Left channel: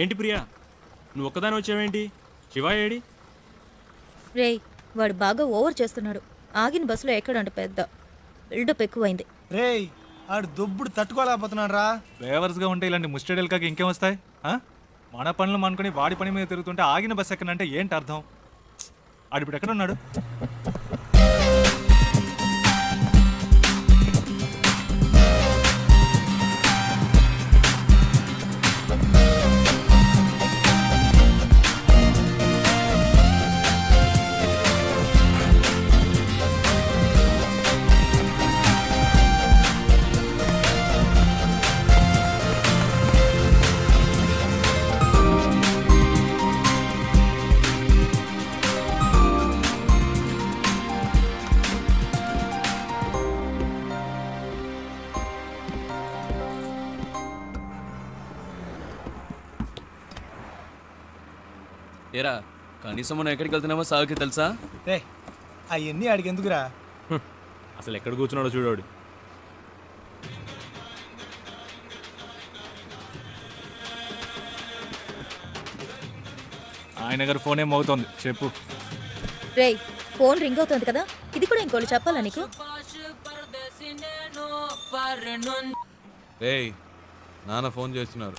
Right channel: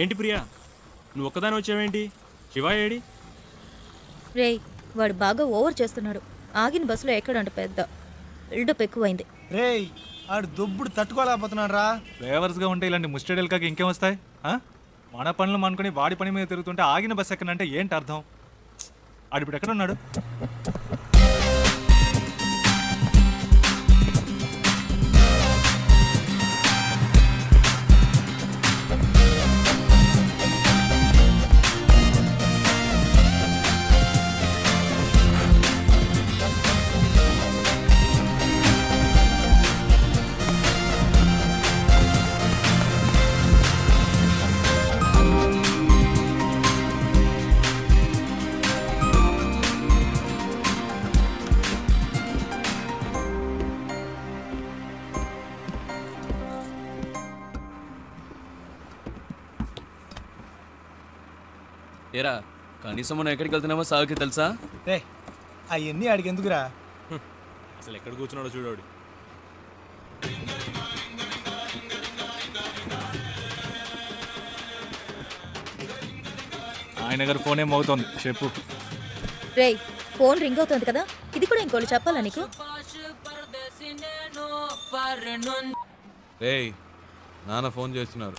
ఏంటి ప్రియా, నువ్వు ఒక్కదాని వచ్చావేంటి? శివ ఏడి? రేయ్, వాడు బాగా ఓవర్ చేస్తున్నాడు. ఆగిన బస్సులో ఎక్కడంట పెద్ద బిల్డప్ ఎక్కువైంది. రేయ్, ఆడు దుబ్బుడు తట్టుకోలేకపోతున్నాడు రా. డ్రైవర్స్గా ఉంటే ఇలాంటి ముస్టడీలు కాక ఇంకేం వస్తాయి? మన పనులు అనుకుని వాడి పని మీద తిరుగుతుంటే ఆగిన బస్సు ఎక్కడంటే ఏంటి అర్థం? ఆడు ఇప్పుడు ఎక్కడున్నాడు? ఏరా, కనీసం మనం ఎక్కడికి వెళ్తున్నామో సాగుకి తెలుసా? రే, అవన్నీ ఆడికి ఎందుకురా? అసలు ఎక్కడ కూర్చున్నాడో చూడాడు. ఆయన గారు ఫోన్ ఏం అవుతోంది, చెప్పు. రేయ్, ఫోన్ రింగ్ అవుతుంది కదా, ఇది కూడా ఇంకోళ్ళు చెప్పాలా నీకు? రేయ్, నాన్న ఫోన్ చేస్తున్నారు.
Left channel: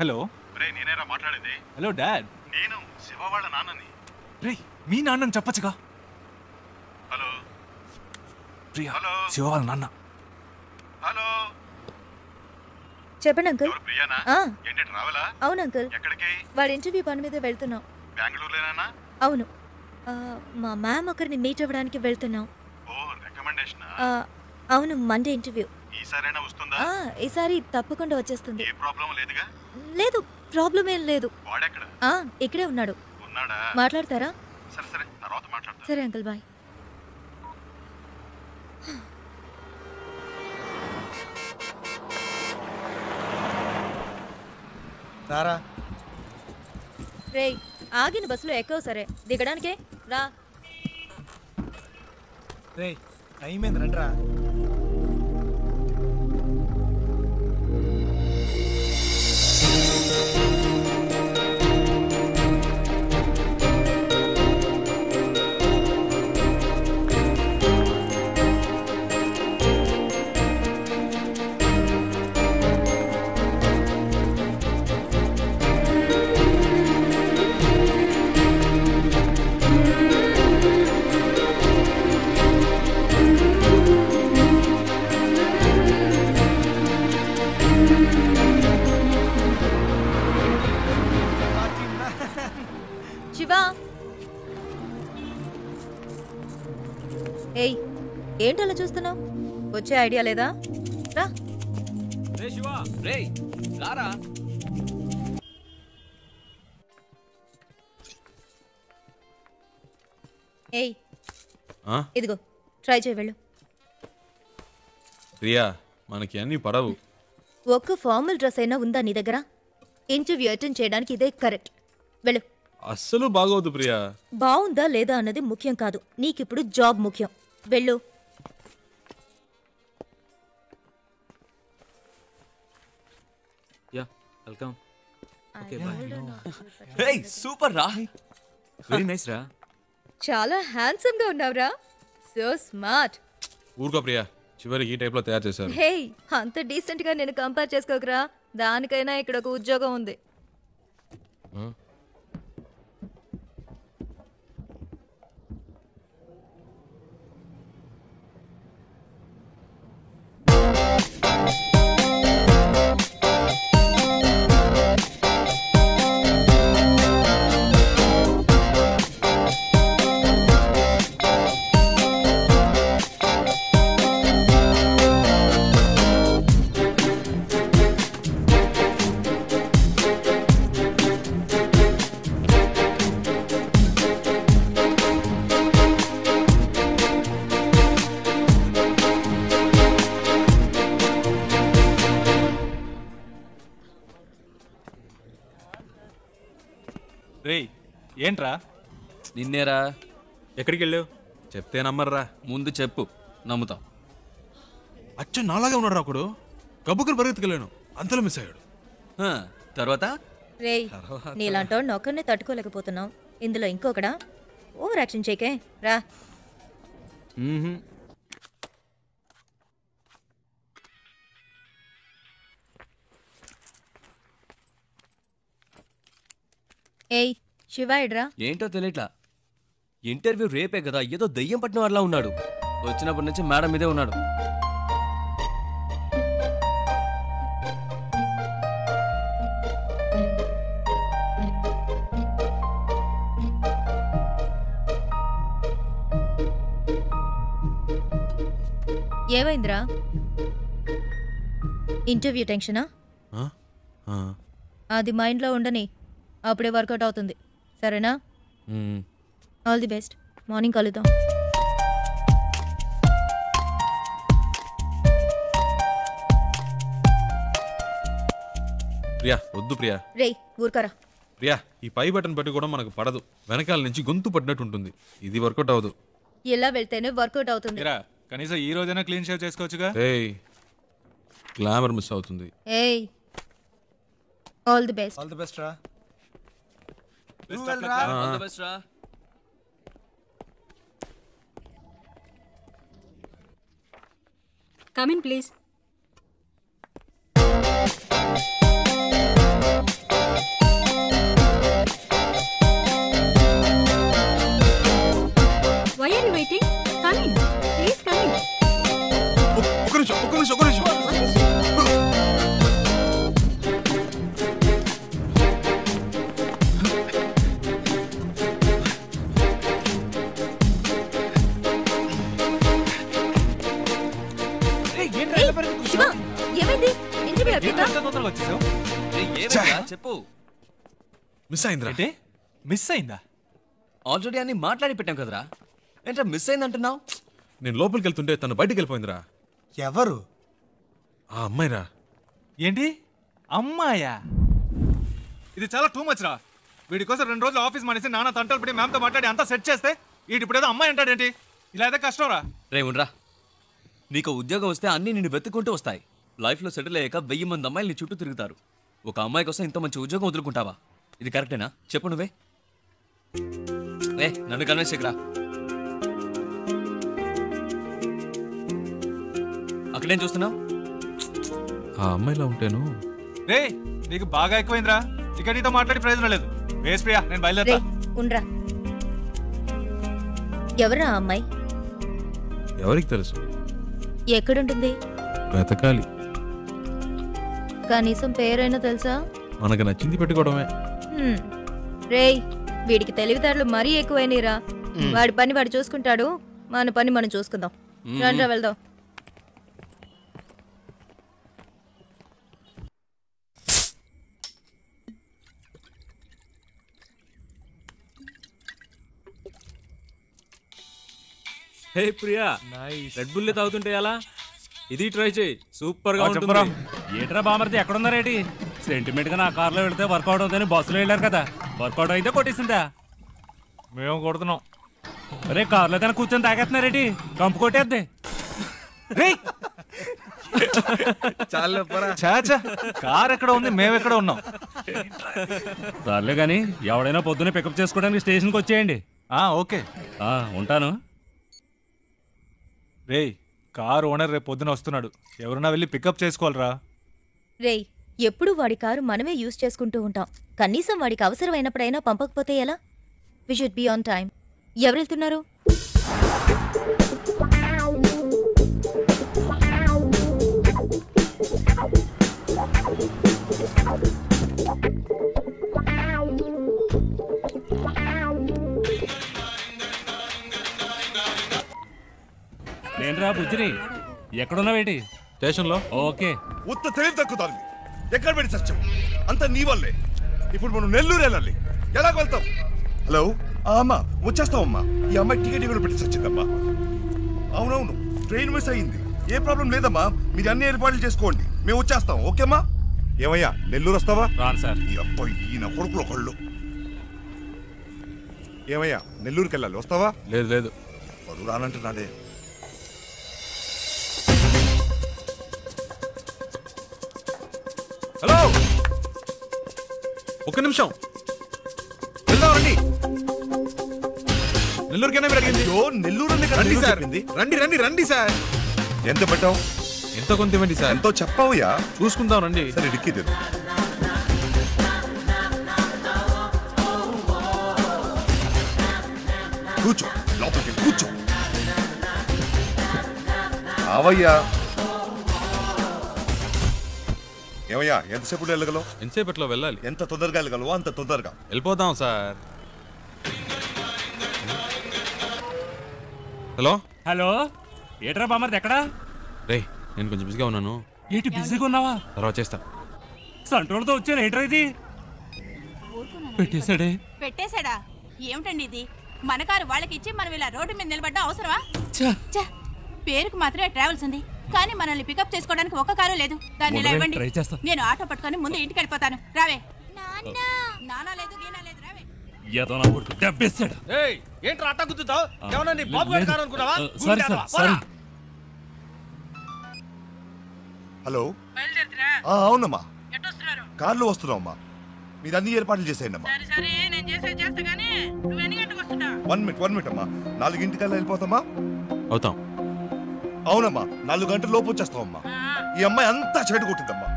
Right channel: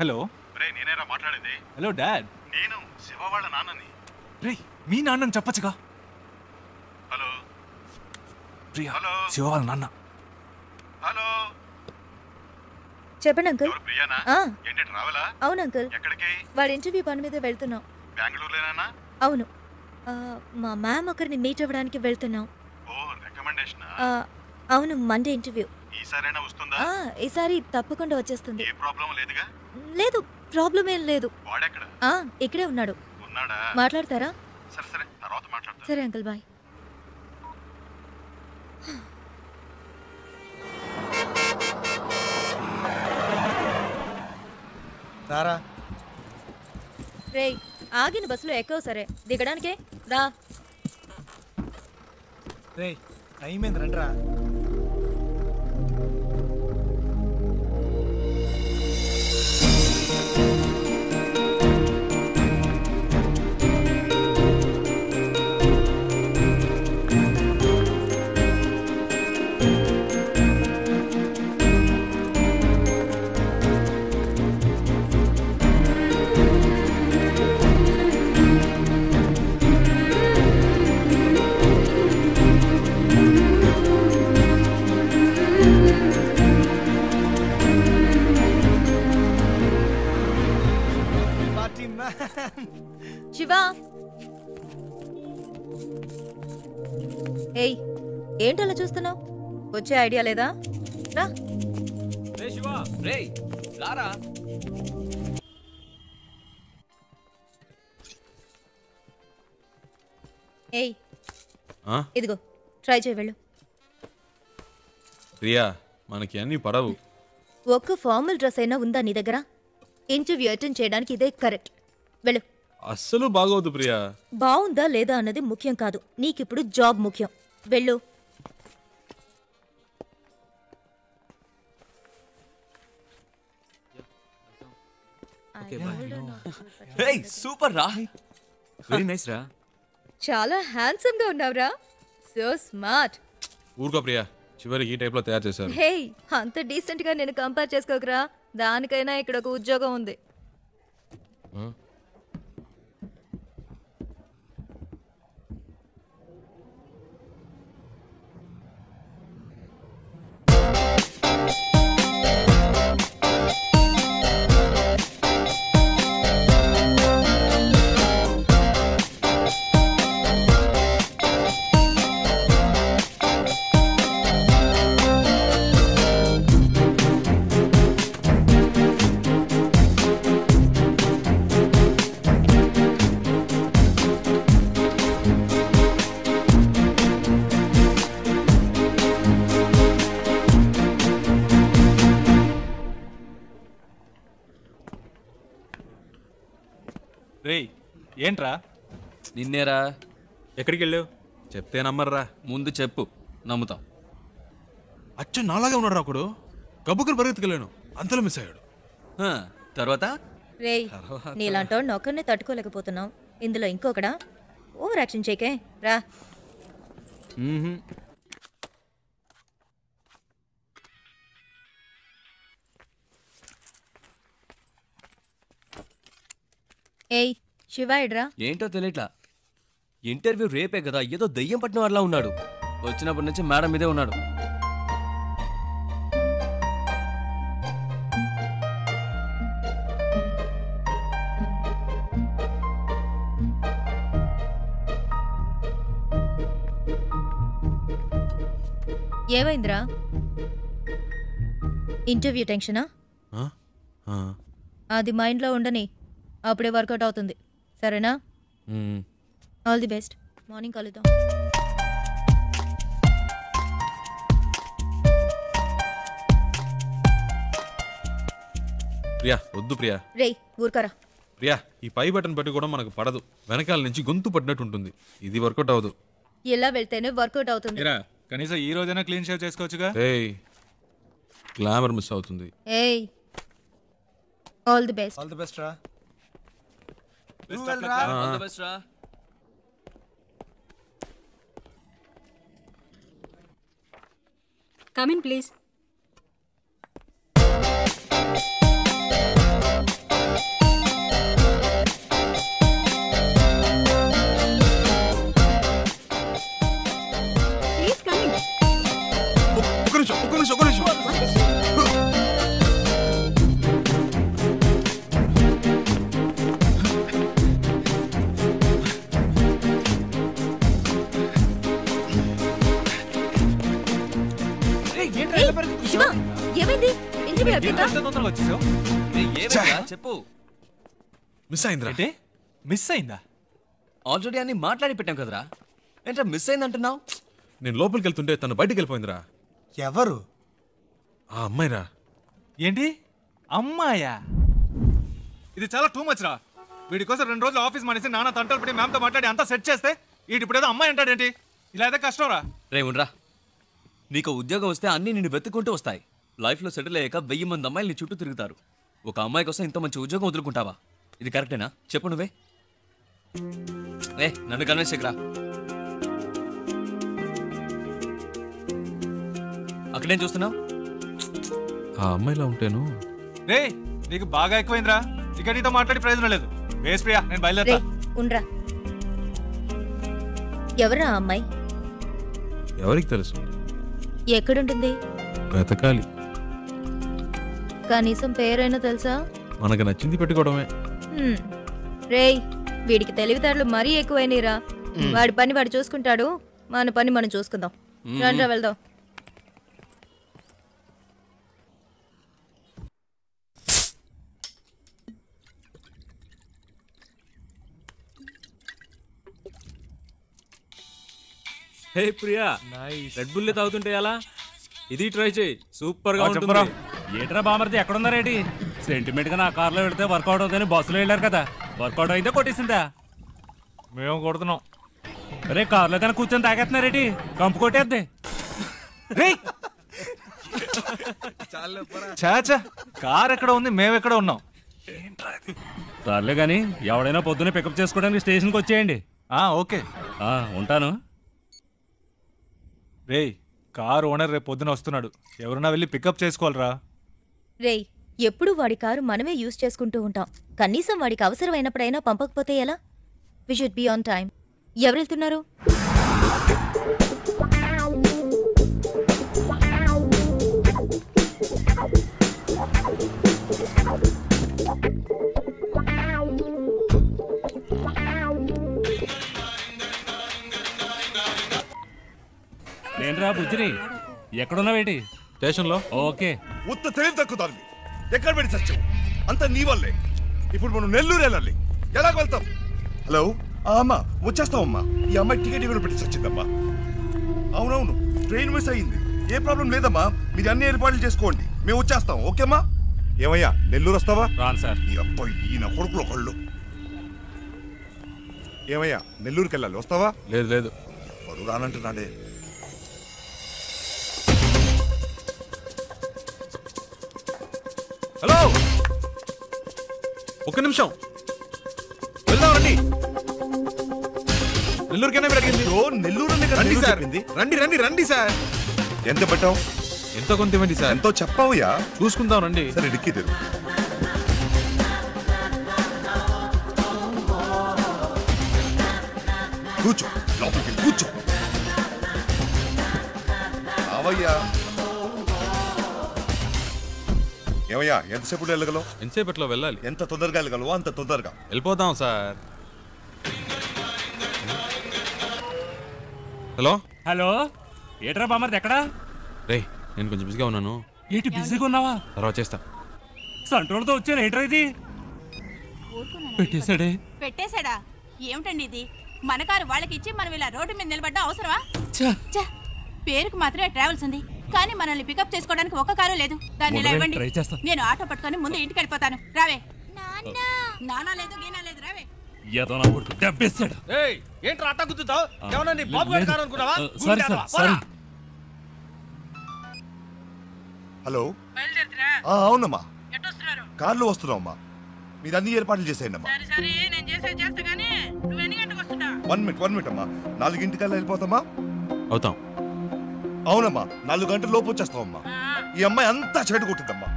హలో. రే, నేనేరా మాట్లాడేది? Hello dad. నేను శివ వాళ్ళ నాన్నని. రే, మీ నాన్నని చెప్పచ్చుగా. హలో ప్రియా, హలో శివ వాళ్ళ నాన్న. హలో, చెప్పండి అంకుల్. ప్రియానా? ఏంటి రావాలా? అవును అంకుల్. ఎక్కడికి? వాడి ఇంటర్వ్యూ పని మీద వెళ్తున్నాం. బెంగళూరులోనేనా? అవును, మా మ్యామ్ ఒకరిని మీట్ అవ్వడానికి వెళ్తున్నాం. ఓ, రికమెండేషన్? అవును, మండే ఇంటర్వ్యూ. ఈసారైనా వస్తుందా? ఈసారి తప్పకుండా వచ్చేస్తుంది. ఏ ప్రాబ్లం లేదుగా? లేదు, ప్రాబ్లం ఏం లేదు. వాడెక్కడ? ఇక్కడే ఉన్నాడు. ఉన్నాడా? మాట్లాడతారా? సరే సరే, తర్వాత మాట్లాడతా. సరే అంకుల్, బాయ్. రారా. రేయ్, ఆగిన బస్సులో ఎక్కవు సరే, దిగడానికే రా. రేయ్, టైం ఏంది, రండిరా. శివా, ఏయ్, ఏంటలా చూస్తున్నావు? వచ్చే ఐడియా లేదా? రా. రే శివ, రేయ్ రారా. ఏయ్, ఇదిగో ట్రై చేయి, వెళ్ళు. ప్రియా, మనకి అన్ని పడవు. ఒక్క ఫార్మల్ డ్రెస్ అయినా ఉందా నీ దగ్గర? ఇంటర్వ్యూ అటెండ్ చేయడానికి ఇదే కరెక్ట్. వెళ్ళు. అస్సలు బాగోదు ప్రియా. బాగుందా లేదా అన్నది ముఖ్యం కాదు, నీకిప్పుడు జాబ్ ముఖ్యం. వెళ్ళు. వెల్కమ్. రేయ్, సూపర్ రా. వెరీ నైస్ రా. చాలా హ్యాండ్సమ్ గా ఉన్నావురా. So smart. ఊరుకో ప్రియా, చివరికి ఈ టైప్ లో తయారు చేశారు. హే, అంత డీసెంట్ గా నేను కంపేర్ చేసుకోకరా. దానికైనా ఇక్కడ ఒక ఉద్యోగం ఉంది. రేయ్, ఏంట్రా? నిన్నేరా. ఎక్కడికి వెళ్ళావు? చెప్తే నమ్మర్రా. ముందు చెప్పు, నమ్ముతాం. అచ్చ నాలాగే ఉన్నాడు ఒకడు. గబ్బుకులు పరిగెత్తుకెళ్ళాను, అంతలో మిస్ అయ్యాడు. తర్వాత రేయ్ నీలాంటోడిని ఒక్కరినే తట్టుకోలేకపోతున్నావు, ఇందులో ఇంకొకడా? ఓవర్ యాక్షన్ చేయకే రా. ఏయ్ శివాయిడ్రా. ఏంటో తెలియట్లా. ఇంటర్వ్యూ రేపే కదా, ఏదో దయ్యం పట్టిన వాళ్ళ ఉన్నాడు. వచ్చినప్పటి నుంచి మేడం మీదే ఉన్నాడు. ఏమైందిరా? ఇంటర్వ్యూ టెన్షనా? అది మైండ్లో ఉండని, అప్పుడే వర్కౌట్ అవుతుంది. సరేనా? All the best. మార్నింగ్ కలుద్దాం. ప్రియా వద్దు ప్రియా. రేయ్ ఊరుకరా. ప్రియా ఈ పై బటన్ పెట్టి కూడా మనకు పడదు, వెనకాల నుంచి గొంతు పడినట్టు ఉంటుంది. ఇది వర్కౌట్ అవ్వదు. ఇలా వెళ్తేనే వర్కౌట్ అవుతుంది. కనీసం ఈ రోజైనా క్లీన్ షేవ్ చేసుకోవచ్చుగా. ఏయ్ గ్లామర్ మిస్ అవుతుంది. ఏయ్ all the best. All the best రా. All the best రా. Come in, please. Why are you waiting? Come in. Please come in. ఒక్క నిమిషం. What is it? శివ ఏమైంది? ఇంటర్వ్యూ అయిపోయిందా? తొందరగా వచ్చేసావు. ఏమైందిరా? చెప్పు. మిస్ అయిందిరా. అంటే మిస్ అయిందా? ఆల్రెడీ అన్ని మాట్లాడి పెట్టాం కదరా, ఏంట్రా మిస్ అయిందంటున్నావు? నేను లోపలికి వెళ్తుంటే తను బయటికి వెళ్ళిపోయిందిరా. ఎవరు? ఆ అమ్మాయిరా. ఏంటి అమ్మాయా? ఇది చాలా టూ మచ్ రా. వీడి కోసం 2 రోజులు ఆఫీస్ మానేసి నాన్న తంటలు పడి మ్యామ్తో మాట్లాడి అంతా సెట్ చేస్తే వీడి ఇప్పుడు ఏదో అమ్మాయి అంటాడేంటి? ఇలా అయితే కష్టం రా. రే ఉండరా, నీకు ఉద్యోగం వస్తే అన్నీ నిన్ను వెతుక్కుంటూ వస్తాయి. లైఫ్లో సెటిల్ అయ్యాక 1000 మంది అమ్మాయిలు నీ చుట్టూ తిరుగుతారు. ఒక అమ్మాయి కోసం ఇంత మంచి ఉద్యోగం వదులుకుంటావా? ఇది కరెక్టేనా చెప్పు నువ్వే. నన్ను కన్విన్స్ చేయకురా. అక్కడేం చూస్తున్నావు? ఆ అమ్మాయిలా ఉంటేను. రే నీకు బాగా ఎక్కువైందిరా. ఇక నీతో మాట్లాడి ప్రయోజనం లేదు. వేస్ ప్రియా, నేను బయలుదేరా. ఉండ్రా. ఎవరా ఆ అమ్మాయి? ఎవరికి తెలుసు? ఎక్కడుంటుంది? వెతకాలి. కనీసం పేరైనా తెలుసా? మనకు నచ్చింది పెట్టుకోవడమే. రేయ్ వీడికి తెలివితేటలు మరీ ఎక్కువైనరా. వాడి పని వాడు చూసుకుంటాడు, మన పని మనం చూసుకుందాం. రండ్రా వెళ్దాం. హే ప్రియా, రెడ్ బుల్ తాగుతుంటే ఎలా? ఇది ట్రై చేయి, సూపర్ గా ఉంటుంది. ఏట్రా బామర్ది ఎక్కడున్నారేటి? సెంటిమెంట్ గా నా కార్లో వెళితే వర్కౌట్ అవుతుందని బస్సులో వెళ్ళారు కదా, వర్కౌట్ అయితే కొట్టేసిందా? మేము కొడుతున్నాం. అరే కార్లో తన కూర్చొని తాగేస్తున్నారేటి? కంపు కొట్టేద్ది. చాచా కార్ ఎక్కడ ఉంది, మేమెక్కడ ఉన్నాం? సర్లే గాని ఎవడైనా పొద్దున్నే పికప్ చేసుకోవడానికి స్టేషన్కి వచ్చేయండి. ఓకే ఉంటాను. రేయ్ కార్ ఓనర్ రేపు పొద్దున వస్తున్నాడు, ఎవరన్నా వెళ్ళి పికప్ చేసుకోవాలరా. రేయ్ ఎప్పుడు వాడి కారు మనమే యూజ్ చేసుకుంటూ ఉంటాం, కనీసం వాడికి అవసరమైనప్పుడైనా పంపకపోతే ఎలా? We should be on time. ఎవరు వెళ్తున్నారు? నేనురా బుజ్జిని. ఎక్కడున్నావేటి? స్టేషన్లో. ఓకే. ఉత్త తెలివి తక్కువ దాన్ని ఎక్కడ పెట్టి సత్యం అంతా నీ వల్లే. ఇప్పుడు మనం నెల్లూరు వెళ్ళాలి, ఎలాగ వెళ్తాం? హలో అమ్మా, వచ్చేస్తామమ్మా. ఈ అమ్మాయి టికెట్ కూడా పెట్టి సచ్చిందమ్మా. అవునవును, ట్రైన్ మిస్ అయ్యింది. ఏ ప్రాబ్లం లేదమ్మా, మీరు అన్ని ఏర్పాట్లు చేసుకోండి, మేము వచ్చేస్తాం. ఓకేమ్మా? ఏమయ్యా నెల్లూరు వస్తావా? రాను సార్. ఈ అబ్బాయి ఈయన కొడుకులు ఒకళ్ళు. ఏమయ్యా నెల్లూరుకి వెళ్ళాలి, వస్తావా? లేదు లేదు, ఎవరు రానంటున్నాడే. హలో ఒక్క నిమిషం వెళ్దాం రండి. నెల్లూరుకైనా మీరు అడిగింది. అయ్యో, నెల్లూరు రండి సార్, రండి రండి రండి సార్. ఎంత పెట్టావు? ఎంతో కొంత ఇవ్వండి సార్. ఎంతో చెప్పావుయా? చూసుకుందాం రండి. సరే డిక్కీ తెరు. కూర్చో, లోపలికి కూర్చో. అవయ్యా. ఏమయ్యా, ఎంతసేపు వెళ్ళగలవు? ఎంతసేపట్లో వెళ్ళాలి? ఎంత తొందరగా వెళ్ళగలవో అంత తొందరగా వెళ్ళిపోదాం సార్. హలో హలో, ఏట్రా బామర్ది ఎక్కడా? రే, నేను కొంచెం బిజీగా ఉన్నాను. ఏంటి బిజీగా ఉన్నావా? తర్వాత చేస్తా. సంట్రోల్తో వచ్చాను. ఏంట్రా ఇది? పెట్టేశాడే. పెట్టేశాడా? ఏమిటండి ఇది? మన కారు వాళ్ళకి ఇచ్చి మనం ఇలా రోడ్డు మీద నిలబడ్డా అవసరమా? ఛ! పేరుకు మాత్రమే ట్రావెల్స్ ఉంది, కానీ మనల్ని పికప్ చేసుకోవడానికి ఒక్క కారు లేదు. దాన్ని ఇలా ఇవ్వండి, నేను ఆటో పట్టుకొని ముందు ఇంటికి వెళ్ళిపోతాను. రావే. నానా లేదు, గీనా లేదు, రావే. ఏదో నా కొడుకు దెబ్బేశాడు. ఏంట్రా అట్ట గుద్దుతావు? ఏమన్నా నీ బాబు గారి కారు అనుకున్నావా? సరే సరే సరే. హలో. అవునమ్మా, కార్లో వస్తున్నావమ్మా. మీరు అన్ని ఏర్పాట్లు చేసేయండి అమ్మా. 1 మినిట్ అమ్మా. 4 గంటలకల్లా వెళ్ళిపోతామా? అవుతాం. అవునమ్మా, 4 గంటల లోపు వచ్చేస్తామమ్మా. ఈ అమ్మాయి అంతా చెడు కొట్టిందమ్మా.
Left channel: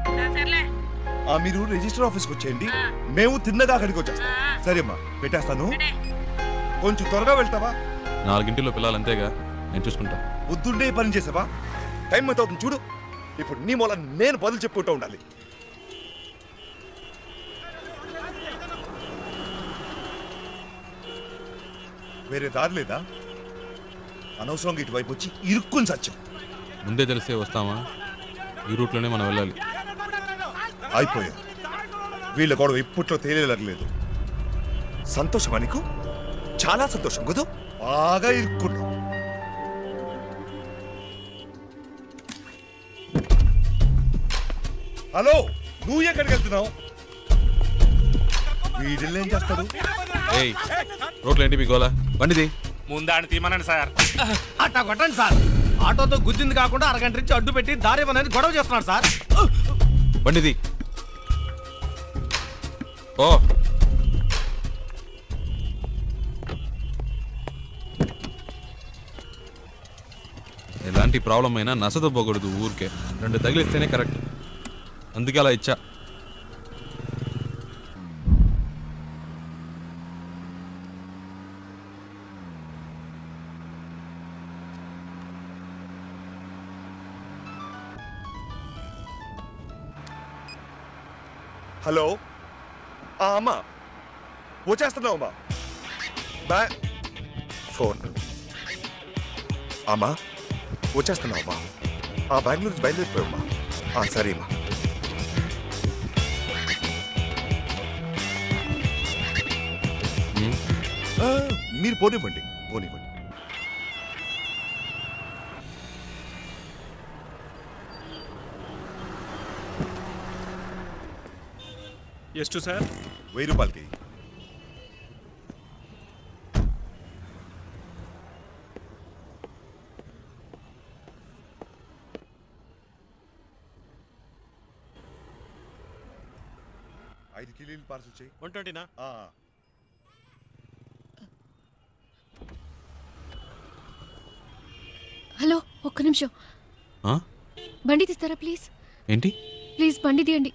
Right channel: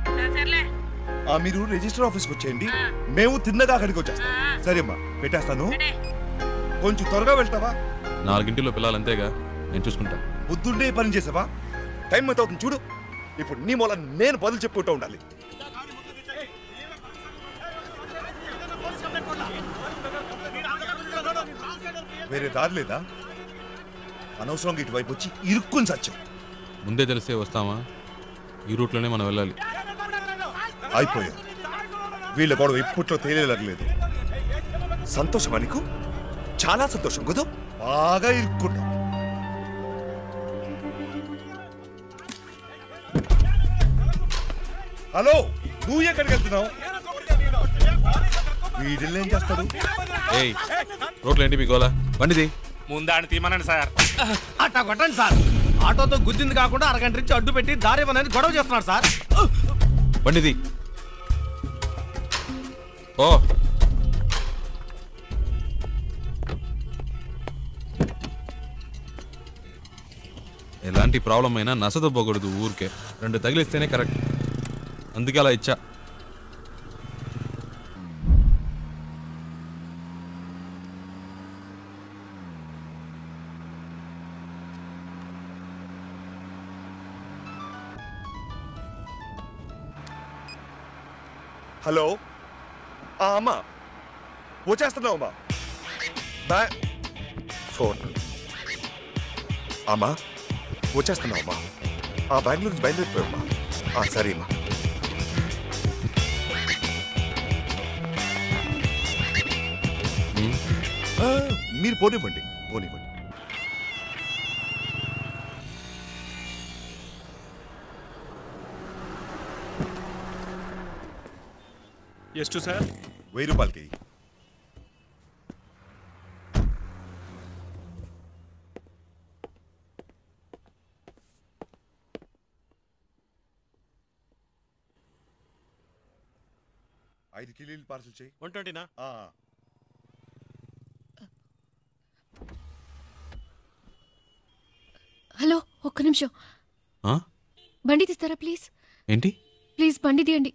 మీరు రిజిస్టర్ ఆఫీస్కి వచ్చేయండి, మేము తిన్నగా అక్కడికి వచ్చేస్తాం. సరే అమ్మా, పెట్టేస్తాను. కొంచెం త్వరగా వెళ్తావా? 4 గంటల్లో పిల్లలు అంతేగా, నేను చూసుకుంటా. పొద్దున్నే పని చేసావా? టైం ఎంత అవుతుంది చూడు. ఇప్పుడు నీ మూల నేను బదులు చెప్పుకుంటూ ఉండాలి. వేరే దారి లేదా? అనవసరంగా ఇటువైపు వచ్చి ఇరుక్కుని సత్యం. ముందే తెలిసే వస్తామా? ఈ రూట్లోనే మనం వెళ్ళాలి. అయిపోయా. వీళ్ళ గొడవ ఇప్పట్లో తేలేలేదు. సంతోషమా నీకు? చాలా సంతోషం కదా. బాగా ఇరుక్కున్నావు. హలో, నువ్వు ఎక్కడికి వెళ్తున్నావు? వీడిల్ని ఏం చేస్తాడు? ఏయ్, రోడ్లు ఏంటి మీ గోలా? బండిది ముందాన్ని తీమనండి సార్. అట్టా కొట్టండి సార్. ఆటోతో గుద్దింది కాకుండా అరగంట నుంచి అడ్డు పెట్టి దారి ఇవ్వనని గొడవ చేస్తున్నాడు సార్. బండిది. ఓ ఎలాంటి ప్రాబ్లం అయినా నసదొబ్బకూడదు ఊరికే. 2 తగిలిస్తేనే కరెక్ట్. అందుకే అలా ఇచ్చా. హలో. అమ్మా, వచ్చేస్తున్నావు అమ్మా. ఫోన్. అమ్మా, వచ్చేస్తున్నావు అమ్మా. బెంగళూరు నుంచి బయలుదేరిపోయామ్మా. సరే అమ్మా. మీరు పోనివ్వండి. ಎಷ್ಟು సార్? 1000 రూపాయలకి. ఐదు కిలోలు పార్సల్ చేయి. 120నా? హలో, ఒక్క నిమిషం. బండి తీస్తారా ప్లీజ్? ఏంటి? ప్లీజ్ బండి తీయండి.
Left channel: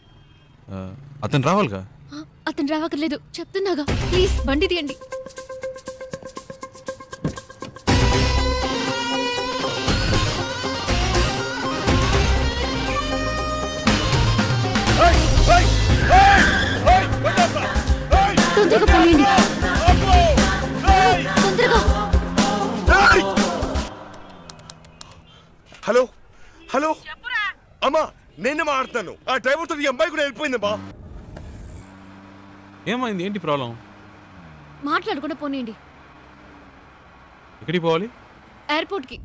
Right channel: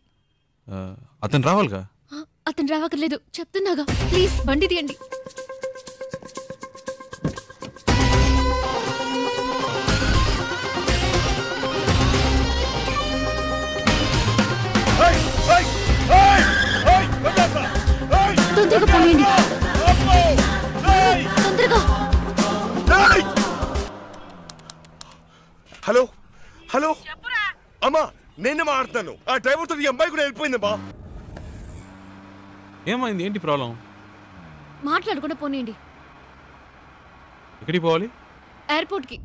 అతను రావాలిగా. అతను రావక్కర్లేదు, చెప్తున్నాగా. ప్లీజ్ బండి తీయండి. తొందరగా పోయండి, తొందరగా. హలో హలో అమ్మా, నేనే మాట్లాడుతాను. ఆ డ్రైవర్తో ఈ అమ్మాయి కూడా వెళ్ళిపోయిందమ్మా. ఏమైంది? ఏంటి ప్రాబ్లం? మాట్లాడకుండా పోనీయండి. ఎక్కడికి పోవాలి? ఎయిర్పోర్ట్కి.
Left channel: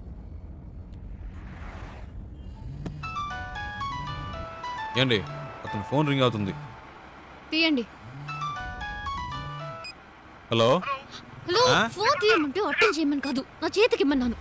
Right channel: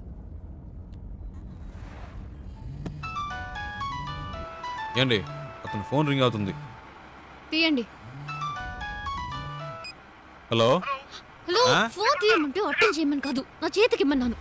ఏండి, అతను ఫోన్ రింగ్ అవుతుంది. తీయండి. హలో హలో, ఫోన్ తీయమంటే అటెండ్ చేయమని కాదు, నా చేతికి ఇమ్మన్నాను.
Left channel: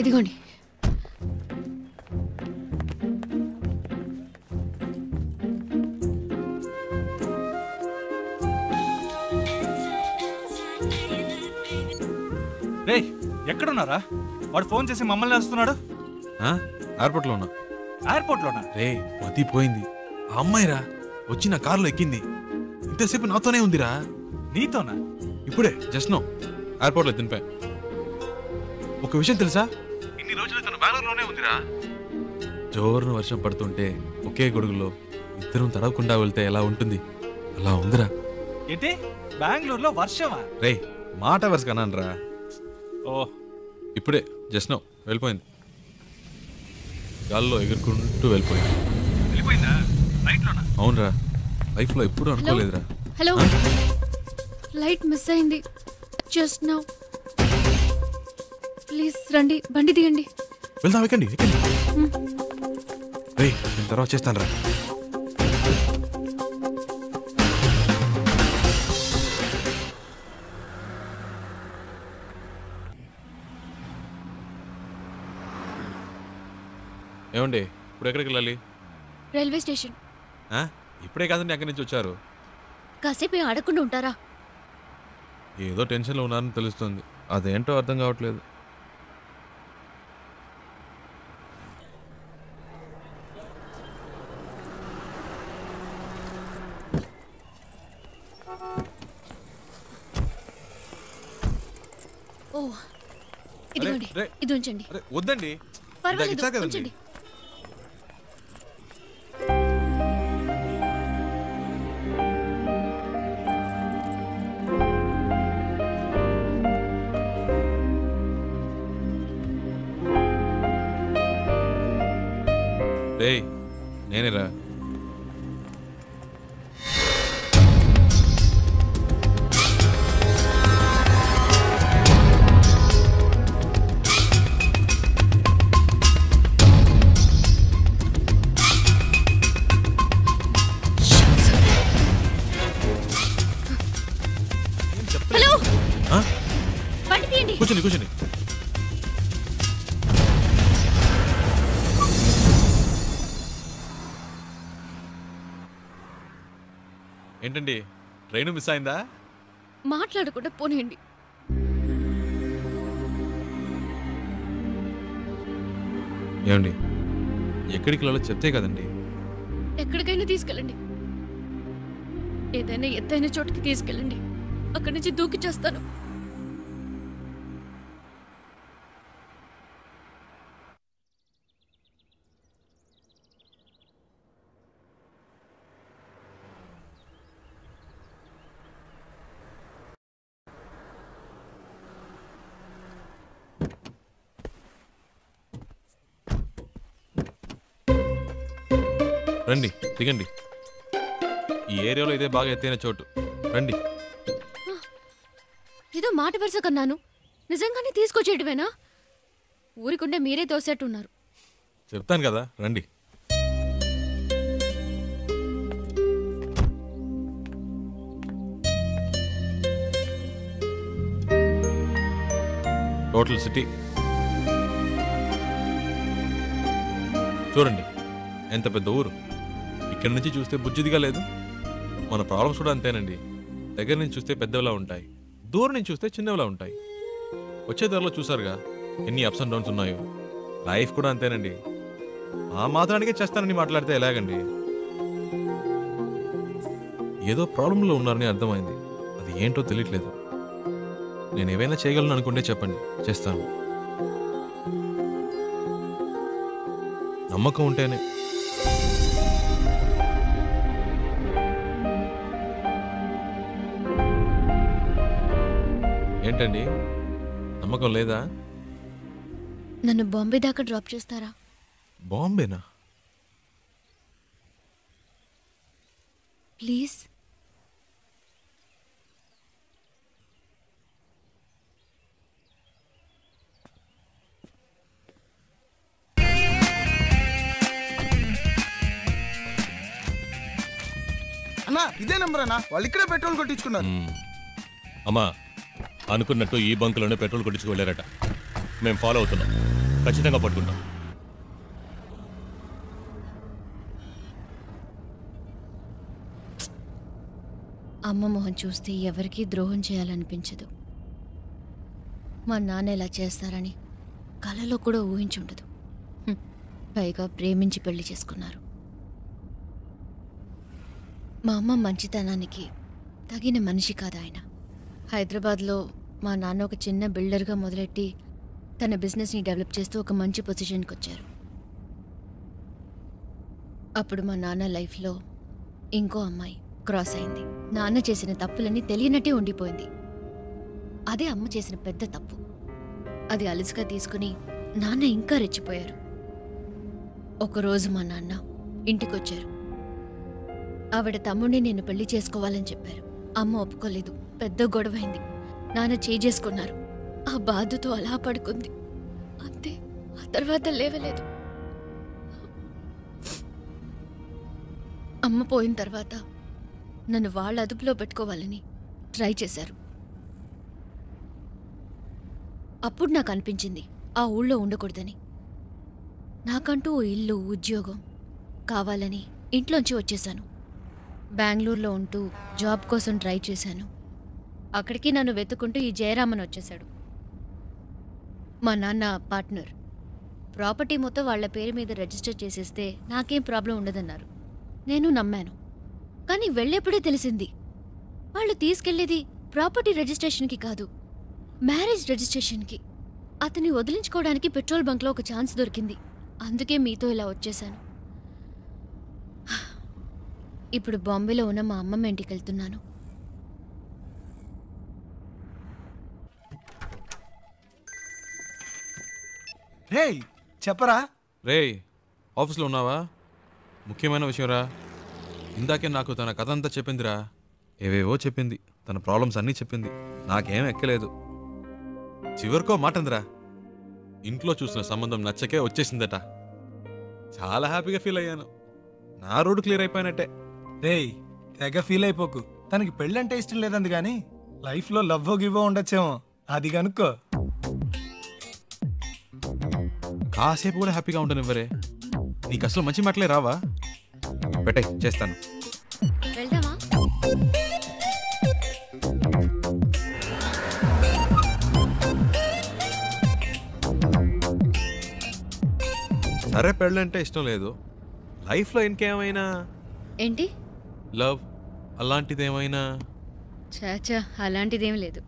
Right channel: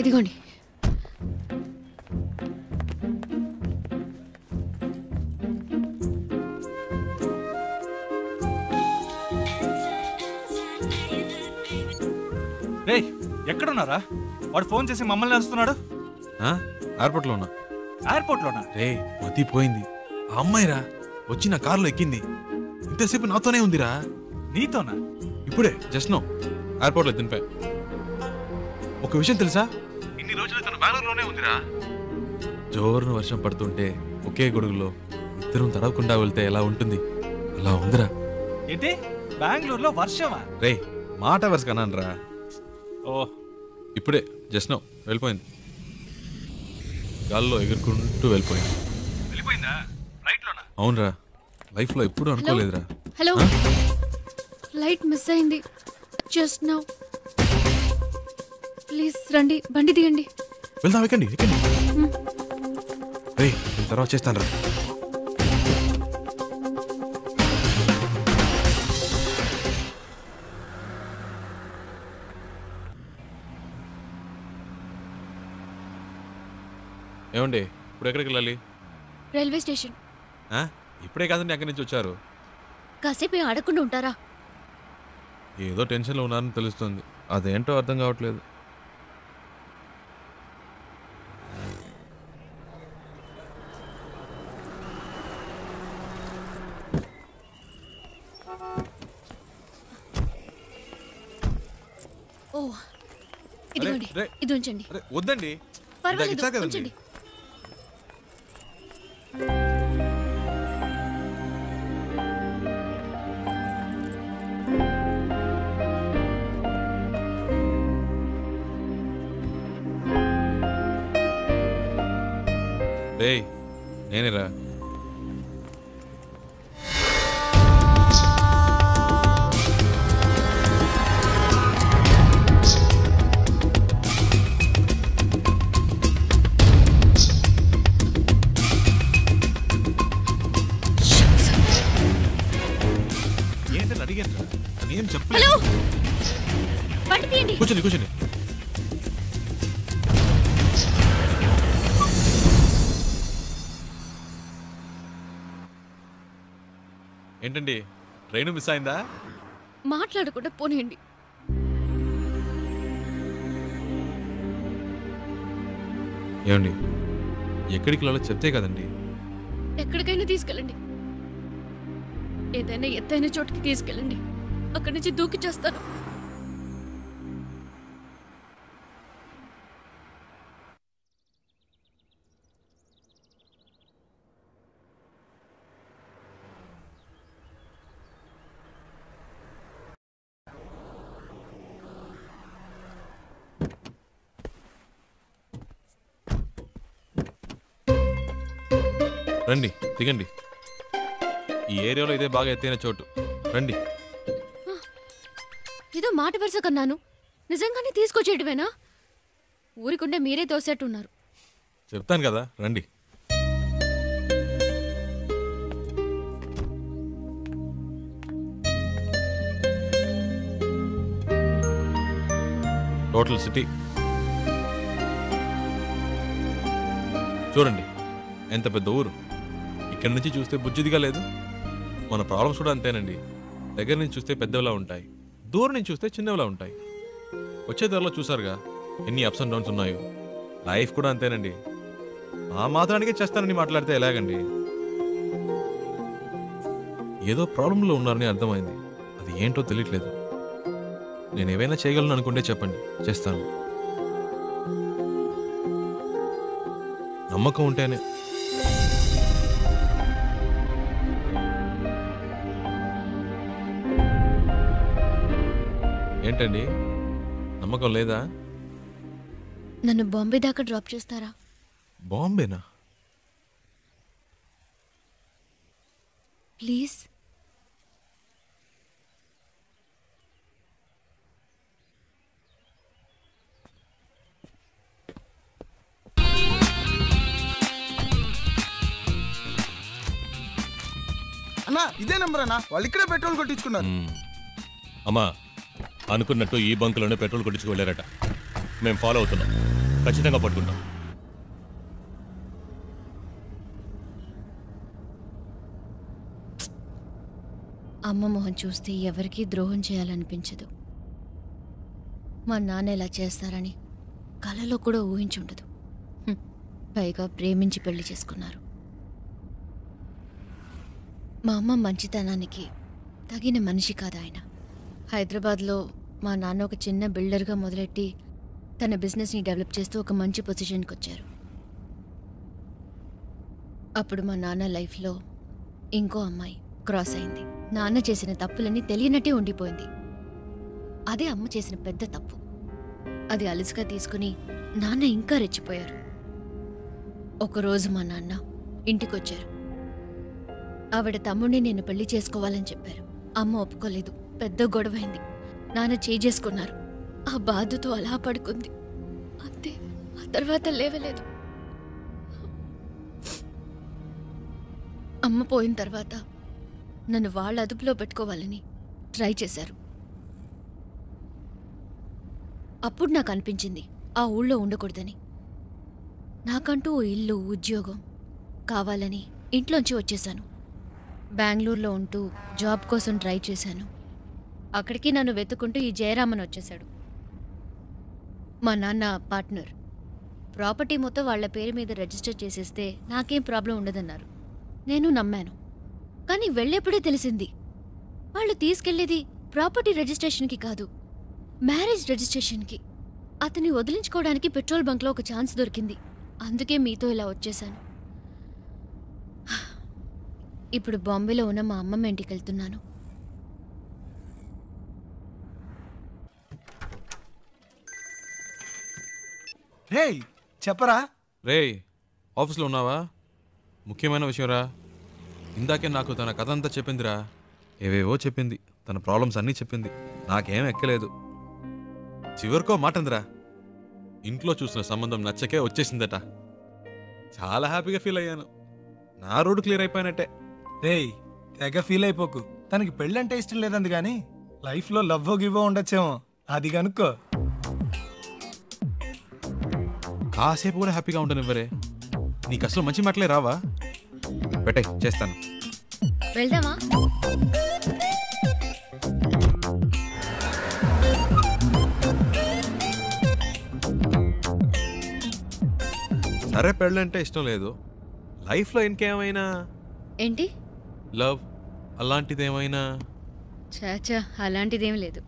ఇదిగోండి. రే ఎక్కడున్నారా? వాడు ఫోన్ చేసి మమ్మల్ని నడుస్తున్నాడు. ఎయిర్పోర్ట్లో ఉన్నా. ఎయిర్పోర్ట్లోనా? రే మతిపోయింది. ఆ అమ్మాయిరా వచ్చి నా కారులో ఎక్కింది. ఇంతసేపు నాతోనే ఉందిరా. నీతోనా? ఇప్పుడే జస్ట్ నో ఎయిర్పోర్ట్లో దింపా. ఒక విషయం తెలుసా, ఇన్ని రోజులు తన బెంగళూరులోనే ఉందిరా. జోరున వర్షం పడుతుంటే ఒకే గొడుగులో ఇద్దరం తడవకుండా వెళ్తే ఎలా ఉంటుంది అలా ఉందిరా. ఏంటి బెంగళూరులో వర్షమా? రే మాట వరుస కన్నానరా. ఓ ఇప్పుడే జస్ట్ నో వెళ్ళిపోయింది. గాల్లో ఎగురుకుంటూ వెళ్ళిపోయింది. వెళ్ళిపోయిందా? ఫ్లైట్లోనా? అవునరా, లైఫ్లో ఎప్పుడు అనుకోలేదురా. హలో, ఫ్లైట్ మిస్ అయింది జస్ట్ నౌ. ప్లీజ్ రండి, బండి దిగండి. వెళ్దాం, ఎక్కండి ఎక్కండి. రే నేను తర్వాత చేస్తాను రా. ఏమండి ఇప్పుడు ఎక్కడికి వెళ్ళాలి? Railway station. ఇప్పుడే కాదండి అక్కడి నుంచి వచ్చారు. కాసేపు ఆడకుండా ఉంటారా? ఏదో టెన్షన్లో ఉన్నారని తెలుస్తుంది, అదేంటో అర్థం కావట్లేదు. ఓ ఇదిగోండి, ఇది ఉంచండి. వద్దండి, పర్వాలేదు ఉంచండి. రేయ్ నేనేరా. హలో, బండి తీయండి. కూర్చోండి కూర్చోండి. ఏంటండి ట్రైన్ మిస్ అయిందా? మాట్లాడకుండా పోనీయండి. ఏమండి ఎక్కడికి వెళ్ళాలో చెప్తే కదండి. ఎక్కడికైనా తీసుకెళ్ళండి, ఏదైనా ఎత్తైన చోటుకి తీసుకెళ్ళండి. అక్కడి నుంచి దూకి చేస్తాను. రండి దిగండి. ఈ ఏరియాలో ఇదే బాగా ఎత్తైన చోటు, రండి. ఏదో మాట వరుస కన్నాను, నిజంగానే తీసుకొచ్చేయటమేనా? ఊరికుండే మీరే తోసేట్టున్నారు. చెప్తాను కదా రండి. టోటల్ సిటీ చూడండి, ఎంత పెద్ద ఊరు. ఇక్కడి నుంచి చూస్తే బుజ్జిదిగా లేదు. మన ప్రాబ్లమ్స్ కూడా అంతేనండి. దగ్గర నుంచి చూస్తే పెద్దవిలా ఉంటాయి, దూరం నుంచి చూస్తే చిన్నవిలా ఉంటాయి. వచ్చే ధరలో చూసారుగా ఎన్ని అప్స్ అండ్ డౌన్స్ ఉన్నాయో. లైఫ్ కూడా అంతేనండి. ఆ మాత్రానికే చేస్తానని మాట్లాడితే ఎలాగండి? ఏదో ప్రాబ్లంలో ఉన్నారని అర్థమైంది, అది ఏంటో తెలియట్లేదు. నేను ఏవైనా చేయగలను అనుకుంటే చెప్పండి, చేస్తాను. నమ్మకం ఉంటేనే. ఏంటండి నమ్మకం లేదా? నన్ను బాంబే దాకా డ్రాప్ చేస్తారా? బాంబేనా? ప్లీజ్. అన్నా ఇదే నెంబర్ అన్నా, వాళ్ళు ఇక్కడే పెట్రోల్ కొట్టించుకున్నారు. అమ్మా అనుకున్నట్టు ఈ బంకులోనే పెట్రోల్ కొట్టించుకు వెళ్ళారట. మేము ఫాలో అవుతున్నాం, ఖచ్చితంగా పట్టుకుంటాం. అమ్మ మొహం చూస్తే ఎవరికీ ద్రోహం చేయాలనిపించదు. మా నాన్న ఇలా చేస్తారని కలలో కూడా ఊహించుండదు. పైగా ప్రేమించి పెళ్లి చేసుకున్నారు. మా అమ్మ మంచితనానికి తగిన మనిషి కాదు ఆయన. హైదరాబాద్లో మా నాన్న ఒక చిన్న బిల్డర్గా మొదలెట్టి తన బిజినెస్ని డెవలప్ చేస్తూ ఒక మంచి పొజిషన్కి వచ్చారు. అప్పుడు మా నాన్న లైఫ్లో ఇంకో అమ్మాయి క్రాస్ అయింది. నాన్న చేసిన తప్పులన్నీ తెలియనట్టే ఉండిపోయింది. అదే అమ్మ చేసిన పెద్ద తప్పు. అది అలుసుగా తీసుకుని నాన్న ఇంకా రెచ్చిపోయారు. ఒకరోజు మా నాన్న ఇంటికొచ్చారు. ఆవిడ తమ్ముడిని నేను పెళ్లి చేసుకోవాలని చెప్పారు. అమ్మ ఒప్పుకోలేదు. పెద్ద గొడవైంది. నాన్న చేసుకున్నారు. ఆ బాధతో అలా పడుకుంది. అంతే, ఆ తర్వాత లేవలేదు. అమ్మ పోయిన తర్వాత నన్ను వాళ్ళ అదుపులో పెట్టుకోవాలని ట్రై చేశారు. అప్పుడు నాకు అనిపించింది ఆ ఊళ్ళో ఉండకూడదని. నాకంటూ ఓ ఇల్లు, ఉద్యోగం కావాలని ఇంట్లోంచి వచ్చేశాను. బెంగళూరులో ఉంటూ జాబ్ కోసం ట్రై చేశాను. అక్కడికి నన్ను వెతుక్కుంటూ ఈ జయరామన్ వచ్చేశాడు. మా నాన్న పార్ట్నర్. ప్రాపర్టీ మొత్తం వాళ్ల పేరు మీద రిజిస్టర్ చేసేస్తే నాకేం ప్రాబ్లం ఉండదన్నారు. నేను నమ్మాను. కానీ వెళ్ళేప్పుడే తెలిసింది వాళ్ళు తీసుకెళ్లేది ప్రాపర్టీ రిజిస్ట్రేషన్కి కాదు, మ్యారేజ్ రిజిస్ట్రేషన్కి. అతన్ని వదిలించుకోవడానికి పెట్రోల్ బంక్లో ఒక ఛాన్స్ దొరికింది. అందుకే మీతో ఇలా వచ్చేశాను. ఇప్పుడు బాంబేలో ఉన్న మా అమ్మమ్మ ఇంటికి వెళ్తున్నాను. రేయ్ చెప్పరా. రేయ్ ఆఫీస్లో ఉన్నావా? ముఖ్యమైన విషయం రా. ఇందాకే నాకు తన కథ అంతా చెప్పిందిరా. ఏవేవో చెప్పింది, తన ప్రాబ్లమ్స్ అన్నీ చెప్పింది. నాకేం ఎక్కలేదు. చివరికో మాట అందిరా, ఇంట్లో చూసిన సంబంధం నచ్చకే వచ్చేసిందట. చాలా హ్యాపీగా ఫీల్ అయ్యాను. నా రోడ్డు క్లియర్ అయిపోయినట్టే. రేయ్ తెగ ఫీల్ అయిపోకు. తనకి పెళ్ళంటే ఇష్టం లేదంది కానీ లైఫ్లో లవ్వో గివ్వో ఉండొచ్చేమో, అది కనుక్కో. కాసేపు కూడా హ్యాపీగా ఉంటాను ఇవ్వరే. నీకు అసలు మంచి మాటలే రావా? పెట్టే, చేస్తాను. వెళ్దామా? సరే పెళ్ళంటే ఇష్టం లేదు. లైఫ్లో ఇంకేమైనా ఏంటి? లవ్ అలాంటిదేమైనా? చాచా, అలాంటిదేం లేదు.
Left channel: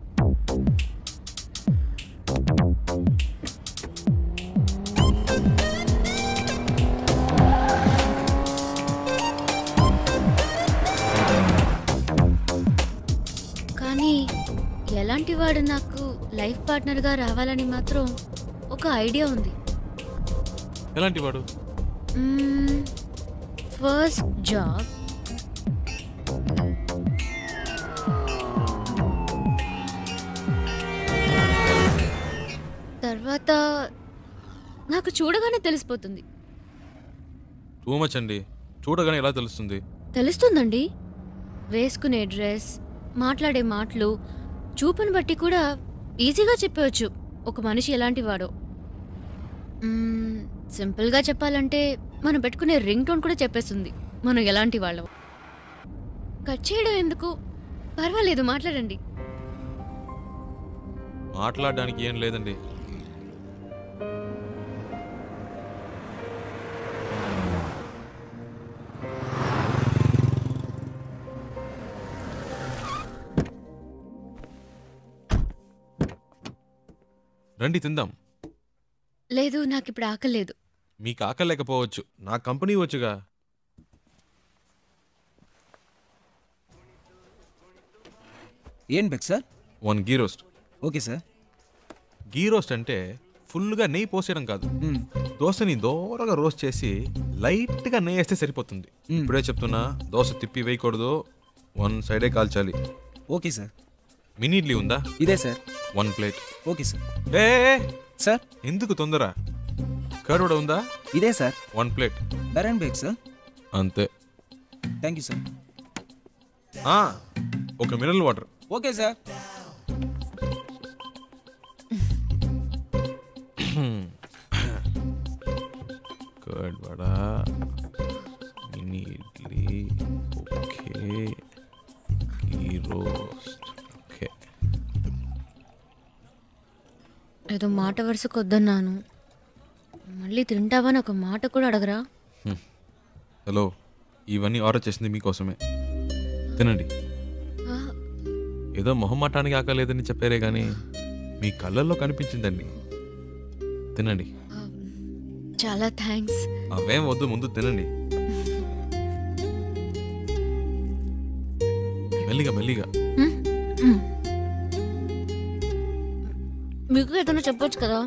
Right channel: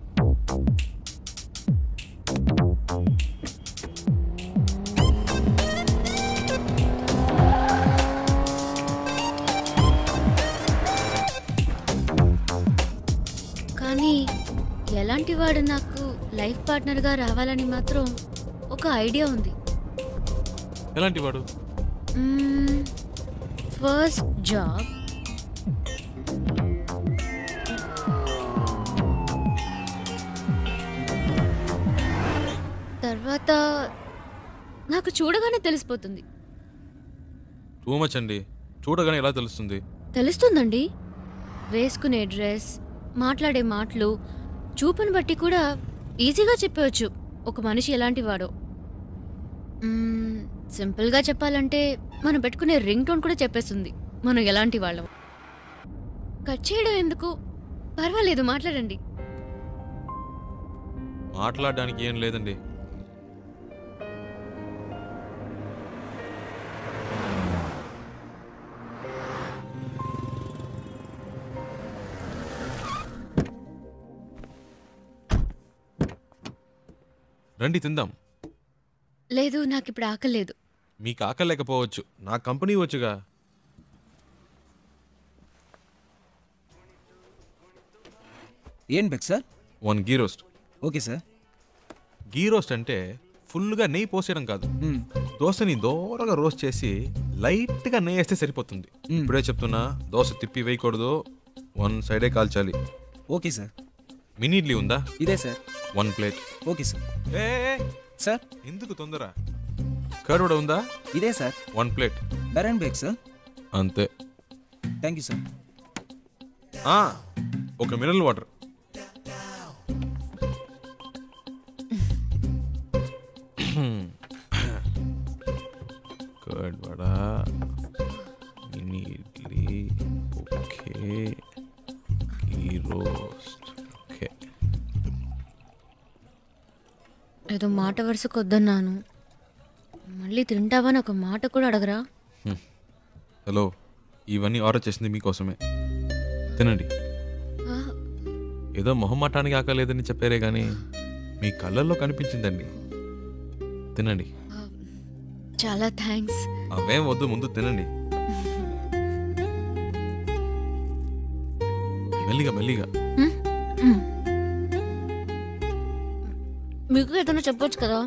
కానీ ఎలాంటి వాడు నాకు లైఫ్ పార్ట్నర్గా రావాలని మాత్రం ఒక ఐడియా ఉంది. ఎలాంటి వాడు? ఫస్ట్ జాబ్, తర్వాత నాకు చూడగానే తెలిసిపోతుంది. టూ మచ్ అండి. చూడగానే ఎలా తెలుస్తుంది? తెలుస్తుందండి. వేసుకునే డ్రెస్, మాట్లాడే మాటలు, చూపుని బట్టి కూడా ఈజీగా చెప్పవచ్చు ఒక మనిషి ఎలాంటి వాడో. సింపుల్గా చెప్పాలంటే మనం పెట్టుకునే రింగ్ టోన్ కూడా చెప్పేస్తుంది మనం ఎలాంటి వాళ్ళం. కట్ చేయడం ఎందుకు? పర్వాలేదు, మాట్లాడండి. మాట్లాడడానికి ఏం లేదండి. రండి తిందాం. లేదు, నాకు ఇప్పుడు ఆకలేదు. మీకు ఆకలి లేకపోవచ్చు, నా కంపెనీ వచ్చుగా. ఏం బెక్ sir? 1 ghee roast. Okay sir. Ghee roast అంటే ఫుల్గా నెయ్యి పోసేయడం కాదు. దోశని దోరగా రోస్ట్ చేసి లైట్గా నెయ్యి వేస్తే సరిపోతుంది. ఇప్పుడే చెప్తున్నా, దోశ తిప్పి వేయకూడదు, 1 సైడే కాల్చాలి. Okay sir. మినీ ఇడ్లీ ఉందా? ఇదే సార్. 1 ప్లేట్. Okay sir. ఏ సార్, ఎందుకు తొందర? కర్డ్ కూడా ఉందా? ఇదే సార్. 1 ప్లేట్. బెరన్ బేక్ సార్. అంతే. Thank you sir. ఒక mineral water. Okay sir. Curd vada, mini idli, okay, ghee roast, okay. ఏదో మాట వరుసకు వద్దన్నాను, మళ్ళీ తింటావని ఒక మాట కూడా అడగరా? హలో, ఇవన్నీ ఆర్డర్ చేసింది మీకోసమే, తినండి. ఏదో మొహమాటానికి ఆకలేదని చెప్పారే కానీ మీ కళ్ళల్లో కనిపించిందండి. తినండి. చాలా థ్యాంక్స్. అవేం వద్దు, ముందు తినండి. మెల్లిగా మెల్లిగా. మీకు ఏదైనా చెప్పొచ్చు కదా.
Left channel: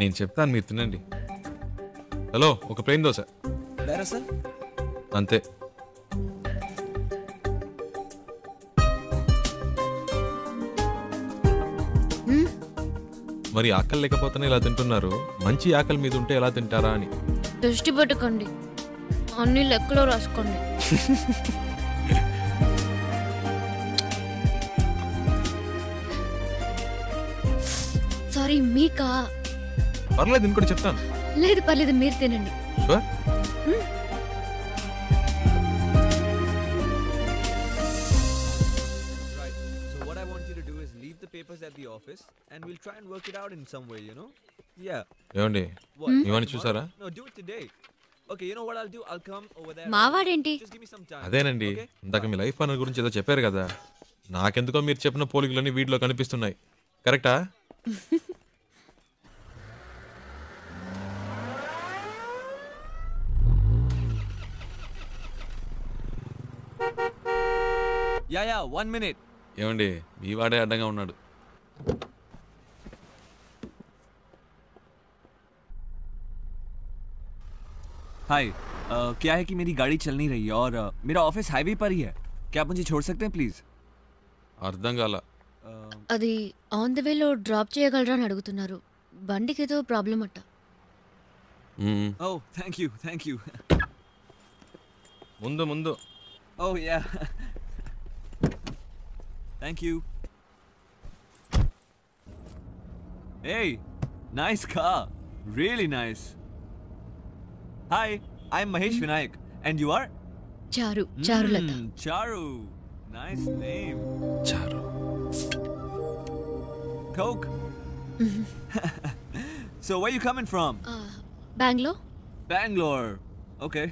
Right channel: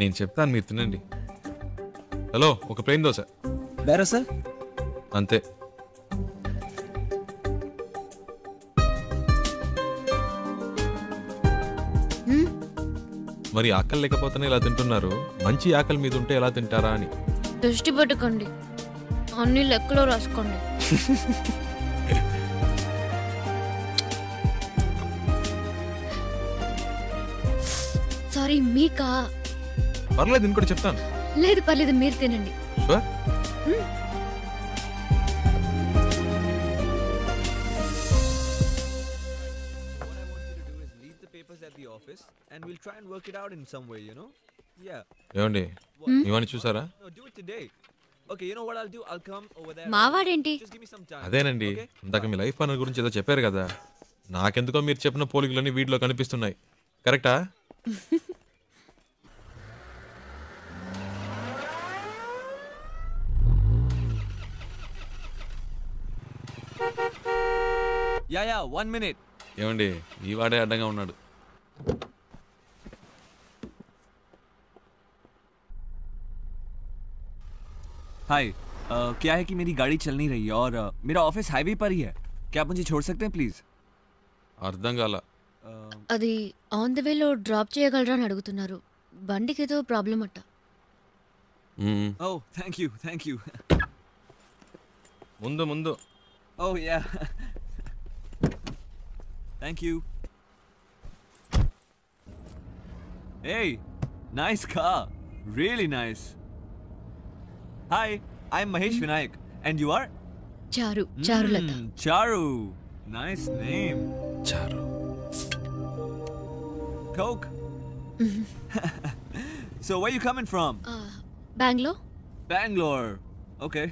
నేను చెప్తాను, మీరు తినండి. హలో, ఒక ప్లేన్ దోశ. బేరా సార్? అంతే. మరి ఆకలి లేకపోతేనే ఇలా తింటున్నారు, మంచి ఆకలి మీద ఉంటే ఎలా తింటారా అని. దృష్టి పెట్టుకోండి, అన్ని లెక్కలో రాసుకోండి. సారీ, మీకా? పర్లేదు, ఇంకోటి చెప్తాను. లేదు పర్లేదు, మీరు తినండి. Sure. at the office and we'll try and work it out in some way, you know? Yeah. ఏమండి, ఇవన్నీ చూసారా? No, do it today. Okay, you know what I'll do? I'll come over there. మావాడేంటి? Just give me some time. అదేనండి, ఇందాక మీ life partner గురించి ఏదో చెప్పారు కదా, నాకెందుకో మీరు చెప్పిన పోలికలన్నీ వీటిలో కనిపిస్తున్నాయి. కరెక్టా? Yeah, 1 minute. ఏమండి, ఈ వాడే అడ్డంగా ఉన్నాడు. हाय, क्या है कि मेरी गाड़ी चल नहीं रही है और मेरा ऑफिस हाईवे पर ही है. क्या आप मुझे छोड़ सकते हैं प्लीज? అర్థం కాల. అది ఆన్ ద వేలో డ్రాప్ చేయగలరా అని అడుగుతున్నారు. బండికి ఏదో ప్రాబ్లం అట్ట. Oh, thank you. ముందు ముందు. Oh yeah. Thank you. Hey, nice car. Really nice. Hi, I'm Mahesh Vinayak. And you are? Charulata. Charu. Nice name. Charu. Coke? So, where you coming from? Bangalore. Bangalore. Okay.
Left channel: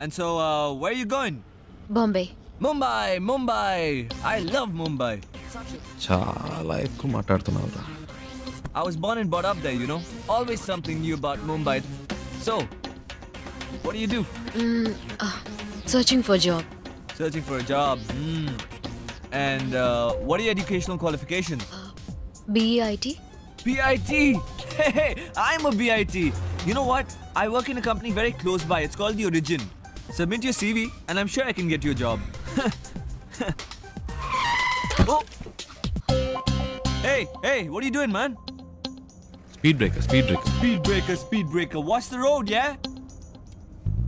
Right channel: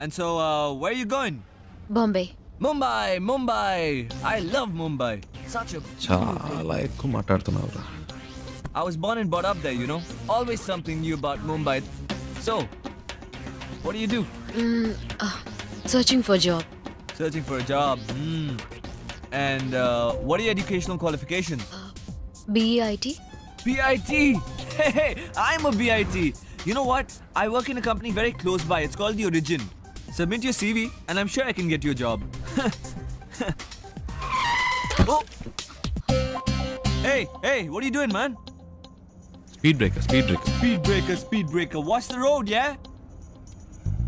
And so, where are you going? Bombay. Mumbai. I love Mumbai. Such a... చాలా ఎక్కువ మాట్లాడుతున్నావురా. I was born and brought up there, you know. Always something new about Mumbai. So, what do you do? Searching for a job. Searching for a job. And what are your educational qualifications? BIT. BIT? Hey, I'm a BIT. You know what? I work in a company very close by. It's called The Origin. Submit your CV and I'm sure I can get you a job. Oh. Hey, what are you doing, man? Speed breaker. Speed breaker. Watch the road, yeah?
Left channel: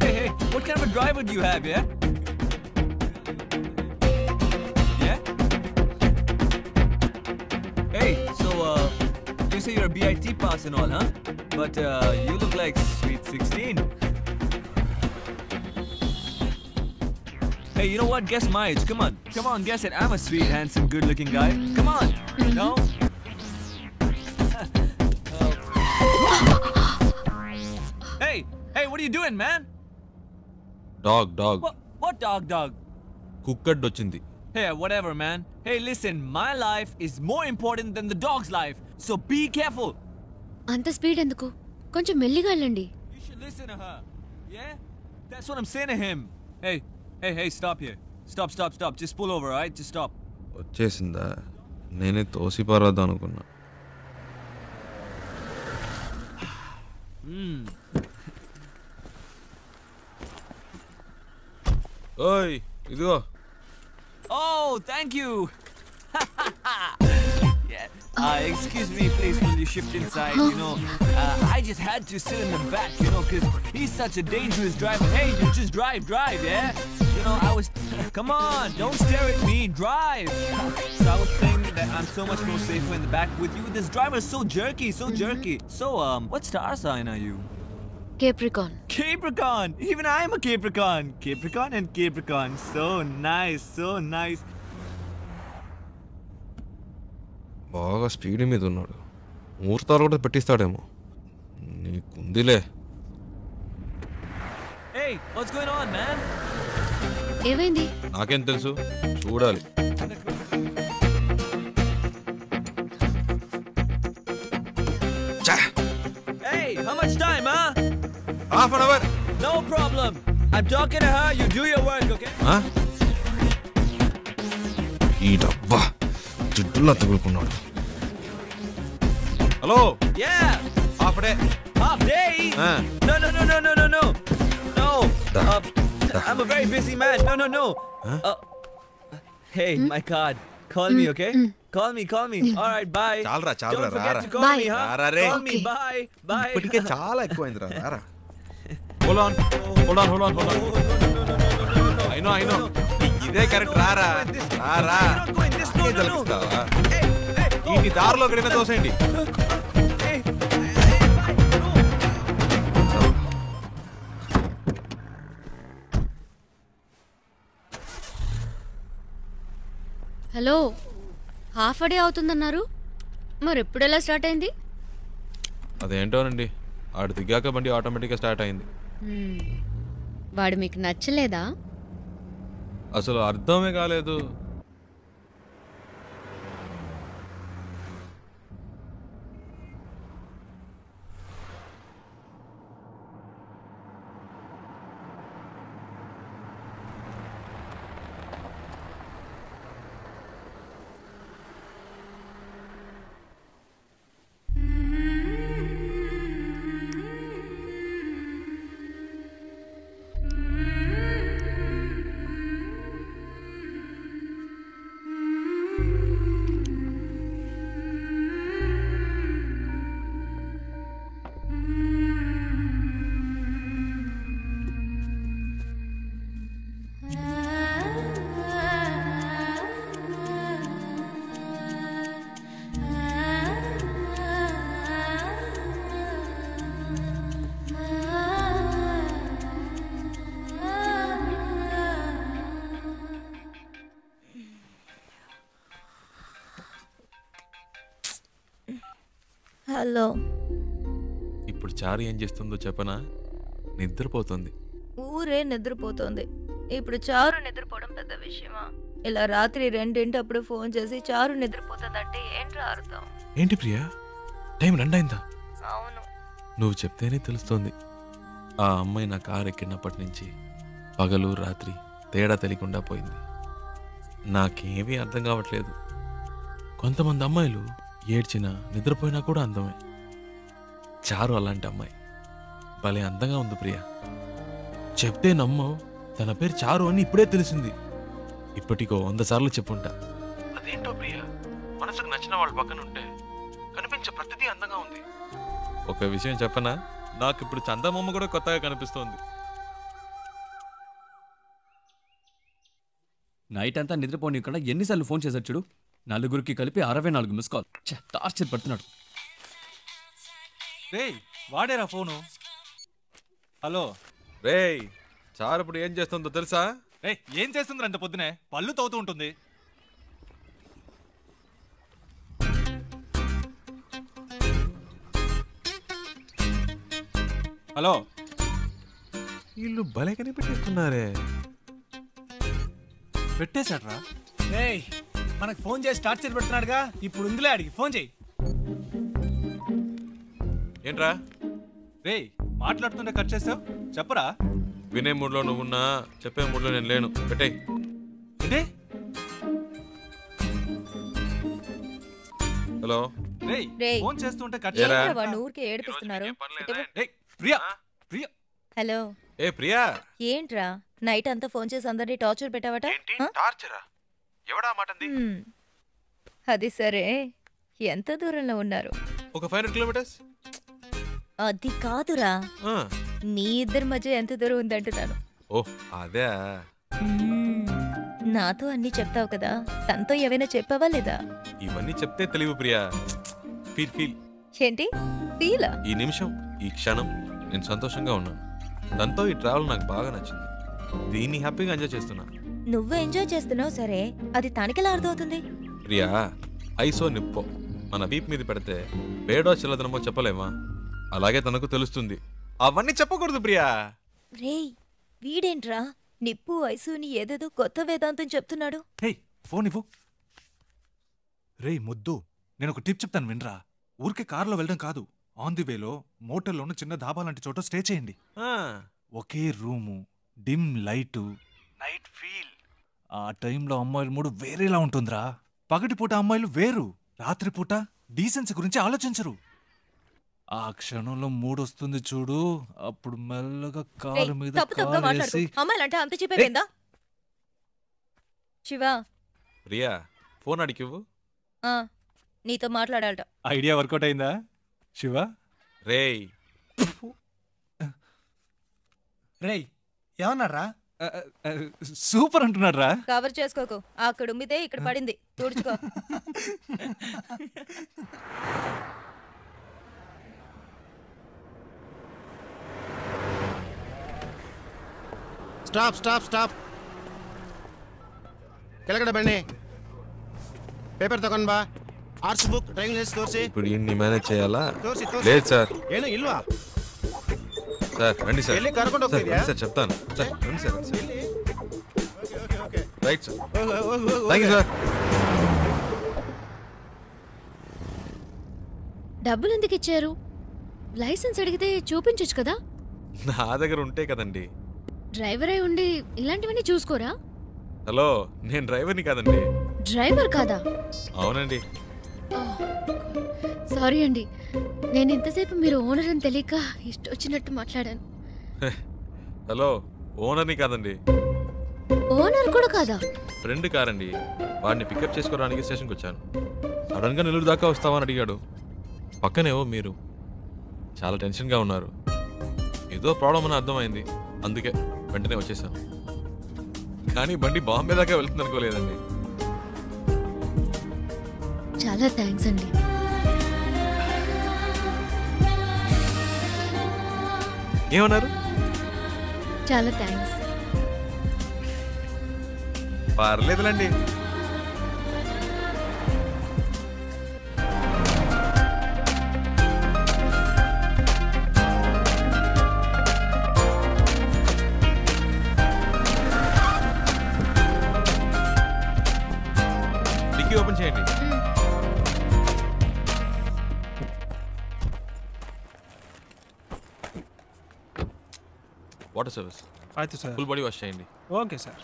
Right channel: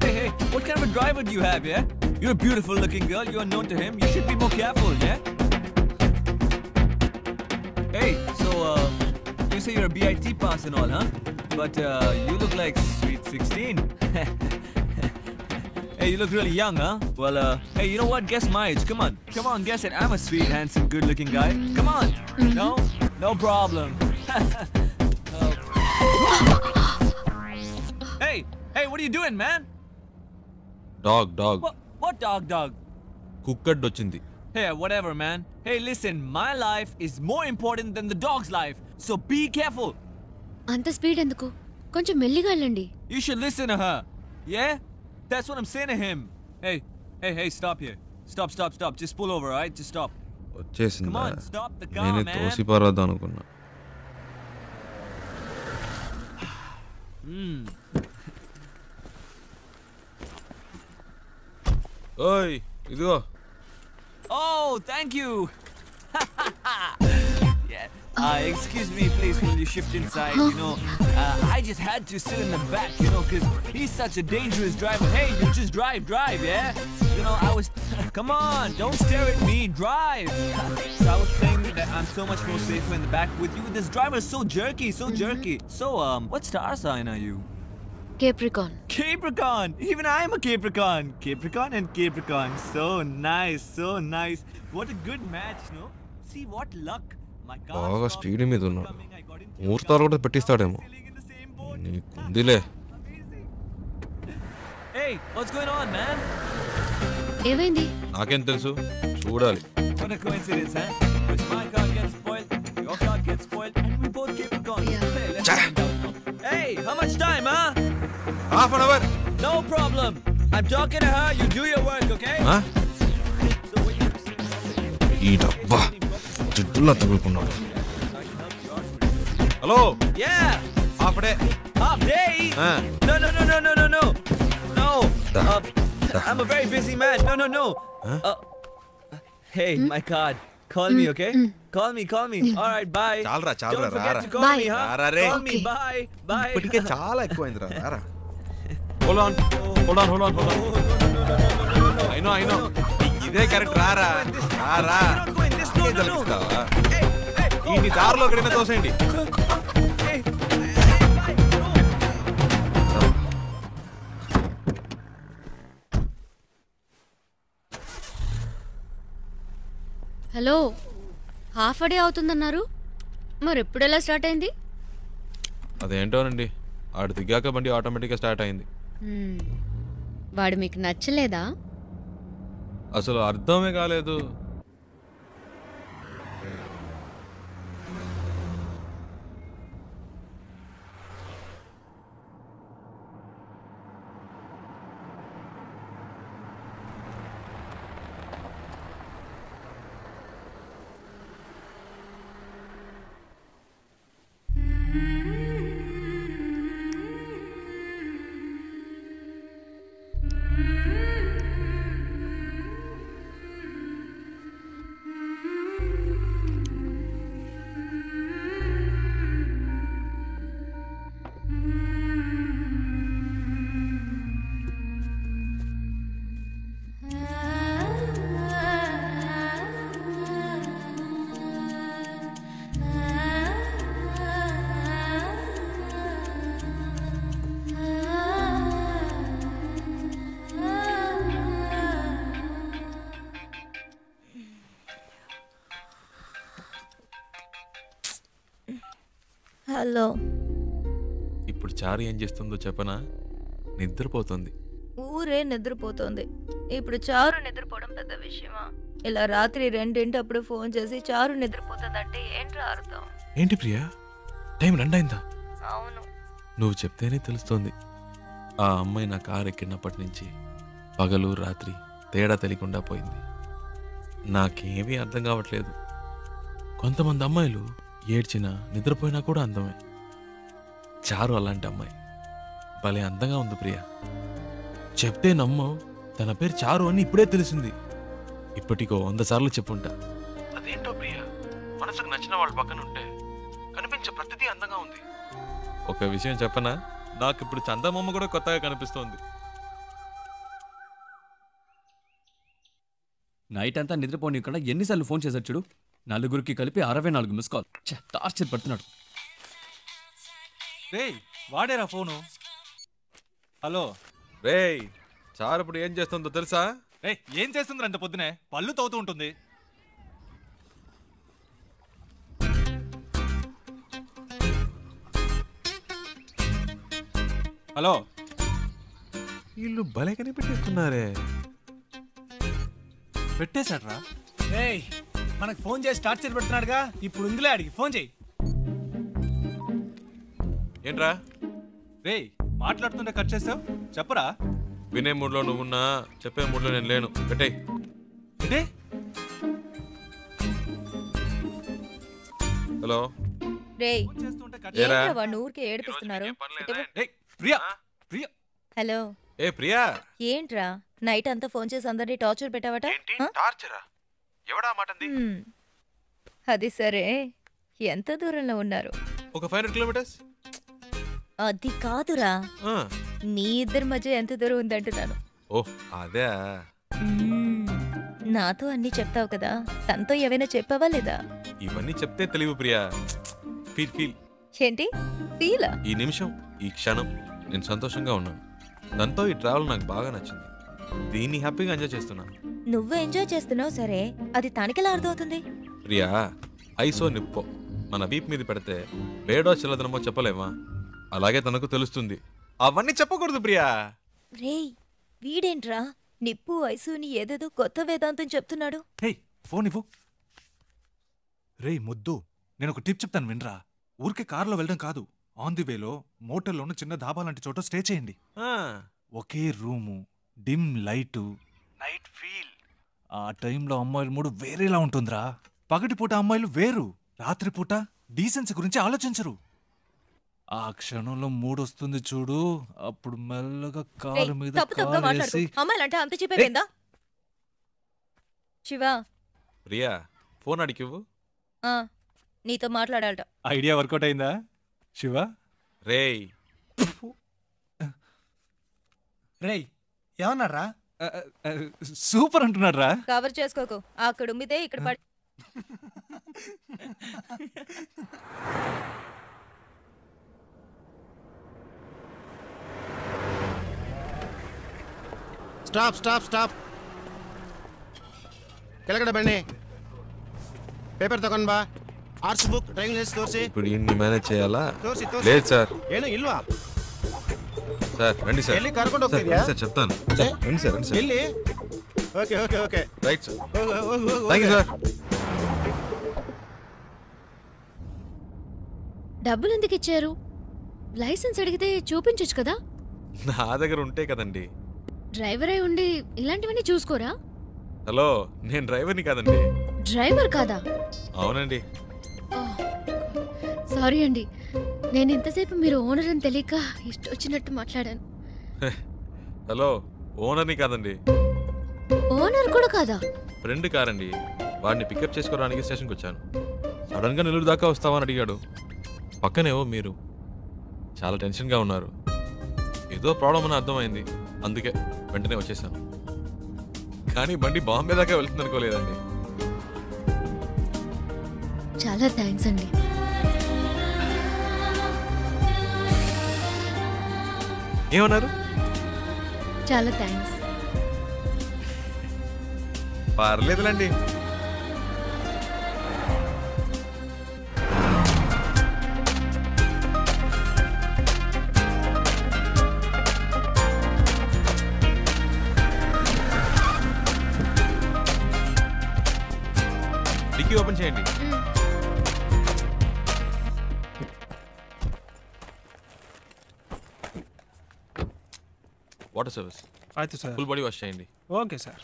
Hey, what kind of a driver do you have, yeah? You're a beautiful looking girl. You're known to him. You should be more careful, yeah? Hey, so, you say you're a BIT pass and all, huh? But, you look like sweet 16. Hey, you look really young, huh? Well, hey, you know what? Guess my age. Come on, guess it. I'm a sweet, handsome, good-looking guy. Come on. No problem. Hey, what are you doing, man? Dog. What dog? Cooked వచ్చింది. Hey, whatever, man. Hey, listen, my life is more important than the dog's life. So be careful. అంత speed ఎందుకు? కొంచెం మెల్లిగా వెళ్ళండి. You should listen to her. Yeah? That's what I'm saying to him. Hey, stop here. Stop. Just pull over, alright? Just stop. వచ్చేసిందా? నేనే తోసిపారద్దాం అనుకున్నా. ఓయ్, ఇదిగో. Oh, thank you. Yeah. Excuse me, please, will you shift inside? You know, I just had to sit in the back, you know, because he's such a dangerous driver. Hey, you just drive, yeah? You know, I was... Come on, don't stare at me, drive. So I was saying that... I'm so much more safer in the back with you. This driver is so jerky, so jerky. So, what star sign are you? Capricorn. Capricorn! Even I am a Capricorn. Capricorn and Capricorn. So nice, so nice. What a good match, no? See what luck. బాగా speed మీద ఉన్నాడు. ముహూర్తాలు కూడా పెట్టిస్తాడేమో. నీకుందిలే. Hey, what's going on, man? ఏమైంది? నాకేం తెలుసు, చూడాలి. What a coincidence, huh? My car gets spoiled, your car gets spoiled, and we both Capricorn. Hey, how much time, huh? Half an hour. No problem. I'm talking to her. You do your work, okay? Huh? ఈ డబ్బా జిడ్డులా తగులుకున్నాడు. Hello. Yeah. Half day. Half day? No, no, no, no, no, no, no. No. I'm a very busy man. No, no, no. Hey, my card. Call me, okay? Call me. All right, bye. చాలరా Don't forget రారా. to call me, huh? రారా రే. Call me, bye. Bye. ఇప్పటికే చాలా ఎక్కువైందిరా. రారా. Hold on. I know. ఇదే correct. రారా. తెలుస్తావా? ఈ దారిలో ఎక్కడైనా తోసేయండి. హలో, హాఫ్ డే అవుతుందన్నారు, మరి ఎప్పుడెలా స్టార్ట్ అయింది? అదేంటోనండి, ఆడు దిగాక బండి ఆటోమేటిక్గా స్టార్ట్ అయింది. వాడు మీకు నచ్చలేదా? అసలు అర్థమే కాలేదు. హలో. ఇప్పుడు చారు ఏం చేస్తుందో చెప్పనా? నిద్రపోతుంది. ఊరే నిద్రపోతుంది. ఇప్పుడు చారు నిద్రపోవడం పెద్ద విషయమా? ఇలా రాత్రి 2 ఫోన్ చేసి చారు నిద్రపోతుందంటే ఏంట్రా అర్థం? ఏంటి ప్రియా, టైం 2 అయిందా? అవును. నువ్వు చెప్తేనే తెలుస్తోంది. ఆ అమ్మాయి నా కారు ఎక్కినప్పటి నుంచి పగలు రాత్రి తేడా తెలియకుండా పోయింది. నాకేమీ అర్థం కావట్లేదు. కొంతమంది అమ్మాయిలు ఏడ్చినా నిద్రపోయినా కూడా అందమే. చారు అలాంటి అమ్మాయి. భలే అందంగా ఉంది ప్రియా. చెప్తే నమ్మవు, తన పేరు చారు అని ఇప్పుడే తెలిసింది. ఇప్పటికో 100 సార్లు చెప్పుంటా. అదేంటో ప్రియా, మనసుకు నచ్చిన వాళ్ళ పక్కన ఉంటే కనిపించే ప్రతిదీ అందంగా ఉంది. ఒక విషయం చెప్పనా, నాకు ఇప్పుడు చందమామ కూడా కొత్తగా కనిపిస్తోంది. నైట్ అంతా నిద్రపోనీయకుండా ఎన్నిసార్లు ఫోన్ చేశాడు చూడు. నలుగురికి కలిపి 64 మిస్ కాల్. టార్చర్ పడుతున్నాడు. రేయ్, వాడేరా ఫోను. హలో రేయ్, చారు ఇప్పుడు ఏం చేస్తుందో తెలుసా? రే, ఏం చేస్తుంది అంత పొద్దునే? పళ్ళు తవ్వుతూ ఉంటుంది. హలో, వీళ్ళు భలే కనిపెట్టేస్తున్నారే. పెట్టేశాడ్రా. రేయ్, మనకు ఫోన్ చేసి టార్చర్ పెడుతున్నాడుగా, ఇప్పుడు ఉందిలే, అడిగి ఫోన్ చేయి. ఏంట్రా? రేయ్, మాట్లాడుతుంటే కట్ చేసావు, చెప్పరా? వినే మూడ్లో నువ్వున్నా, చెప్పే మూడ్లో నేను లేను. పెట్టేయ్. ఏంటి? హలో. రేయ్, ఫోన్ చేస్తుంటే కట్ ఏంట్రా వాడిని ఊరికే ఏడిపిస్తున్నారు? ప్రియా. హలో. ఏ ప్రియా, ఏంట్రా నైట్ అంతా ఫోన్ చేసి అందరినీ టార్చర్ పెట్టావట? టార్చరా? ఎవడా మాటంది? అది సరే, ఎంత దూరంలో ఉన్నారు? ఒక 500 కిలోమీటర్స్. అది కాదురా, నీ ఇద్దరి మధ్య ఎంత దూరం ఉందంటున్నాను. ఓహ్ అదే. నాతో అన్ని చెప్తావు కదా, తనతో ఏవైనా చెప్పావా లేదా? ఇవన్నీ చెప్తే తెలివి ప్రియా. Feel feel. ఏంటి ఫీలా? ఈ నిమిషం, ఈ క్షణం నేను సంతోషంగా ఉన్నాను. దాంతో ఈ ట్రావెల్ నాకు బాగా నచ్చింది. దీన్ని హ్యాపీగా ఎంజాయ్ చేస్తున్నా. నువ్వు ఎంజాయ్ చేస్తున్నావు సరే, అది తనకెలా అర్థమవుతుంది? ప్రియా, ఐసో నిప్పో మన వీప్ మీద పెడితే వేడో చిల్లదనమో చెప్పలేమా? అలాగే తనకు తెలుస్తుంది. అవన్నీ చెప్పకూడదు ప్రియా. రేయ్, వీడేంట్రా నిప్పు ఐసుని ఏదేదో కొత్త వేదాంతం చెప్తున్నాడు. హే, ఫోన్ ఇవ్వు. రే ముద్దు, నేను ఒక టిప్ చెప్తాను వినరా. ఊరికే కారులో వెళ్ళడం కాదు, ఆన్ ది వేలో మోటల్లోనూ చిన్న ధాబా లాంటి చోట స్టే చేయండి. ఒకే room, dim light, night feel. ఆ టైంలో అమ్మాయిల మూడు వేరేలా ఉంటుందిరా. పగటిపూట అమ్మాయిలు వేరు, రాత్రిపూట డీసెన్సీ గురించి ఆలోచించరు. ఆ క్షణంలో మూడొస్తుంది చూడు, అప్పుడు మెల్లగా కారు మీద కాలేసి. అమ్మాయిలంటే అంత చెప్పేవేందా? శివ, ప్రియా ఫోన్ అడిగివ్వు. నీతో మాట్లాడాలట. ఐడియా వర్కౌట్ అయిందా శివ? రేయ్ రేయ్ ఏమన్నారా? సూపర్ అంటున్నాడు రా. కవర్ చేసుకోకు, అక్కడ ఉమ్మిదే ఇక్కడ పడింది, తుడుచుకో. Stop stop stop. ಕೆಳಗಡೆ ಬನ್ನಿ. ಪೇಪರ್ ತಗೊಂಡ್ ಬಾ. ಆರ್ಟ್ಸ್ ಬುಕ್, ಡ್ರೈವಿಂಗ್ ಲೈಸೆನ್ಸ್ ತೋರಿಸಿ. ఇప్పుడు ఇన్ని మేనేజ్ చేయాలా? ತೋರಿಸಿ లేదు సార్. ಏನು ಇಲ್ವಾ? సార్ రండి సార్. ಎಲ್ಲಿ ಕರ್ಕೊಂಡು ಹೋಗ್ತಿದ್ಯಾ? సార్ చెప్తాను. సార్ రండి సార్. ಎಲ್ಲಿ? Okay okay okay. Right sir. ಹೋಗು. Thank you sir. డబ్బులు ఎందుకు ఇచ్చారు? లైసెన్స్ అడిగితే చూపించొచ్చు కదా. నా దగ్గర ఉంటే కదండి. డ్రైవర్ అయి ఉండి ఇలాంటివన్నీ చూసుకోరా? హలో, నేను డ్రైవర్ని కాదండి. డ్రైవర్ కాదా? అవునండి. సారీ అండి, నేను ఇంతసేపు మీరు ఓనర్ అని తెలియక ఇష్టం వచ్చినట్టు మాట్లాడాను. హలో, ఓనర్ని కాదండి. ఓనర్ కూడా కాదా? ఫ్రెండ్ కారండి. వాడిని పికప్ చేసుకోవడానికి స్టేషన్కి వచ్చాను. సడన్గా నెల్లూరు దాకా వస్తావని అడిగాడు. పక్కనేవో మీరు చాలా టెన్షన్గా ఉన్నారు. ఏదో ప్రాబ్లం అని అర్థమైంది, అందుకే వెంటనే వచ్చేసాను. కానీ బండి బాంబే దాకా వెళ్తుంది అనుకోలేదండి. చాలా థ్యాంక్స్ అండి. ఏమన్నారు? చాలా థ్యాంక్స్. పర్లేదులండి. డిక్కీ ఓపెన్ చేయండి. Water service. అయితే సార్ ఫుల్ బాడీ వాష్ చేయండి. Okay sir.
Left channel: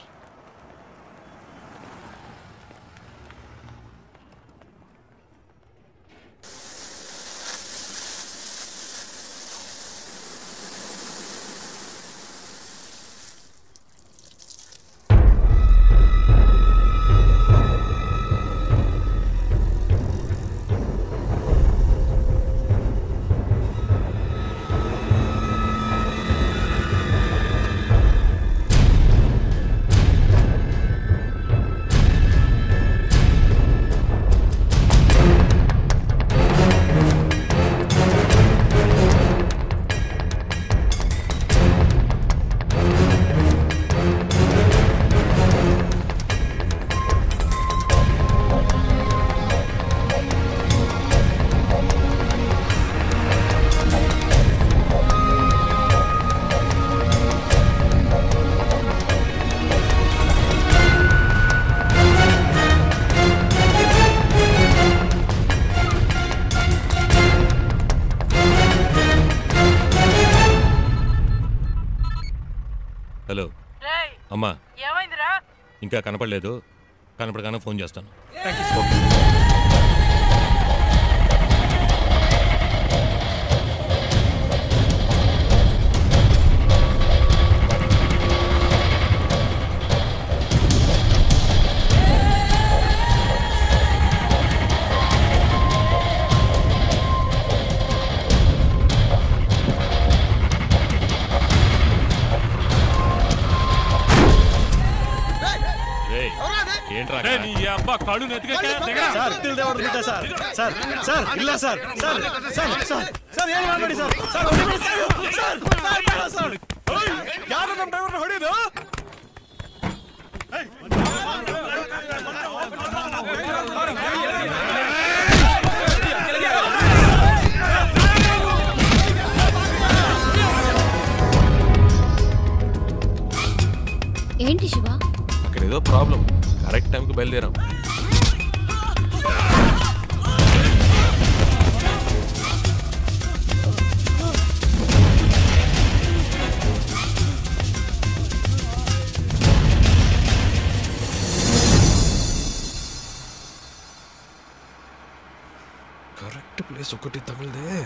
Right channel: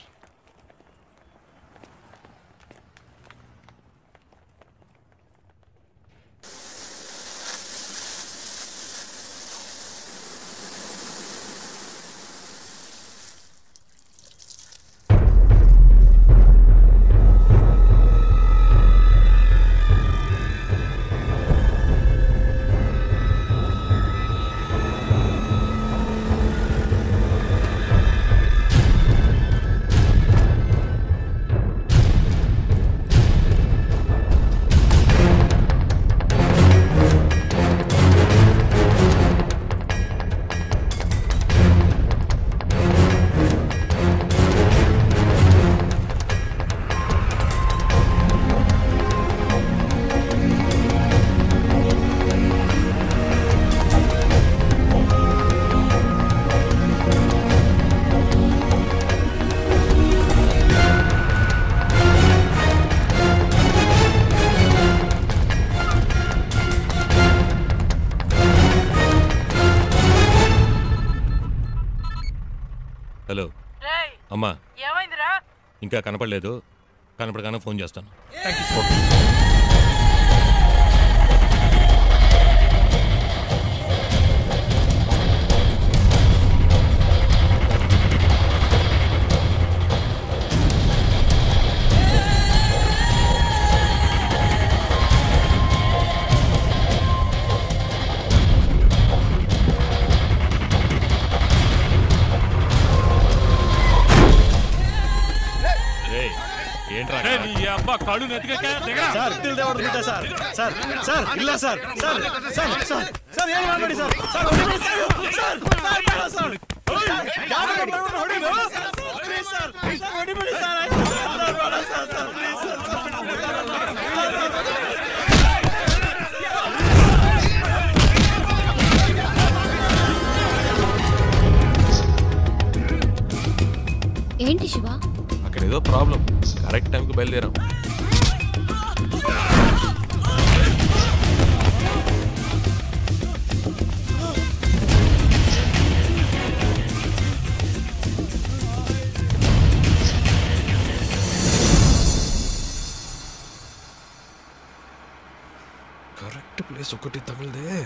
హలో అమ్మా, ఇంకా కనపడలేదు. కనపడగానే ఫోన్ చేస్తాను. ఏంట్రా అబ్బా కాళ్ళు నెత్తికెక్కా సార్ ఇల్లు దేవడుకుంటా సార్ సార్ సార్ ಇಲ್ಲ sir sir sir sir sir ಏನು ಮಾಡಬೇಡಿ ಸರ್ ಸರ್ ಹೊಡಿಬೇಡಿ ಸರ್ ಸರ್ ಸರ್ ಯಾರು ನಮ್ಮ ಡ್ರೈವರ್ ಹೊಡಿದು ಸರ್ ಹೊಡಿಬೇಡಿ ಸರ್ ఏంటి శివ? అక్కడ ఏదో ప్రాబ్లం. కరెక్ట్ టైంకి బయలుదేరాం. కరెక్ట్ ప్లేస్ ఒకటి తగిలిదే,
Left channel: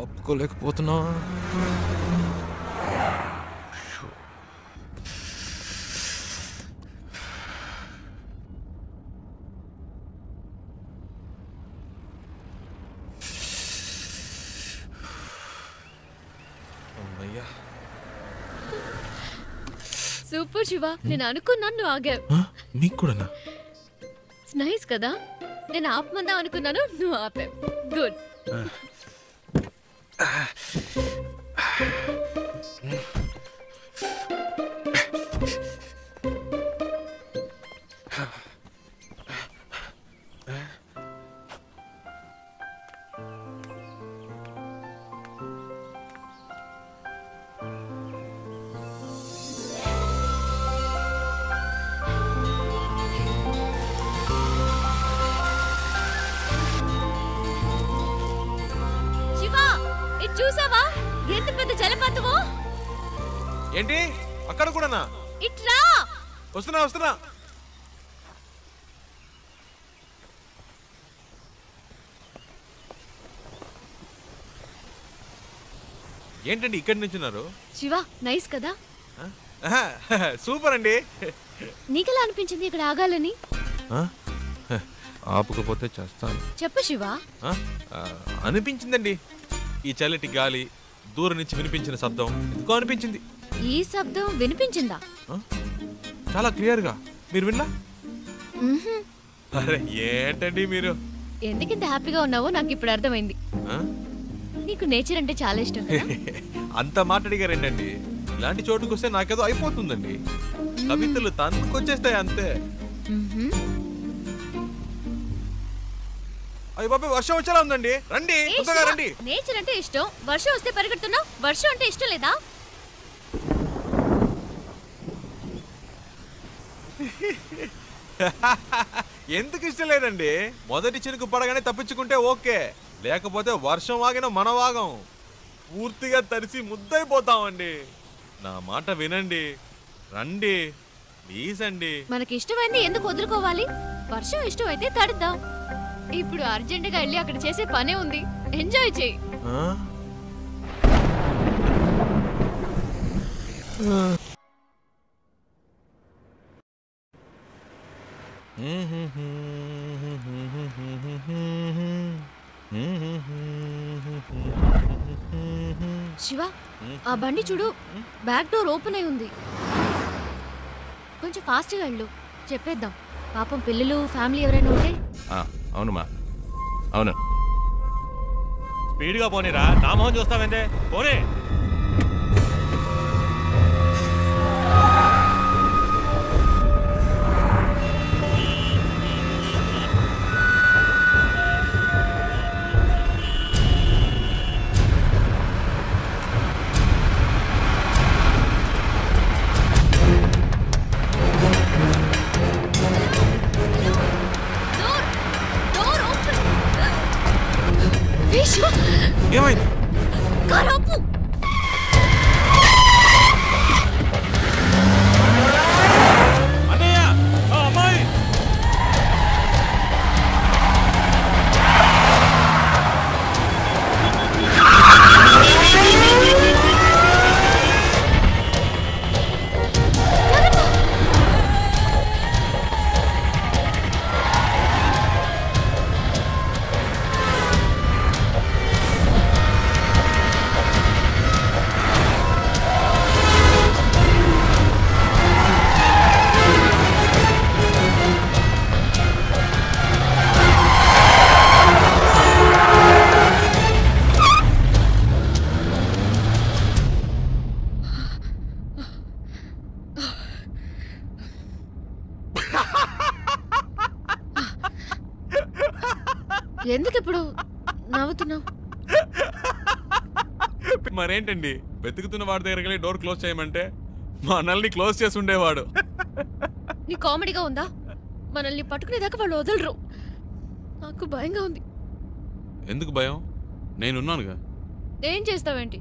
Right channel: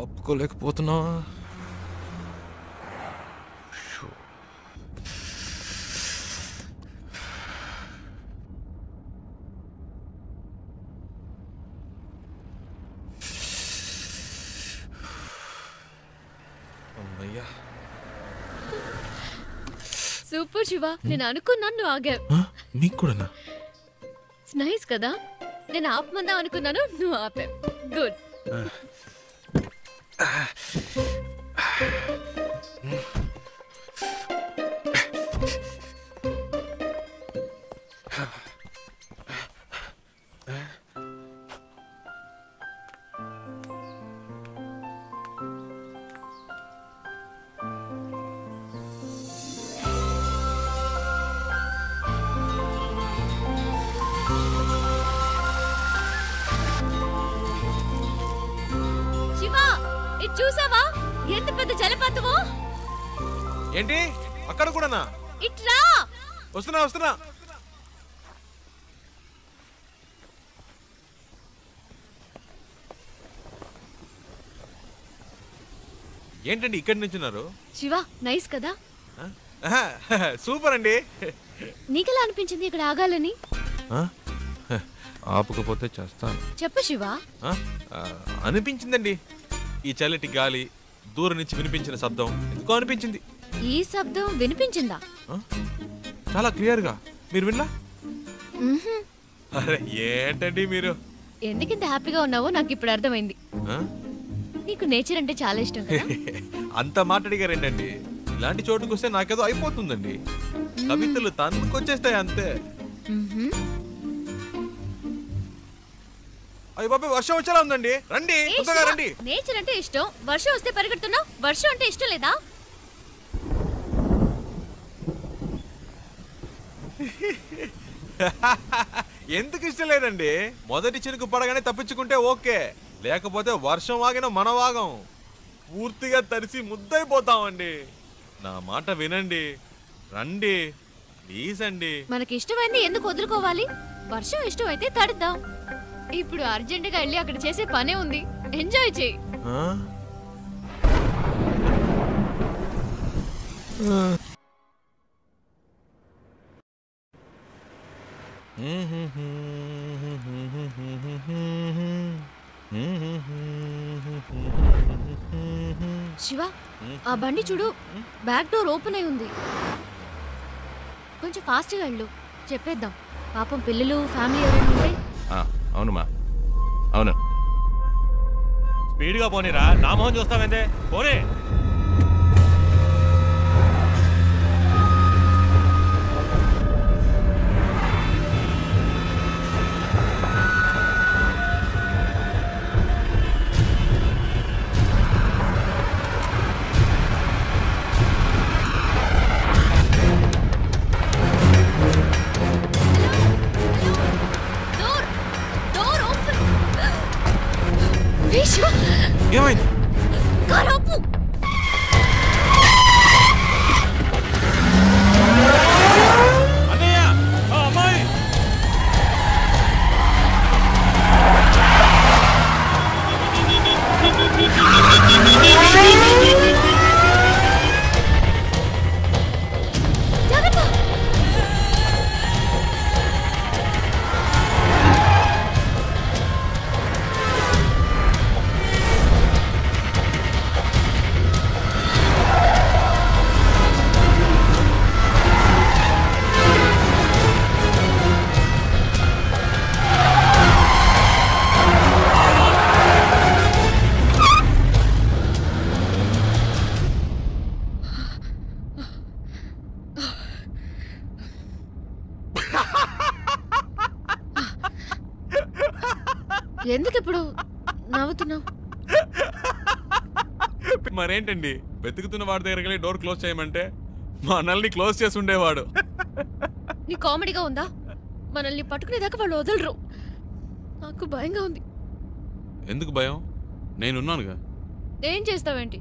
ఆపుకోలేకపోతున్నా. సూపర్ శివ, నేను అనుకున్నాను నువ్వు ఆగావు. నీకు కూడానా? నైస్ కదా, నేను ఆపమందా అనుకున్నాను, నువ్వు ఆపావు. గుడ్. చూసావా ఎంత పెద్ద జలపాతమో? ఏంటి అక్కడ కూడానా? ఇట్రా. వస్తున్నా వస్తున్నా. ఏంటండి ఇక్కడి నుంచున్నారు? శివ నైస్ కదా? సూపర్ అండి. నీకెలా అనిపించింది ఇక్కడ ఆగాలని? ఆపుకపోతే చేస్తాను. చెప్పు శివ. అనిపించిందండి, ఈ చల్లటి గాలి, దూరం నుంచి వినిపించిన శబ్దం ఎందుకో అనిపించింది. ఈ శబ్దం వినిపించిందా? చాలా క్లియర్ గా. మీరు వినలా? అరే ఏంటండి మీరు, ఎందుకింత హ్యాపీగా ఉన్నావో నాకు ఇప్పుడు అర్థమైంది. నీకు నేచర్ అంటే చాలా ఇష్టం కదా? అంత మాట్లాడిగారేంటండి, ఇలాంటి చోటుకు వస్తే నాకేదో అయిపోతుందండి. కవితలు తన్నుకొచ్చేస్తాయి అంతే. అయ్య బాబు వర్షం వచ్చేలా ఉందండి, రండి తొందరగా రండి. నేచర్ అంటే ఇష్టం, వర్షం వస్తే పరిగెడుతున్నావు. వర్షం అంటే ఇష్టం లేదా? ఎందుకు ఇష్టం లేదండి? మొదటి చినుకు పడగానే తప్పించుకుంటే ఓకే, లేకపోతే వర్షం ఆగిన మన వాగం పూర్తిగా తడిసి ముద్దైపోతామండి. నా మాట వినండి, రండి ప్లీజ్ అండి. మనకి ఇష్టమైంది ఎందుకు వదులుకోవాలి? వర్షం ఇష్టం అయితే తడుద్దాం. ఇప్పుడు అర్జెంటుగా వెళ్ళి అక్కడ చేసే పనే ఉంది, ఎంజాయ్ చేయి. శివ ఆ బండి చూడు, బ్యాక్ డోర్ ఓపెన్ అయి ఉంది. కొంచెం ఫాస్ట్గా వెళ్ళు, చెప్పేద్దాం. పాపం పిల్లలు ఫ్యామిలీ ఎవరైనా ఉంటే. అవునుమా అవును. స్పీడ్గా పోనీరా, నా మొహం చూస్తావేందే, పోనీ. ఏమైంది? కారాపు. అన్నయ్య అమ్మాయి ఎందుకు ఇప్పుడు నవ్వుతున్నావు? మరేంటండి, వెతుకుతున్న వాడి దగ్గరికి వెళ్ళి డోర్ క్లోజ్ చేయమంటే మా అన్నల్ని క్లోజ్ చేసి ఉండేవాడు. నీ కామెడీగా ఉందా? మనల్ని పట్టుకునేదాకా వాళ్ళు వదలరు. నాకు భయంగా ఉంది. ఎందుకు భయం? నేనున్నానుగా. ఏం చేస్తావేంటి?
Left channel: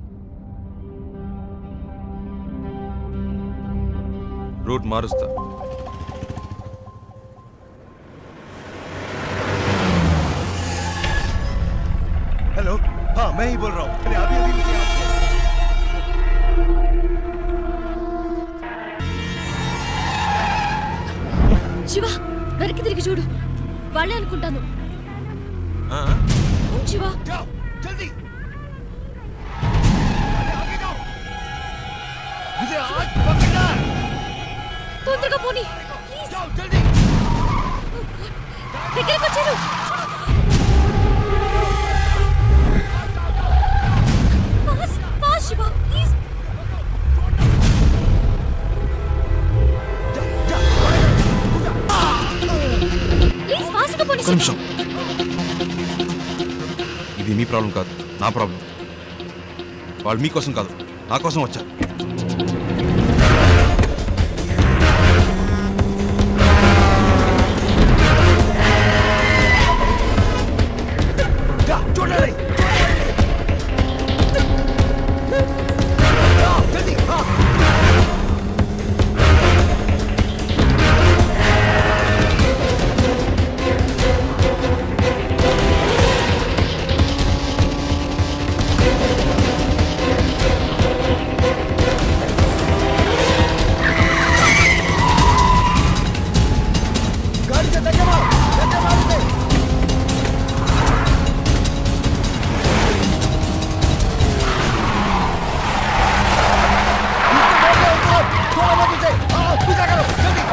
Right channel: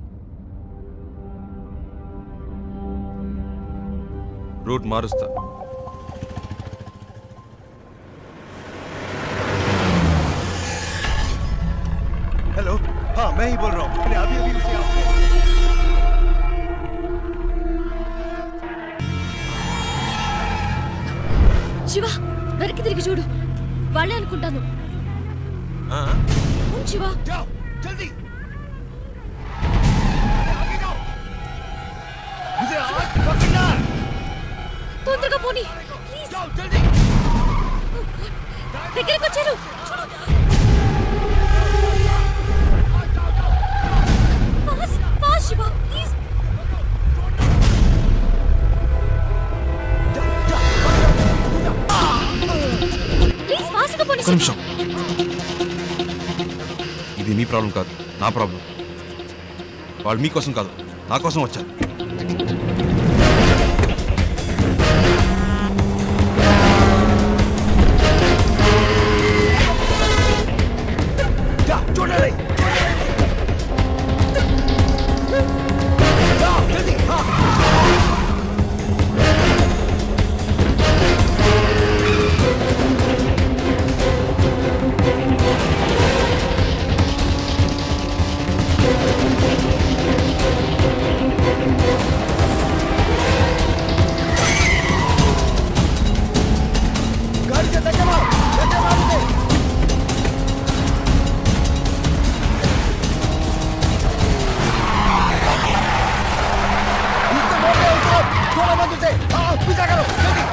రూట్ మారుస్తా. हेलो, हाँ मैं ही बोल रहा हूँ. मैंने अभी अभी उसे आपसे శివ, వెనక్కి తిరిగి చూడు. వాళ్ళే అనుకుంటాను. శివ, जल्दी मुझे आज पकड़ना है. తొందరగా పోనీ ప్లీజ్. जल्दी దగ్గరికి వచ్చారు. శివ ప్లీజ్. ప్లీజ్ ఫాస్ట్గా పోనీ. ఒక్క నిమిషం. ఇది మీ ప్రాబ్లం కాదు, నా ప్రాబ్లం. వాళ్ళు మీకోసం కాదు, నా కోసం వచ్చారు. छोड़ना नहीं. जल्दी हाँ. गाड़ी से धक्के मार उसे. थोड़ा मत उसे. हाँ पीछा करो जल्दी.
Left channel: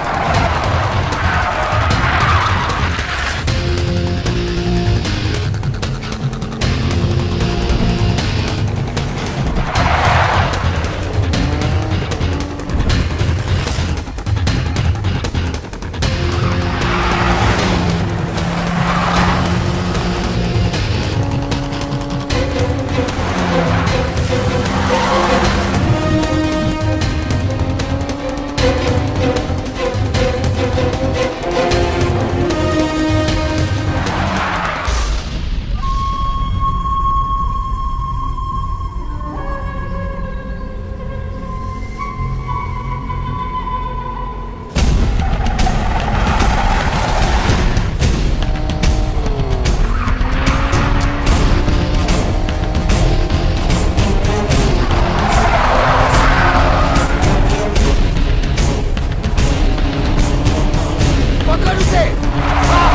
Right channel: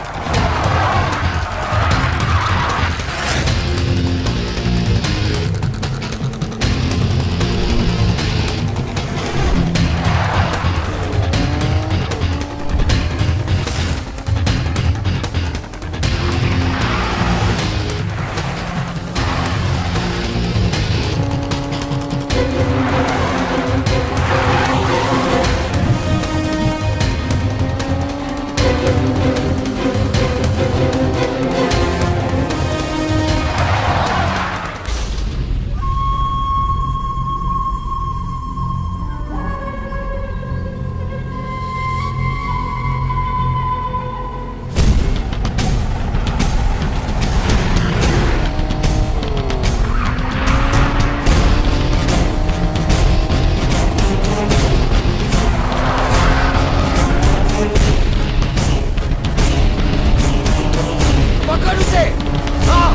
पकड़ उसे. हाँ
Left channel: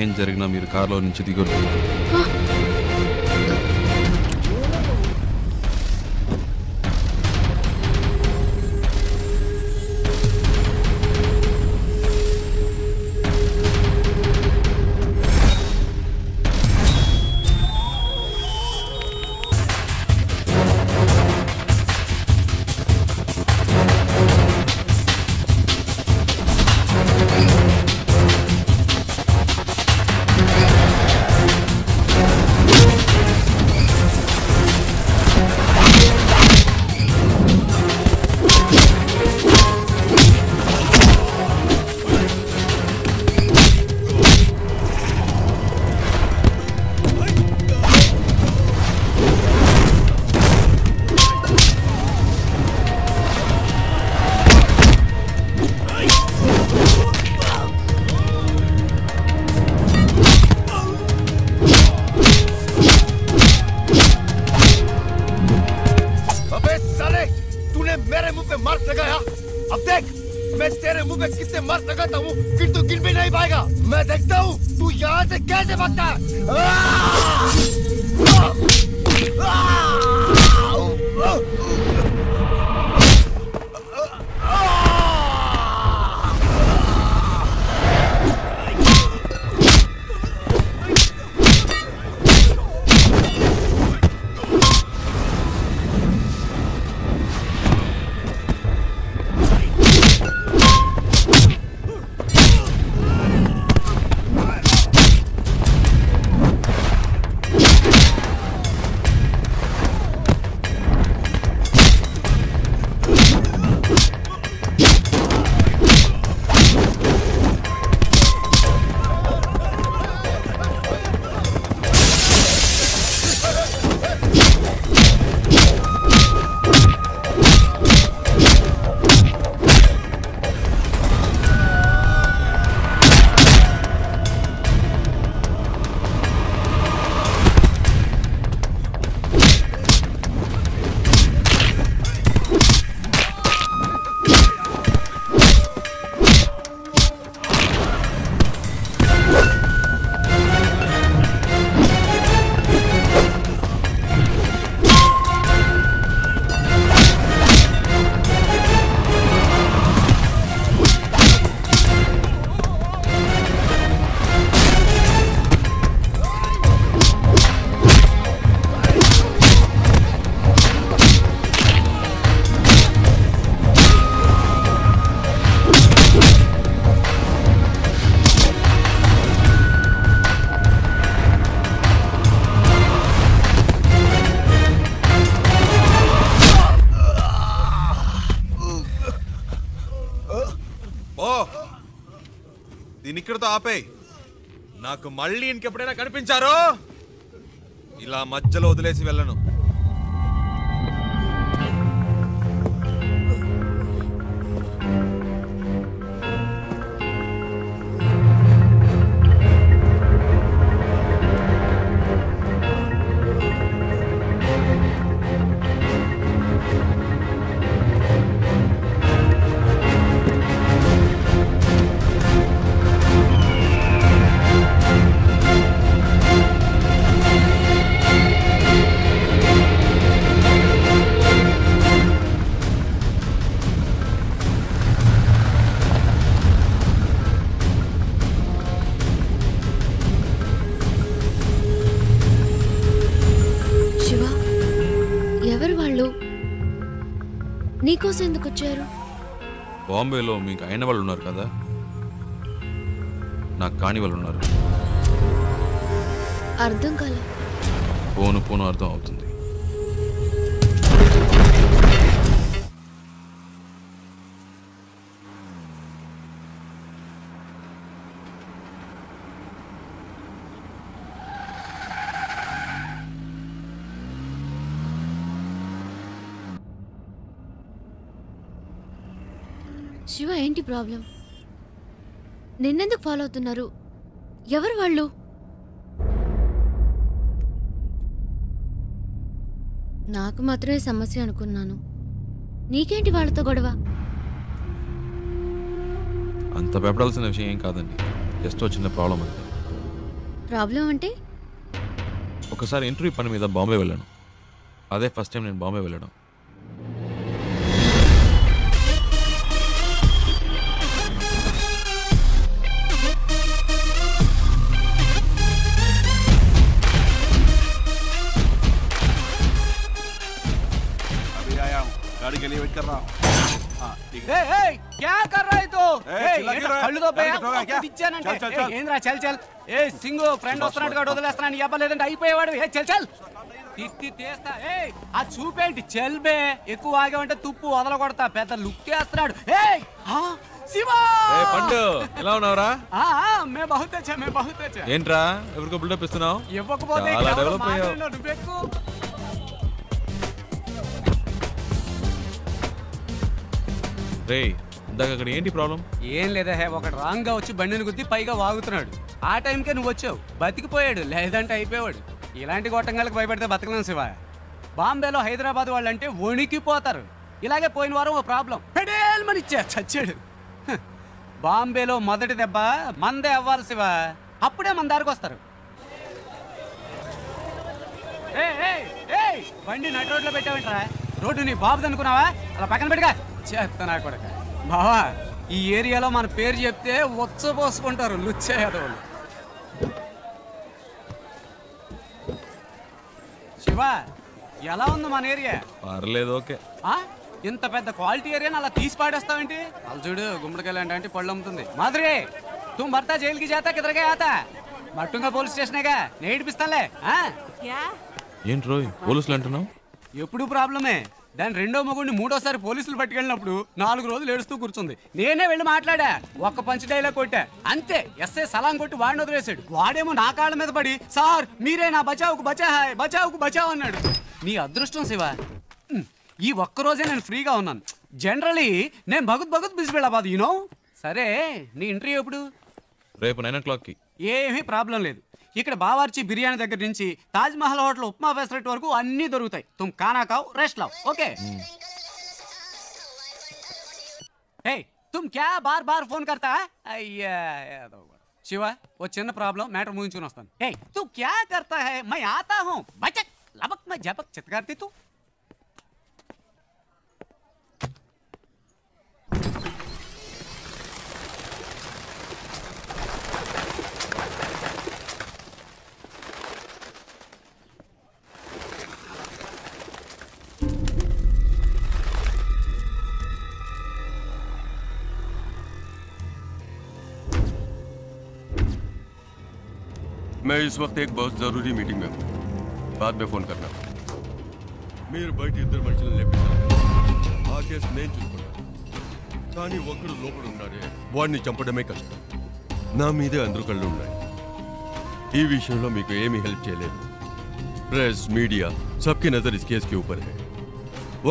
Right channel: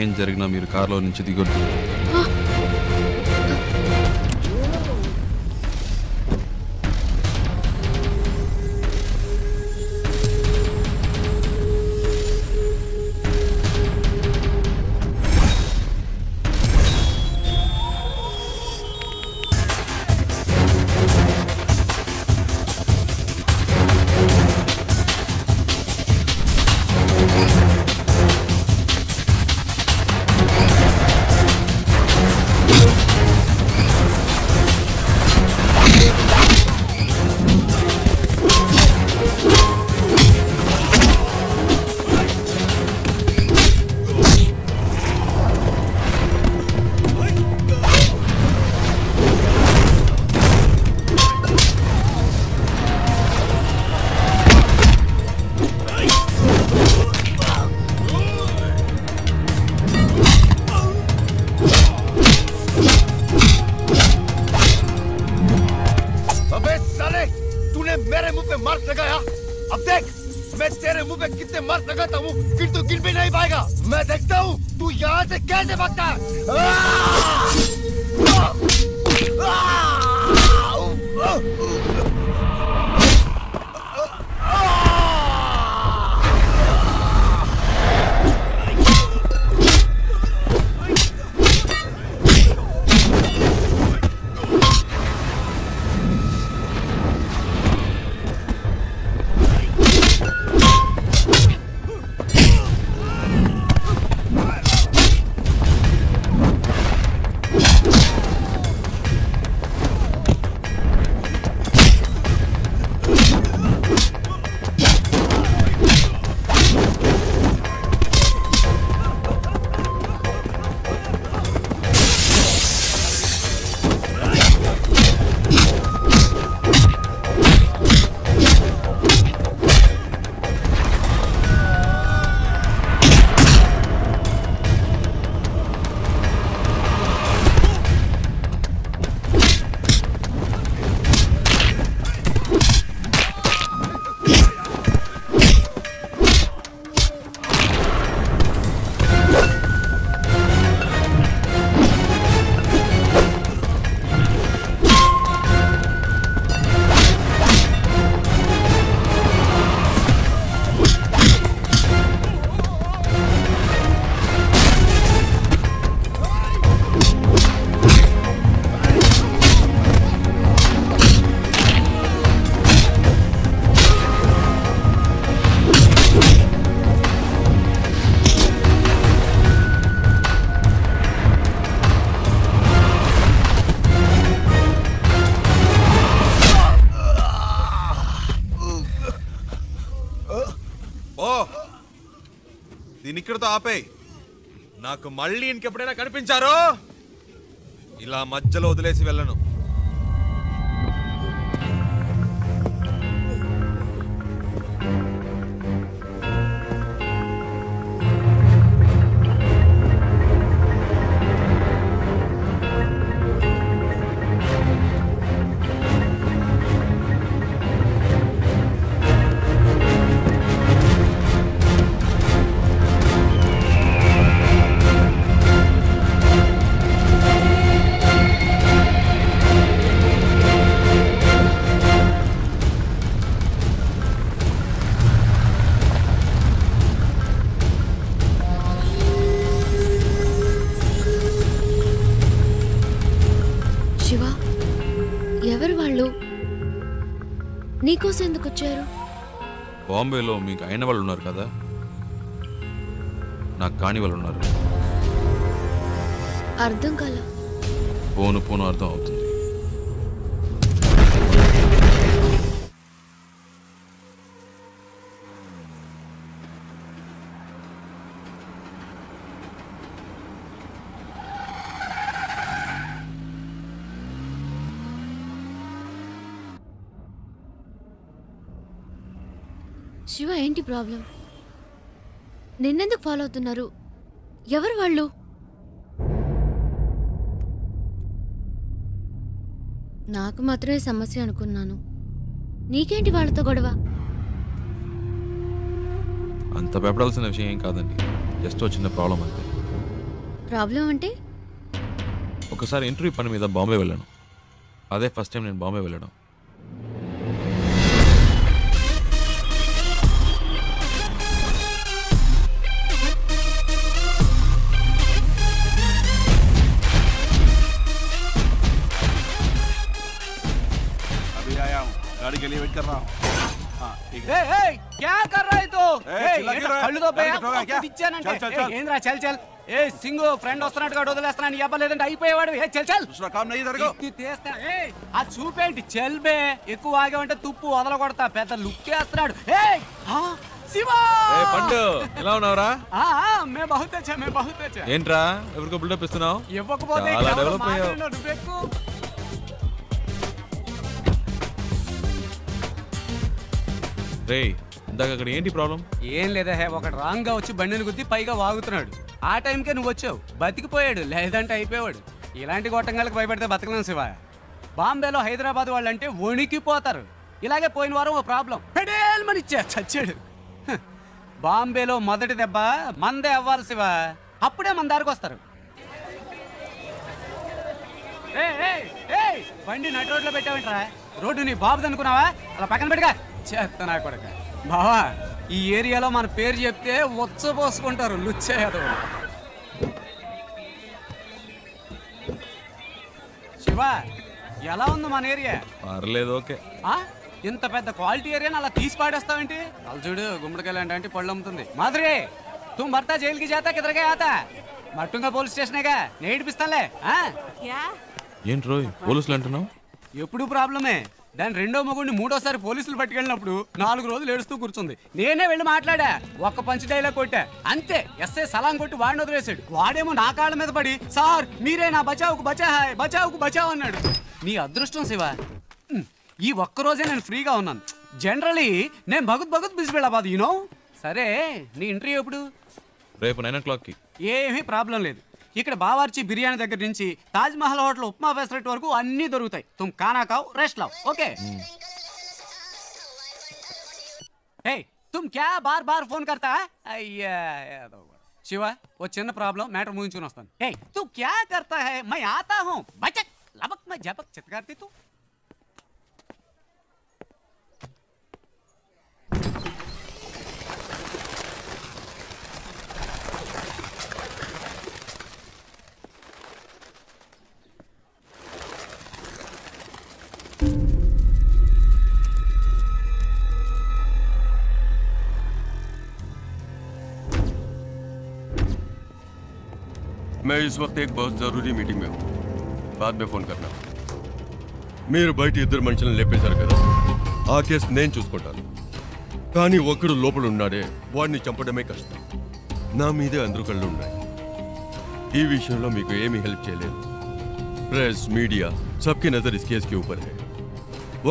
ఏం జరిగినా మీరు కారులో నుంచి దిగొద్దు. मुंह पे कितने मर लगाता हूँ फिर तू गिन भी नहीं पाएगा। मैं देखता हूँ तू यहाँ से कैसे भागता है। దీని ఇక్కడతో ఆపేయ్. నాకు మళ్ళీ ఇంకెప్పుడైనా కనిపించారో ఇలా మధ్యలో వదిలేసి వెళ్ళను. నీకోసం ఎందుకు వచ్చారు? బాంబేలో మీకు అయిన వాళ్ళు ఉన్నారు కదా, నాకు కాని వాళ్ళు ఉన్నారు. అర్థం కాల. పోను పోను అర్థం అవుతుంది. శివ, ఏంటి ప్రాబ్లం? నిన్నెందుకు ఫాలో అవుతున్నారు? ఎవరు వాళ్ళు? నాకు మాత్రమే సమస్య అనుకున్నాను. నీకేంటి వాళ్ళతో గొడవ? అంత భయపడాల్సిన విషయం ఏం కాదండి, జస్ట్ చిన్న ప్రాబ్లం అంతే. ప్రాబ్లం అంటే? ఒకసారి ఇంటర్వ్యూ పని మీద బాంబే వెళ్ళాను. అదే ఫస్ట్ టైం నేను బాంబే వెళ్ళడం. गाड़ी के लिए वेट कर रहा हूँ। हाँ ठीक है। क्या कर रहा है तो? కళ్ళు ఏంద్రా చల్ చల్. ఏ సింగు ఫ్రెండ్ వస్తున్నట్టుగా వదిలేస్తున్నాను. ఇవ్వలేదంటే అయిపోయేవాడు. ఏ చల్ చల్. తీస్తా. ఆ చూపేంటి చల్ బే. ఎక్కువ ఆగామంటే తుప్పు వదలకొడతా. పెద్ద లుక్ వేస్తున్నాడు. శివా పండు ఎలా ఉన్నావురా? మే బహుత్ అచ్చా, మే బహుత్ అచ్చా. ఏంట్రా ఎవరికో బిల్డప్ ఇస్తున్నావు? ఇవ్వకపోతే చాలా డెవలప్ అయ్యావు. నువ్వెక్కు. రే ఇందాక అక్కడ ఏంటి ప్రాబ్లం? ఏం లేదా, ఒకటి రాంగ్ గా వచ్చి బండిని గుద్ది పైగా వాగుతున్నాడు. ఆ టైంకే నువ్వు వచ్చావు, బతికిపోయాడు. లేదంటే అయిపోయాడు. ఇలాంటి గొట్టంగాలకు భయపడితే బతకలేం శివ. బాంబేలో హైదరాబాద్ వాళ్ళంటే వణికిపోతారు. ఇలాగే పోయిన వారం ఓ ప్రాబ్లం పెడేల్మనిచ్చా చచ్చాడు. బాంబేలో మొదటి దెబ్బ మందే అవ్వాలి శివ, అప్పుడే మన దారికి వస్తారు. బండి నటి రోడ్లో పెట్టావేంట్రా? రోడ్డు నీ బాబుది అనుకున్నావా? అలా పక్కన పెట్టుగా చేస్తా నా కొడక. బావా, ఈ ఏరియాలో మన పేరు చెప్తే వచ్చపోసుకుంటారు లుచ్చేయదు. శివ, ఎలా ఉంది మన ఏరియా? పర్లేదు, ఓకే. ఇంత పెద్ద క్వాలిటీ ఏరియాని అలా తీసి పాడేస్తావేంటి? అలా చూడు, గుమ్మడికాయలు అంటే పళ్ళు అమ్ముతుంది. మాధురి, తుమ్ భర్త జైలుకి జాతా కిదరగా ఆతా? మట్టుంగా పోలీస్ స్టేషనేగా, నేడిపిస్తానులే. ఏంటి రోయ్ పోలీసులు అంటున్నావు? ఎప్పుడు ప్రాబ్లమే. దాని రెండో మగుడిని మూడోసారి పోలీసులు పట్టుకెళ్ళినప్పుడు 4 రోజులు ఏడుస్తూ కూర్చుంది. నేనే వెళ్ళి మాట్లాడా, ఒక్క పంచ్ డైలాగ్ కొట్టా అంతే. ఎస్ఐ సలాం కొట్టి వాడిని వదిలేశాడు. వాడేమో నా కాళ్ళ మీద పడి, సార్ మీరే నా బచావుకు బచాహాయ్, బచావుకు బచావ్ అన్నాడు. నీ అదృష్టం శివ, ఈ ఒక్కరోజే నేను ఫ్రీగా ఉన్నాను. జనరలీ నేను భగత్ బిజీ వెళ్ళబాదు, యూనో. సరే, నీ ఇంటర్వ్యూ ఎప్పుడు? రేపు 9 o'clockకి. ఏమీ ప్రాబ్లం లేదు. ఇక్కడ బావార్చి బిర్యానీ దగ్గర నుంచి తాజ్ మహల్ హోటల్ ఉప్మా ఫెసరెట్ వరకు అన్నీ దొరుకుతాయి. తుమ్ కానా కావ్, రెస్ట్ లావ్, ఓకే? తుమ్ క్యా బార్ బార్ ఫోన్ కర్తా? అయ్యా శివ, ఓ చిన్న ప్రాబ్లం, మ్యాటర్ ముగించుకుని వస్తాను. తూ క్యా కర్తా హై? మై ఆతా హూ, బచక్ లబక్ మై జపక్ చిత్కార్తి తూ. मैं इस वक्त एक बहुत जरूरी मीटिंग में हूँ, बाद में फोन करना. మీరు బయట ఇద్దరు మనుషులను లేపేశారు కదా, ఆ కేసు నేను చూసుకుంటాను. కానీ ఒక్కడు లోపల ఉన్నాడే, వాడిని చంపడమే కష్టం. నా మీదే అందరూ కళ్ళు ఉన్నాయి. ఈ విషయంలో మీకు ఏమీ హెల్ప్ చేయలేదు. Press, media సబ్కి Nazar is case కి ఊపర్ హై.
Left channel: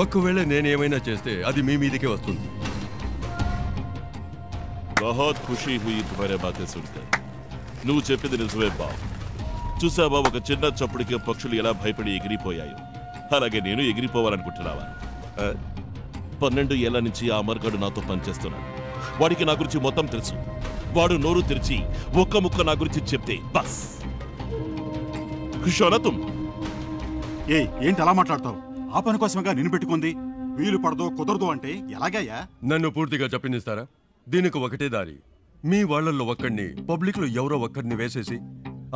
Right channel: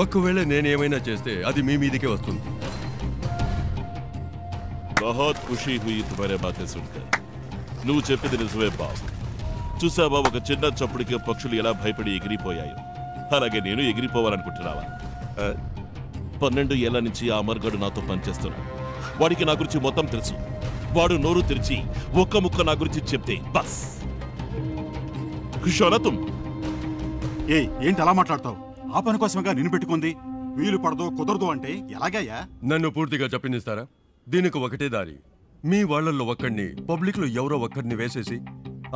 ఒకవేళ నేనేమైనా చేస్తే అది మీ మీదకే వస్తుంది. बहुत खुशी हुई तुम्हारे बातें सुनकर. నువ్వు చెప్పింది నిజమే బాబు. చూసావా, ఒక చిన్న చప్పుడికి పక్షులు ఎలా భయపడి ఎగిరిపోయాయో, అలాగే నేను ఎగిరిపోవాలనుకుంటున్నావా? 12 ఏళ్ల నుంచి ఆ అమర్గాడు నాతో పనిచేస్తున్నాడు. వాడికి నా గురించి మొత్తం తెలుసు. వాడు నోరు తెరిచి ఒక్క ముక్క నా గురించి చెప్తే బస్ ఖుషోనా తుమ్. ఏంటి అలా మాట్లాడతావు? ఆ పని కోసమేగా నిన్ను పెట్టుకుంది. వీలు పడదో కుదరదు అంటే ఎలాగయ్యా? నన్ను పూర్తిగా చెప్పనిస్తారా? దీనికి ఒకటే దారి. మీ వాళ్ళల్లో ఒక్కడిని, పబ్లిక్ లో ఎవరో ఒక్కడిని వేసేసి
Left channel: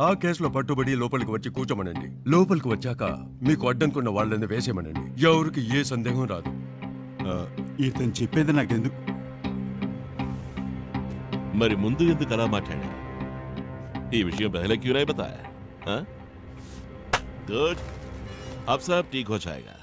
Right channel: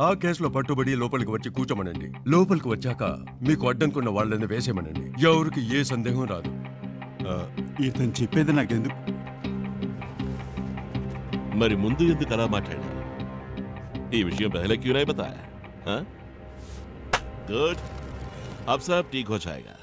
ఆ కేసులో పట్టుబడి లోపలికి వచ్చి కూర్చోమనండి. లోపలికి వచ్చాక మీకు అడ్డంకున్న వాళ్ళని వేసేమనండి. ఎవరికి ఏ సందేహం రాదు. ఇతను చెప్పేది నాకెందుకు? మరి ముందు ఎందుకు అలా మాట్లాడా? ఈ విషయం పహలే క్యూ नहीं बताया? गुड, अब सब ठीक हो जाएगा.